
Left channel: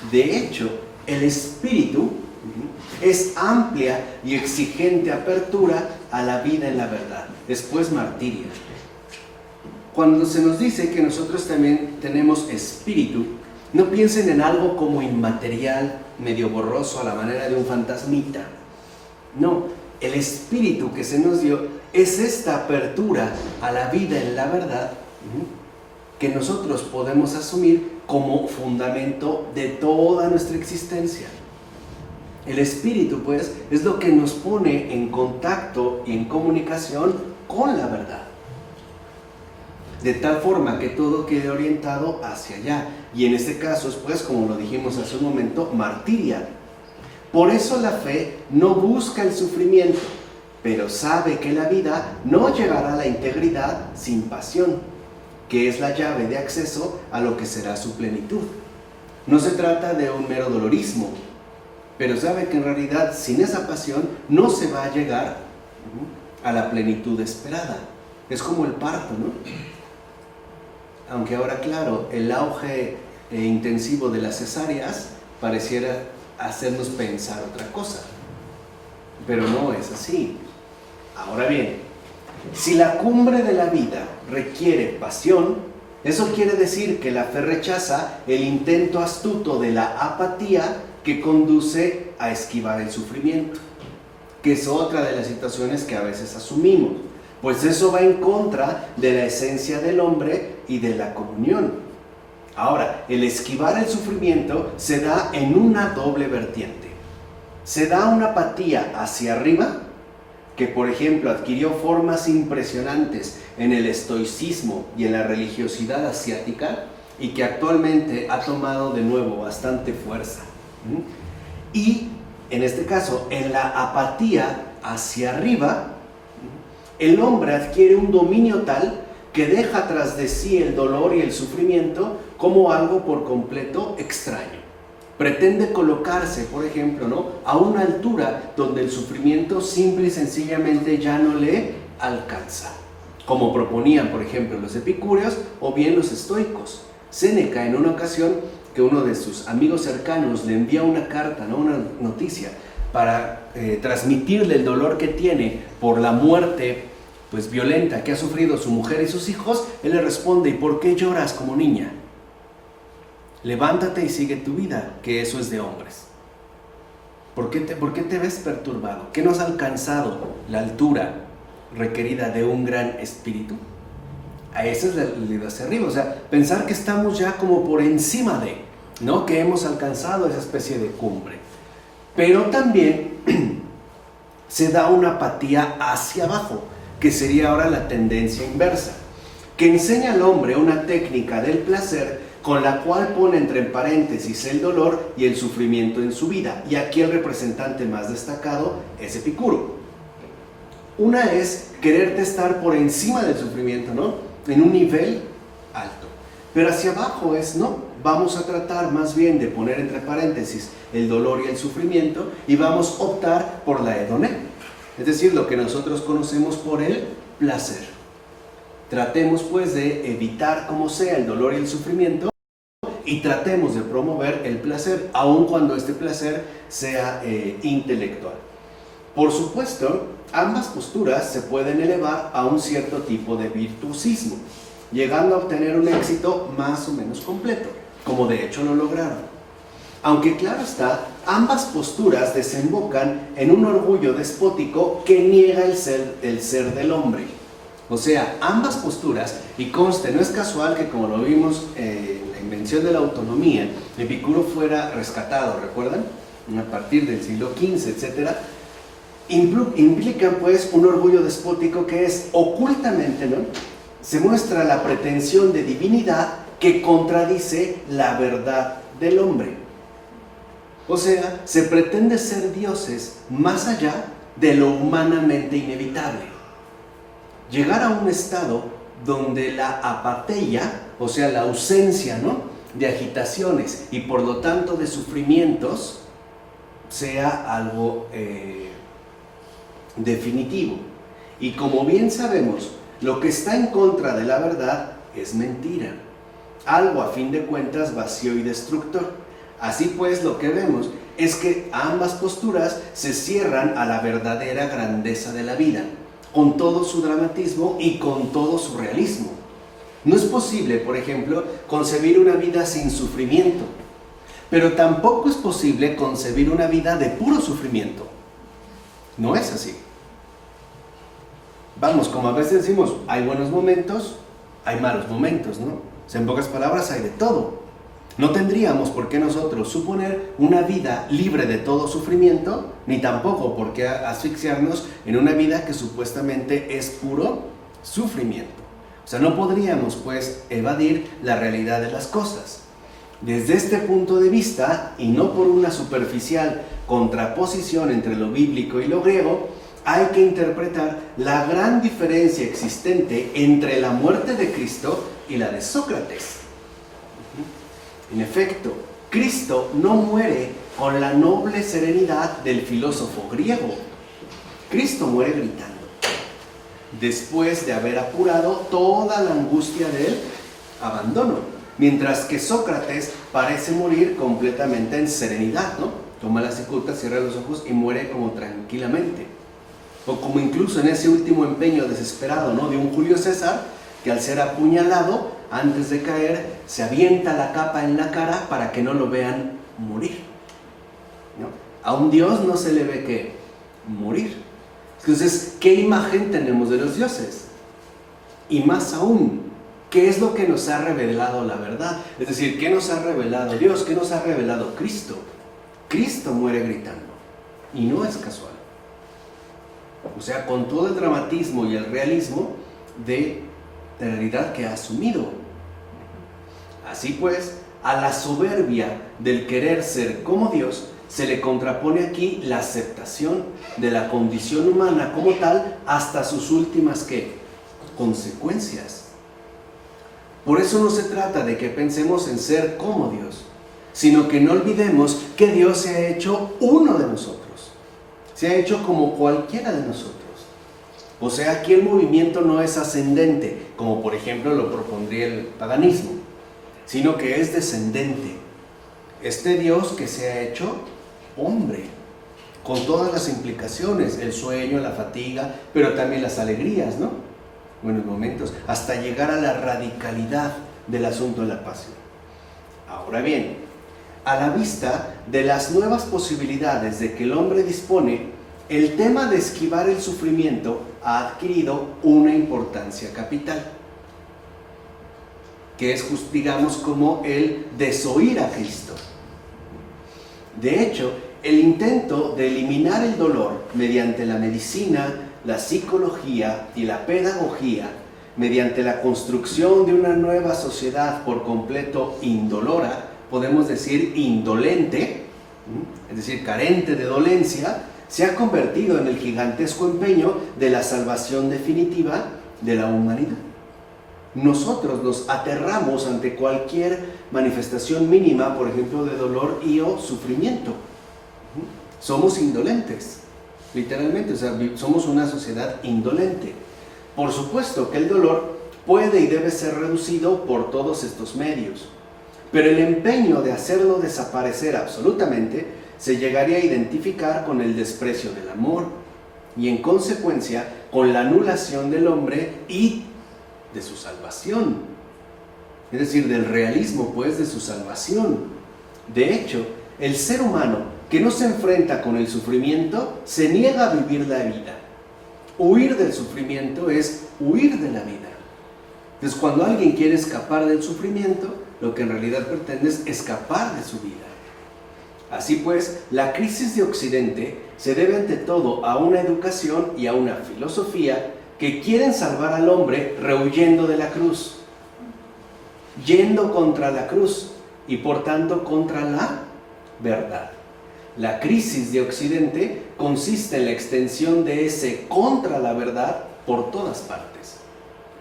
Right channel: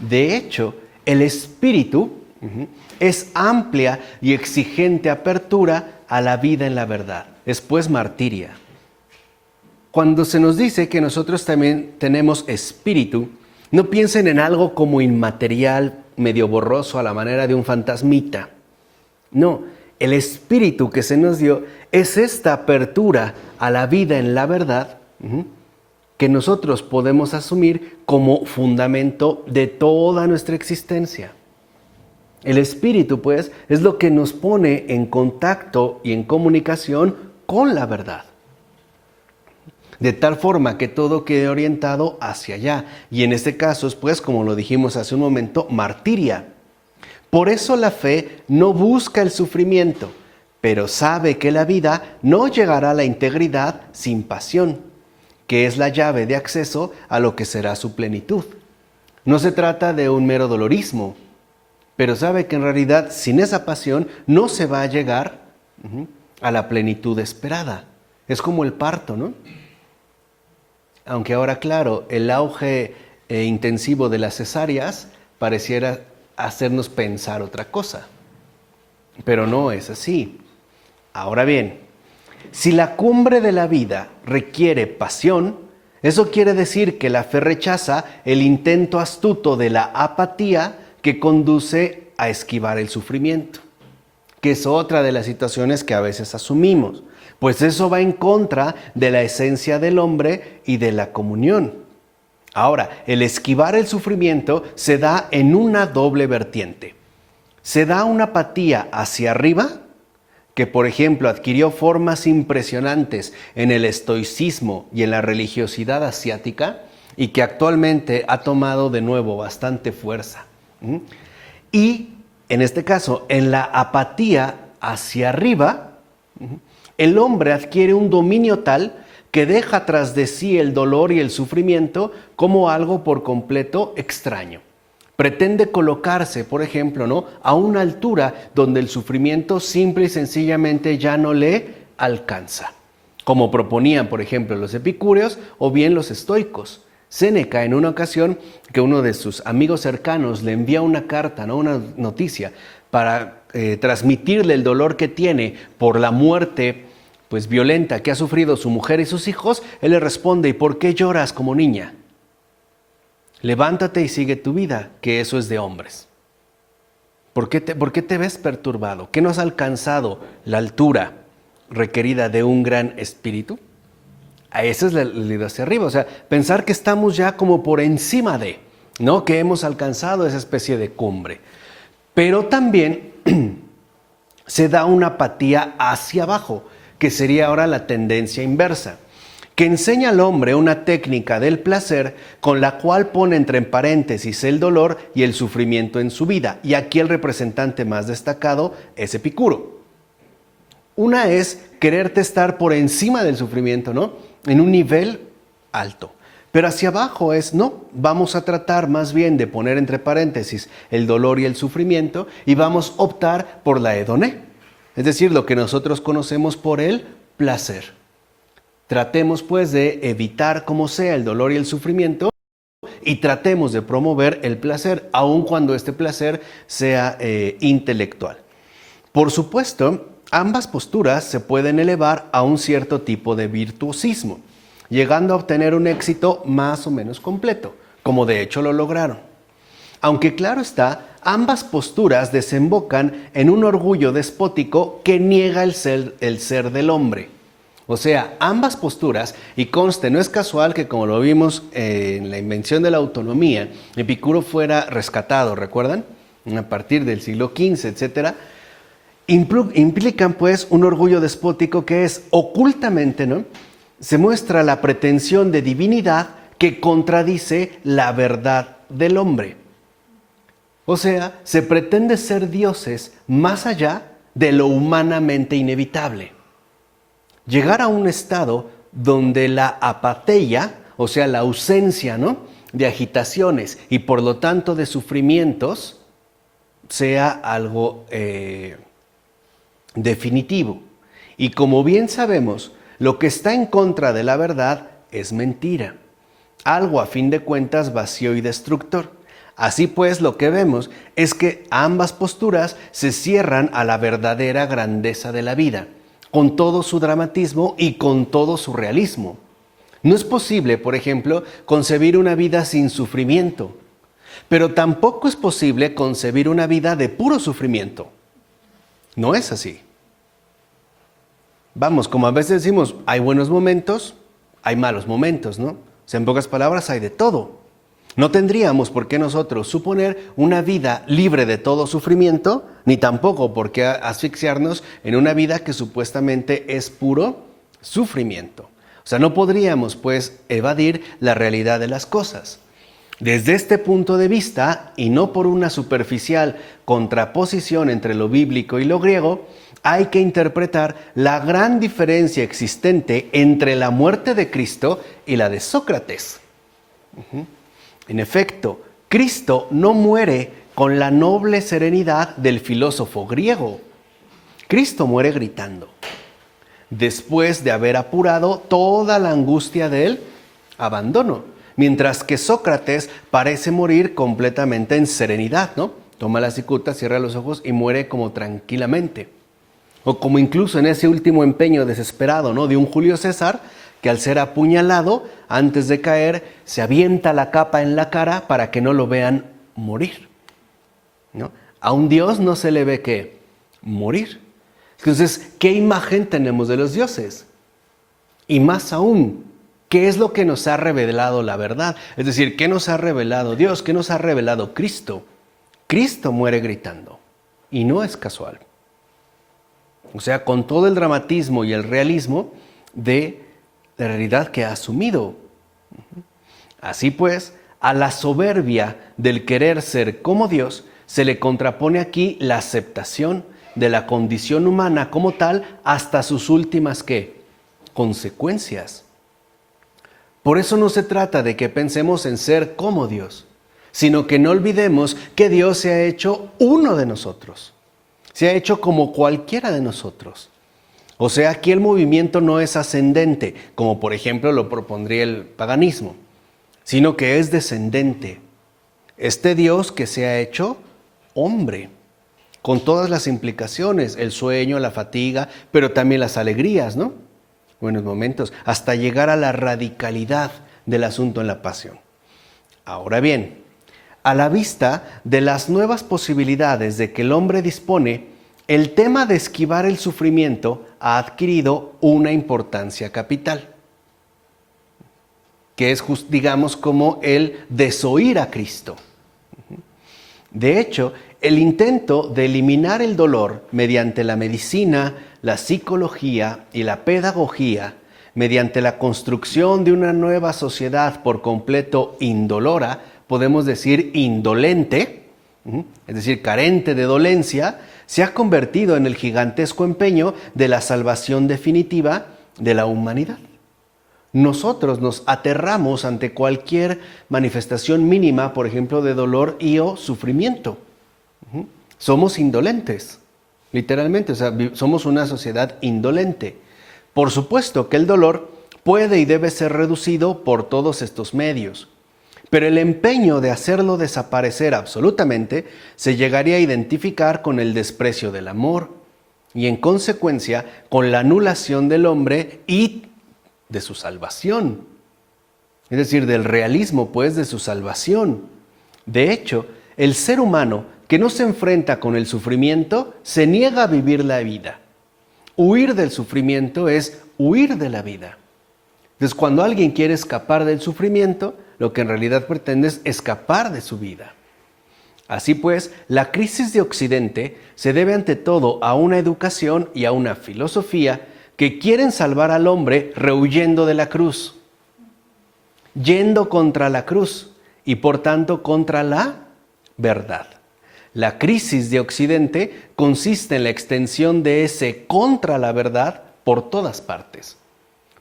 De hecho, el espíritu es amplia y exigente apertura a la vida en la verdad, es pues martiria. Cuando se nos dice que nosotros también tenemos espíritu, no piensen en algo como inmaterial, medio borroso a la manera de un fantasmita. No, el espíritu que se nos dio es esta apertura a la vida en la verdad que nosotros podemos asumir como fundamento de toda nuestra existencia. El espíritu, pues, es lo que nos pone en contacto y en comunicación con la verdad. De tal forma que todo quede orientado hacia allá. Y en este caso es, pues, como lo dijimos hace un momento, martiria. Por eso la fe no busca el sufrimiento, pero sabe que la vida no llegará a la integridad sin pasión, que es la llave de acceso a lo que será su plenitud. No se trata de un mero dolorismo, pero sabe que en realidad sin esa pasión no se va a llegar a la plenitud esperada. Es como el parto, ¿no? Aunque ahora, claro, el auge intensivo de las cesáreas pareciera hacernos pensar otra cosa, pero no es así. Ahora bien, si la cumbre de la vida requiere pasión, eso quiere decir que la fe rechaza el intento astuto de la apatía que conduce a esquivar el sufrimiento, que es otra de las situaciones que a veces asumimos. Pues eso va en contra de la esencia del hombre y de la comunión. Ahora, el esquivar el sufrimiento se da en una doble vertiente. Se da una apatía hacia arriba, que por ejemplo adquirió formas impresionantes en el estoicismo y en la religiosidad asiática, y que actualmente ha tomado de nuevo bastante fuerza. Y en este caso, en la apatía hacia arriba, el hombre adquiere un dominio tal que deja tras de sí el dolor y el sufrimiento como algo por completo extraño. Pretende colocarse, por ejemplo, ¿no?, a una altura donde el sufrimiento simple y sencillamente ya no le alcanza, como proponían, por ejemplo, los epicúreos o bien los estoicos. Séneca, en una ocasión que uno de sus amigos cercanos le envía una carta, ¿no?, una noticia, para transmitirle el dolor que tiene por la muerte, pues, violenta que ha sufrido su mujer y sus hijos, él le responde: ¿y por qué lloras como niña? Levántate y sigue tu vida, que eso es de hombres. ¿Por qué te ves perturbado? ¿Qué no has alcanzado la altura requerida de un gran espíritu? A esa es la idea hacia arriba, o sea, pensar que estamos ya como por encima de, ¿no?, que hemos alcanzado esa especie de cumbre. Pero también se da una apatía hacia abajo, que sería ahora la tendencia inversa, que enseña al hombre una técnica del placer con la cual pone entre paréntesis el dolor y el sufrimiento en su vida. Y aquí el representante más destacado es Epicuro. Una es quererte estar por encima del sufrimiento, ¿no?, en un nivel alto. Pero hacia abajo es no, vamos a tratar más bien de poner entre paréntesis el dolor y el sufrimiento y vamos a optar por la hedoné, es decir, lo que nosotros conocemos por el placer. Tratemos pues de evitar como sea el dolor y el sufrimiento y tratemos de promover el placer, aun cuando este placer sea intelectual. Por supuesto, ambas posturas se pueden elevar a un cierto tipo de virtuosismo, llegando a obtener un éxito más o menos completo, como de hecho lo lograron. Aunque claro está, ambas posturas desembocan en un orgullo despótico que niega el ser del hombre. O sea, ambas posturas, y conste, no es casual que como lo vimos en la invención de la autonomía, Epicuro fuera rescatado, ¿recuerdan? A partir del siglo XV, etc. Implican pues un orgullo despótico que es ocultamente, ¿no?, se muestra la pretensión de divinidad que contradice la verdad del hombre. O sea, se pretende ser dioses más allá de lo humanamente inevitable. Llegar a un estado donde la apatheia, o sea, la ausencia, ¿no?, de agitaciones y por lo tanto de sufrimientos, sea algo definitivo. Y como bien sabemos, lo que está en contra de la verdad es mentira, algo a fin de cuentas vacío y destructor. Así pues, lo que vemos es que ambas posturas se cierran a la verdadera grandeza de la vida, con todo su dramatismo y con todo su realismo. No es posible, por ejemplo, concebir una vida sin sufrimiento, pero tampoco es posible concebir una vida de puro sufrimiento. No es así. Vamos, como a veces decimos, hay buenos momentos, hay malos momentos, ¿no? O sea, en pocas palabras, hay de todo. No tendríamos por qué nosotros suponer una vida libre de todo sufrimiento, ni tampoco por qué asfixiarnos en una vida que supuestamente es puro sufrimiento. O sea, no podríamos, pues, evadir la realidad de las cosas. Desde este punto de vista, y no por una superficial contraposición entre lo bíblico y lo griego, hay que interpretar la gran diferencia existente entre la muerte de Cristo y la de Sócrates. En efecto, Cristo no muere con la noble serenidad del filósofo griego. Cristo muere gritando, después de haber apurado toda la angustia del abandono, mientras que Sócrates parece morir completamente en serenidad, ¿no? Toma la cicuta, cierra los ojos y muere como tranquilamente. O como incluso en ese último empeño desesperado, ¿no?, de un Julio César, que al ser apuñalado, antes de caer, se avienta la capa en la cara para que no lo vean morir, ¿no? A un dios no se le ve ¿qué? Morir. Entonces, ¿qué imagen tenemos de los dioses? Y más aún, ¿qué es lo que nos ha revelado la verdad? Es decir, ¿qué nos ha revelado Dios? ¿Qué nos ha revelado Cristo? Cristo muere gritando, y no es casual. O sea, con todo el dramatismo y el realismo de la realidad que ha asumido. Así pues, a la soberbia del querer ser como Dios se le contrapone aquí la aceptación de la condición humana como tal hasta sus últimas ¿qué? Consecuencias. Por eso no se trata de que pensemos en ser como Dios, sino que no olvidemos que Dios se ha hecho uno de nosotros. Se ha hecho como cualquiera de nosotros. O sea, aquí el movimiento no es ascendente, como por ejemplo lo propondría el paganismo, sino que es descendente. Este Dios que se ha hecho hombre, con todas las implicaciones, el sueño, la fatiga, pero también las alegrías, ¿no? Buenos momentos, hasta llegar a la radicalidad del asunto en la pasión. Ahora bien, a la vista de las nuevas posibilidades de que el hombre dispone, el tema de esquivar el sufrimiento ha adquirido una importancia capital, que es, digamos, como el desoír a Cristo. De hecho, el intento de eliminar el dolor mediante la medicina, la psicología y la pedagogía, mediante la construcción de una nueva sociedad por completo indolora, podemos decir indolente, es decir, carente de dolencia, se ha convertido en el gigantesco empeño de la salvación definitiva de la humanidad. nosotros nos aterramos ante cualquier manifestación mínima, por ejemplo, de dolor y o sufrimiento. Somos indolentes, literalmente, o sea, somos una sociedad indolente. Por supuesto que el dolor puede y debe ser reducido por todos estos medios, pero el empeño de hacerlo desaparecer absolutamente se llegaría a identificar con el desprecio del amor y en consecuencia con la anulación del hombre y de su salvación. Es decir, del realismo, pues, de su salvación. De hecho, el ser humano que no se enfrenta con el sufrimiento se niega a vivir la vida. Huir del sufrimiento es huir de la vida. Entonces, cuando alguien quiere escapar del sufrimiento, lo que en realidad pretende es escapar de su vida. Así pues, la crisis de Occidente se debe ante todo a una educación y a una filosofía que quieren salvar al hombre rehuyendo de la cruz, yendo contra la cruz y por tanto contra la verdad. La crisis de Occidente consiste en la extensión de ese contra la verdad por todas partes.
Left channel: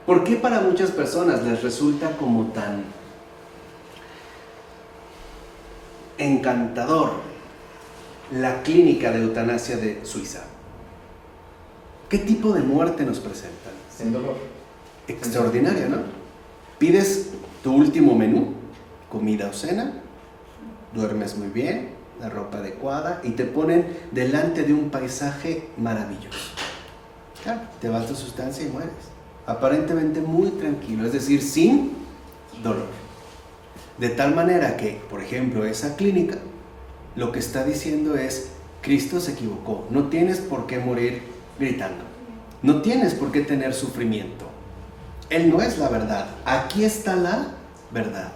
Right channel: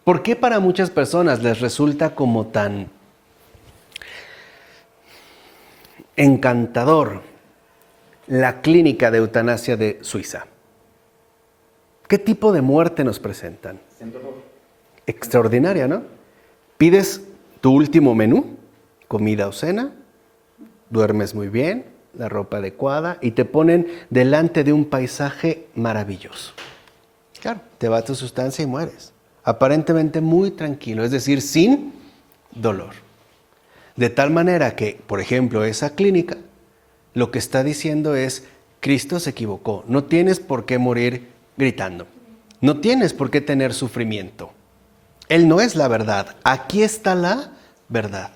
¿Por qué para muchas personas les resulta como tan encantador la clínica de eutanasia de Suiza? ¿Qué tipo de muerte nos presentan? Sin dolor. Extraordinaria, ¿no? Pides tu último menú, comida o cena, duermes muy bien, la ropa adecuada y te ponen delante de un paisaje maravilloso. Claro, te va tu sustancia y mueres. Aparentemente muy tranquilo, es decir, sin dolor. De tal manera que, por ejemplo, esa clínica lo que está diciendo es: Cristo se equivocó, no tienes por qué morir gritando, no tienes por qué tener sufrimiento. Él no es la verdad, aquí está la verdad.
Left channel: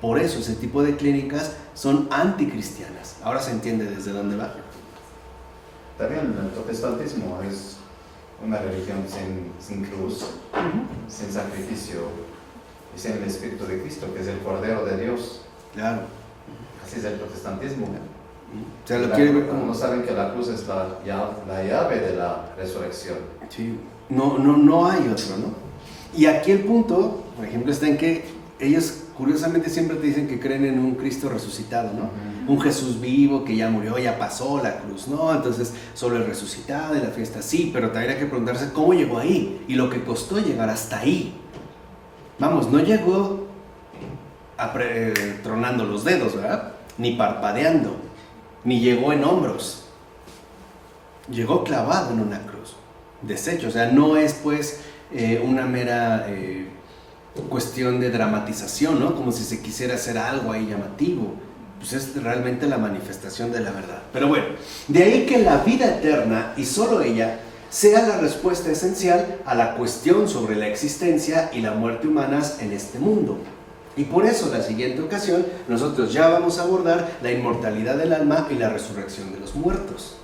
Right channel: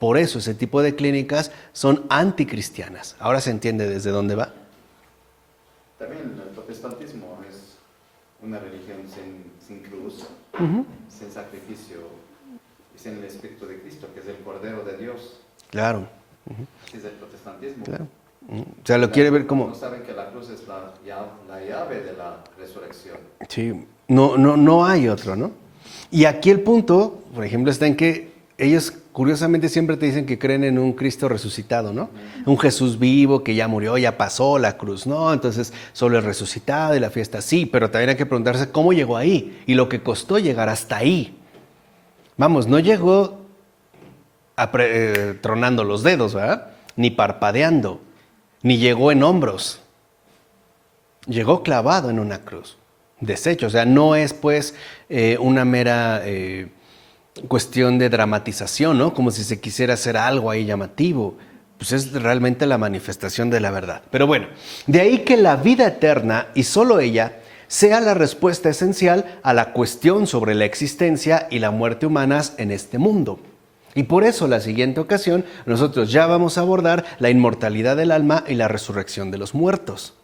Por eso ese tipo de clínicas son anticristianas. Ahora se entiende desde dónde va. También el protestantismo es una religión sin cruz, sin sacrificio y sin el Espíritu de Cristo, que es el Cordero de Dios. Claro. Así es el protestantismo. Claro. O sea, lo quiere ver como... No saben que la cruz es la llave de la resurrección. Sí, no hay otro, ¿no? Y aquí el punto, por ejemplo, está en que ellos curiosamente siempre te dicen que creen en un Cristo resucitado, ¿no? Un Jesús vivo que ya murió, ya pasó la cruz, ¿no? Entonces, solo el resucitado y la fiesta, sí, pero también hay que preguntarse cómo llegó ahí y lo que costó llegar hasta ahí. Vamos, no llegó tronando los dedos, ¿verdad? Ni parpadeando, ni llegó en hombros. Llegó clavado en una cruz, deshecho. O sea, no es pues una mera cuestión de dramatización, ¿no? Como si se quisiera hacer algo ahí llamativo. Pues es realmente la manifestación de la verdad. Pero bueno, de ahí que la vida eterna, y solo ella, sea la respuesta esencial a la cuestión sobre la existencia y la muerte humanas en este mundo. Y por eso la siguiente ocasión nosotros ya vamos a abordar la inmortalidad del alma y la resurrección de los muertos.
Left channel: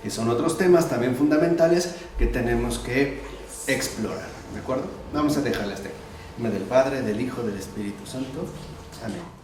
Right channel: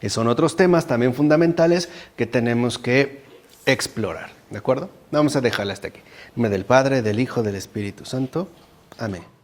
Que son otros temas también fundamentales que tenemos que explorar. ¿De acuerdo? Vamos a dejarla hasta aquí. En nombre del Padre, del Hijo, del Espíritu Santo. Amén.